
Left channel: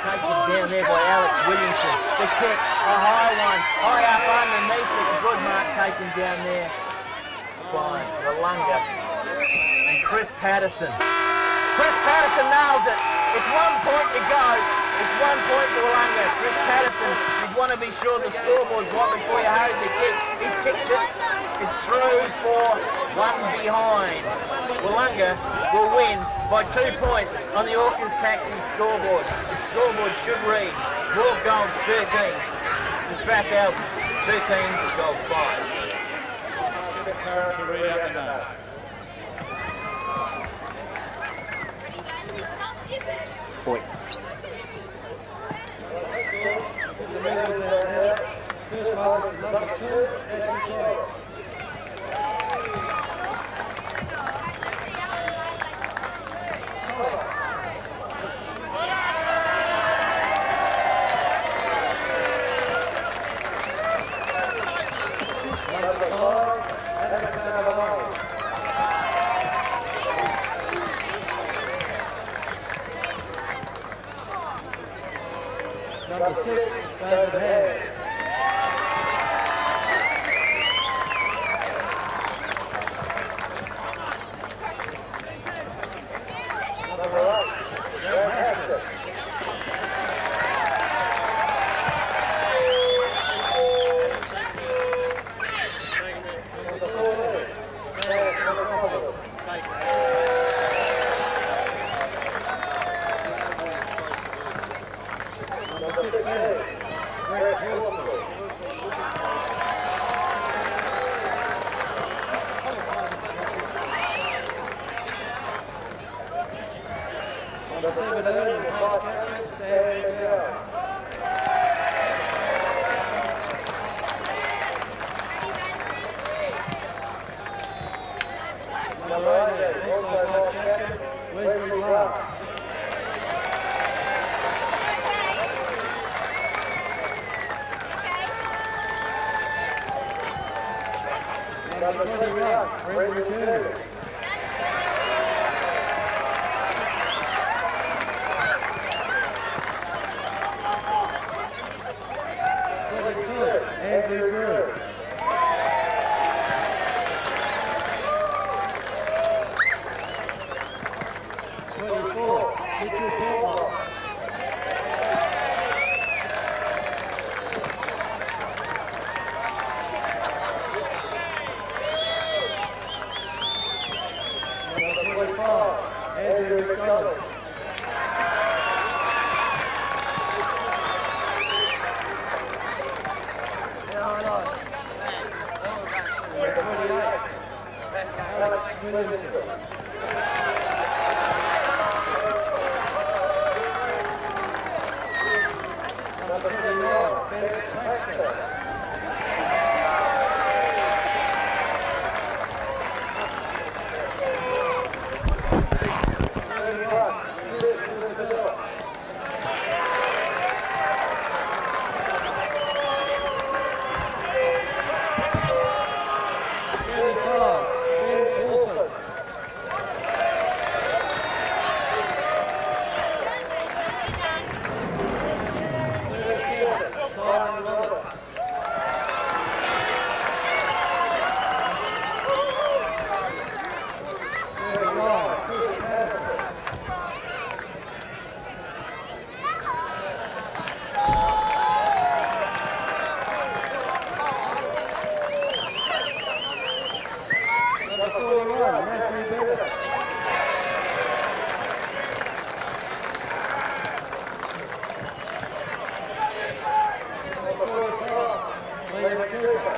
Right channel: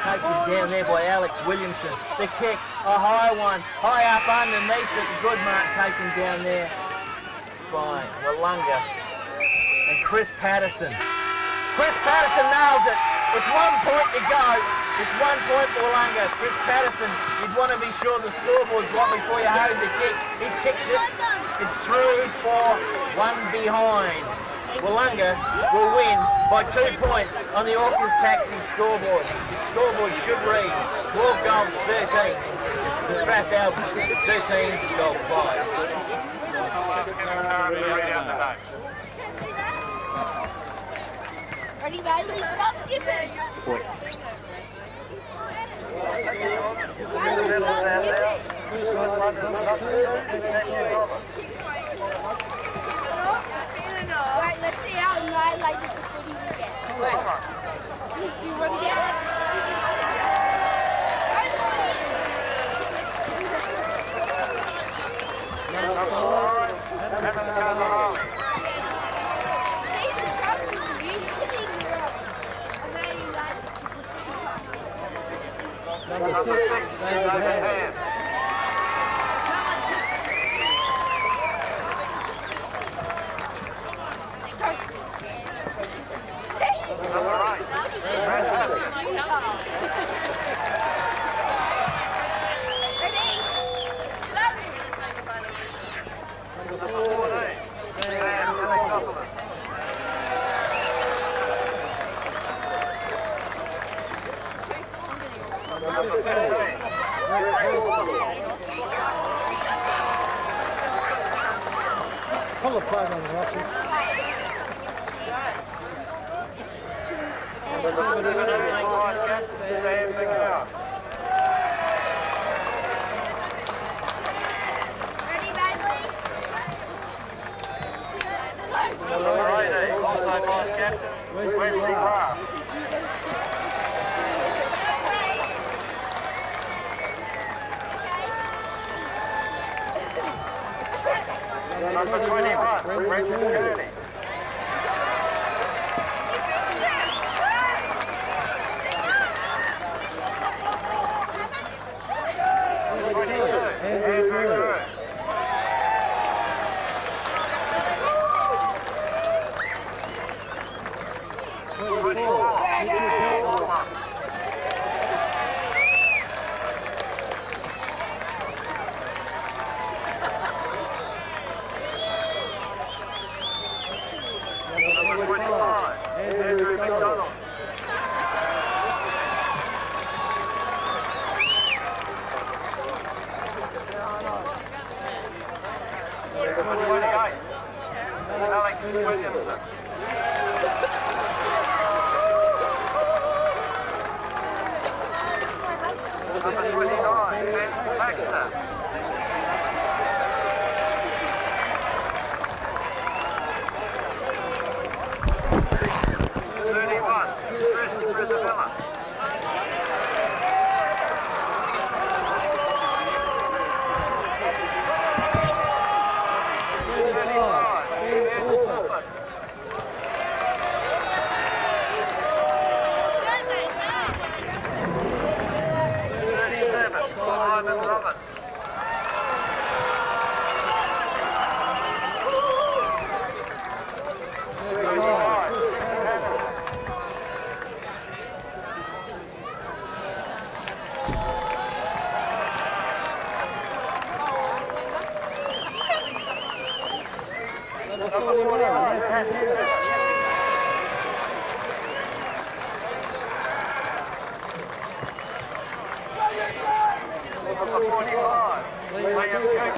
Taken down there by Alex Williamson. The kick, a high one, high up underneath it. A good mark taken down there by Willunga and Chris Patterson. Chris Patterson nails it. It's 1 point to go. It's 1 point for Willunga. Chris Patterson, you'd want to be sure the scoreboard's right before you hurry the kick. He's kicked it. It's through for one behind. Willunga will win by 2 points on the Orcas Taxi scoreboard. Its scoreboard should read 12 goals, 13 to Strathalbyn, 13 goals, 5. Ask McLaren to read out the name. Ready, Vale? Stop skipping. Get the medals out now. First one is to number 2, Matthew Thomas. Right, let's see how I like it. Do you want to get Number 5, Adam Carnavale. Number 6, David Hams. Number 8, Brad Haskell. Number 14, Sam Alexopoulos. Number 15, Brett Horsfield. Full of fun on watching. Number 17 and vice captain, Sam McGowan. Number 18, also vice captain, Wesley Glass. Number 21, Brendan Kearney. Andrew Groom. Mitchell Portlock. Number 25, Andrew McDonald. Number 28, Alex Williamson. Number 29, Ben Baxter. 41, Matthew Bennett. Number 45, Liam Cooper.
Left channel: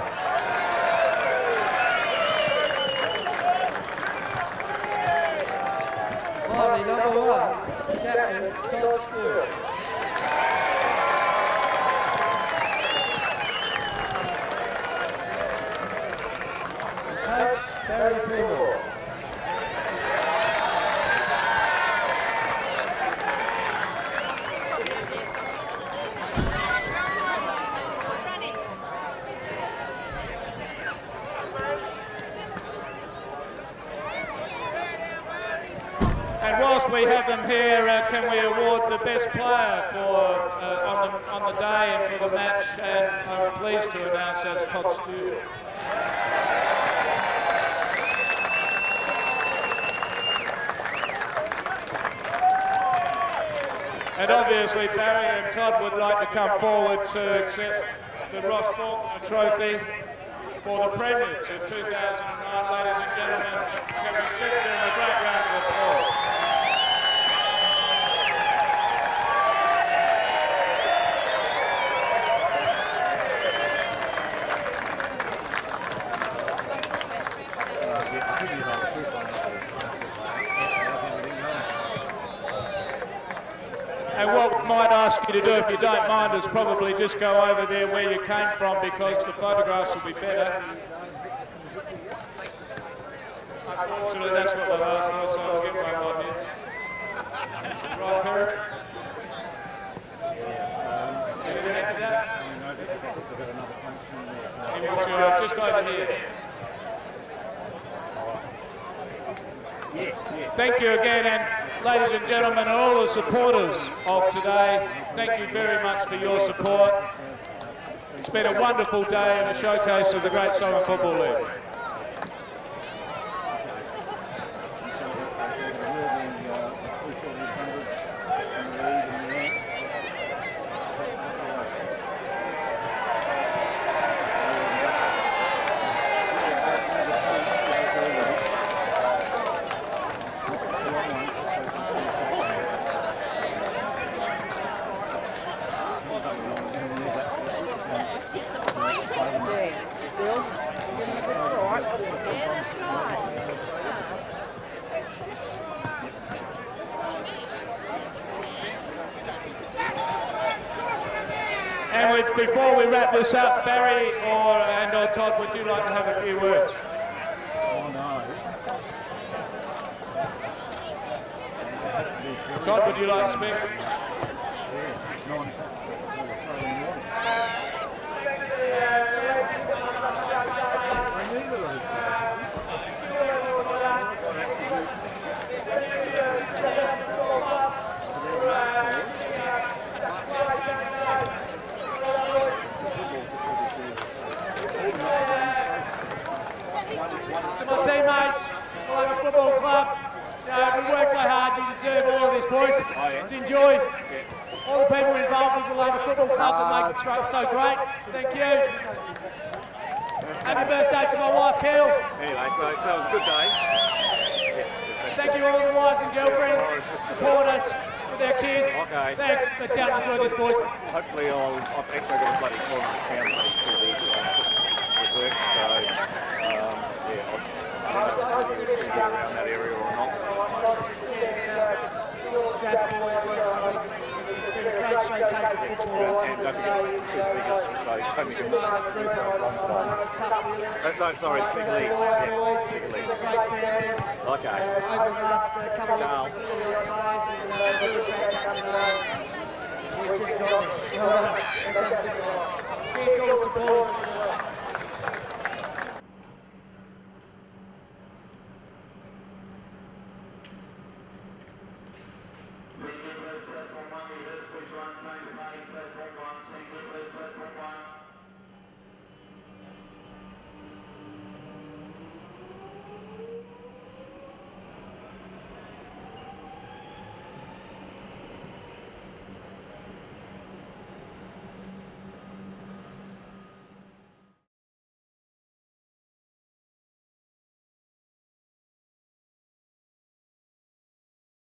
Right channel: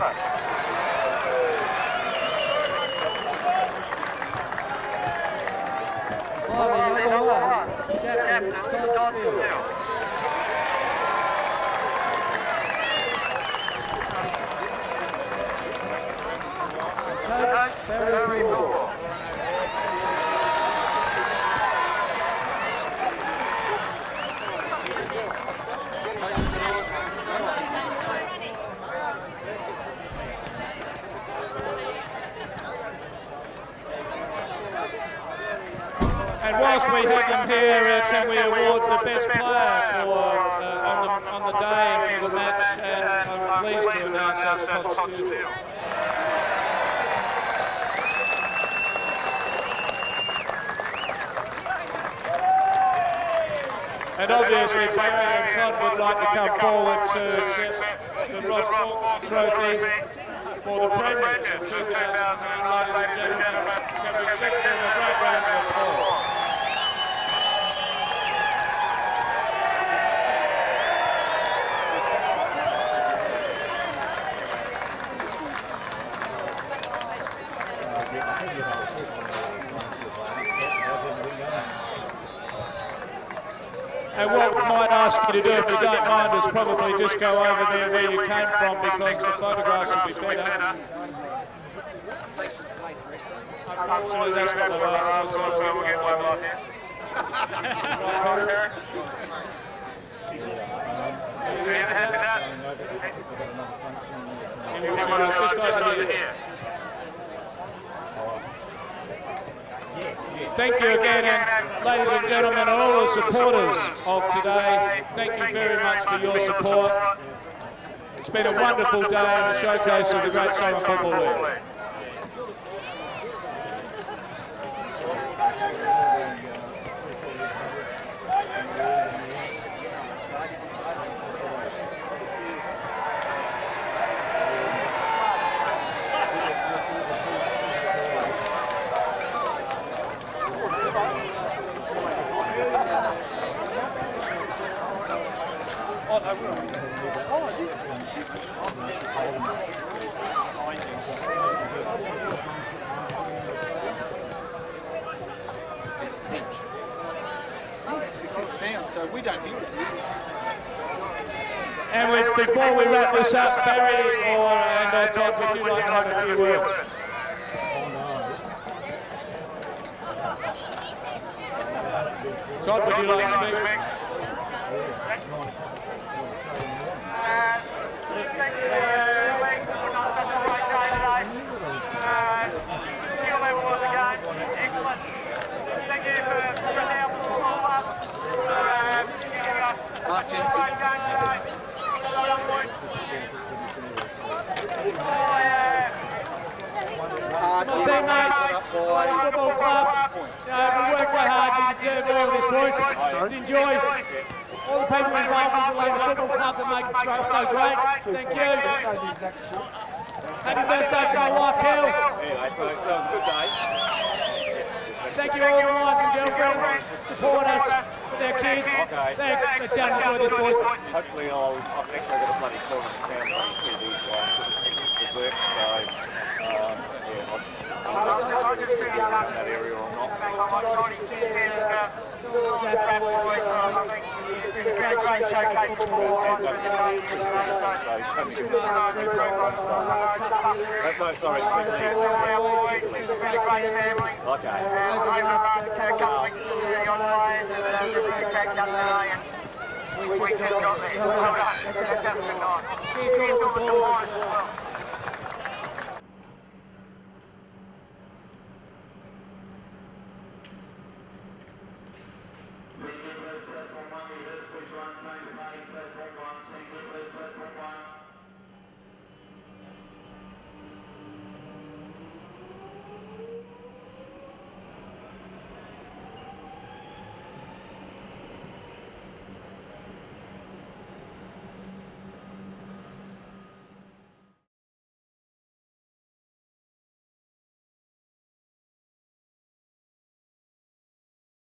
Finally, number 1, Captain Todd Steele. And Coach Barry Pillmore. And whilst we have them here, can we award the best player for on the day and for the match? And I'm pleased to announce that's Todd Steele. And obviously Barry and Todd would like to come forward to accept the Ross Faulkner Trophy for the Premiers of 2009. Ladies and gentlemen, can we give them a great round of applause? And what we might ask you to do, if you don't mind, is probably just go over there where you came from, because the photographs will be better. Unfortunately, that's what they've asked for, so we'll get one right here. Right, Perry? Are you happy with that? He wants you just over here. Thank you again, and ladies and gentlemen, and all the supporters of today, thank you very much for your support. It's been a wonderful day in the showcase of the Great Southern Football League. And before we wrap this up, Barry or Todd, would you like to have a few words? Todd, would you like to speak? My teammates, Willunga Football Club, we work so hard, you deserve all of this, boys. To enjoy all the people involved with Willunga Football Club that make it so great. Thank you. Happy birthday to my wife, Kel. Thank you all the wives and girlfriends, support us with our kids. Thanks, let's go and enjoy this, boys. I'll just finish up and just what Tony's just said, and to all the Strath boys, I think it's been a great showcase of football right through the day here today. So to Simo and the group, I know it's a tough feeling, but to all our boys, it's been a great family. Over the last couple of weeks, we've 30-odd players, and they've really cracked up today. And we just got there. Well done. Let's have a good night. Cheers to all the supporters as well.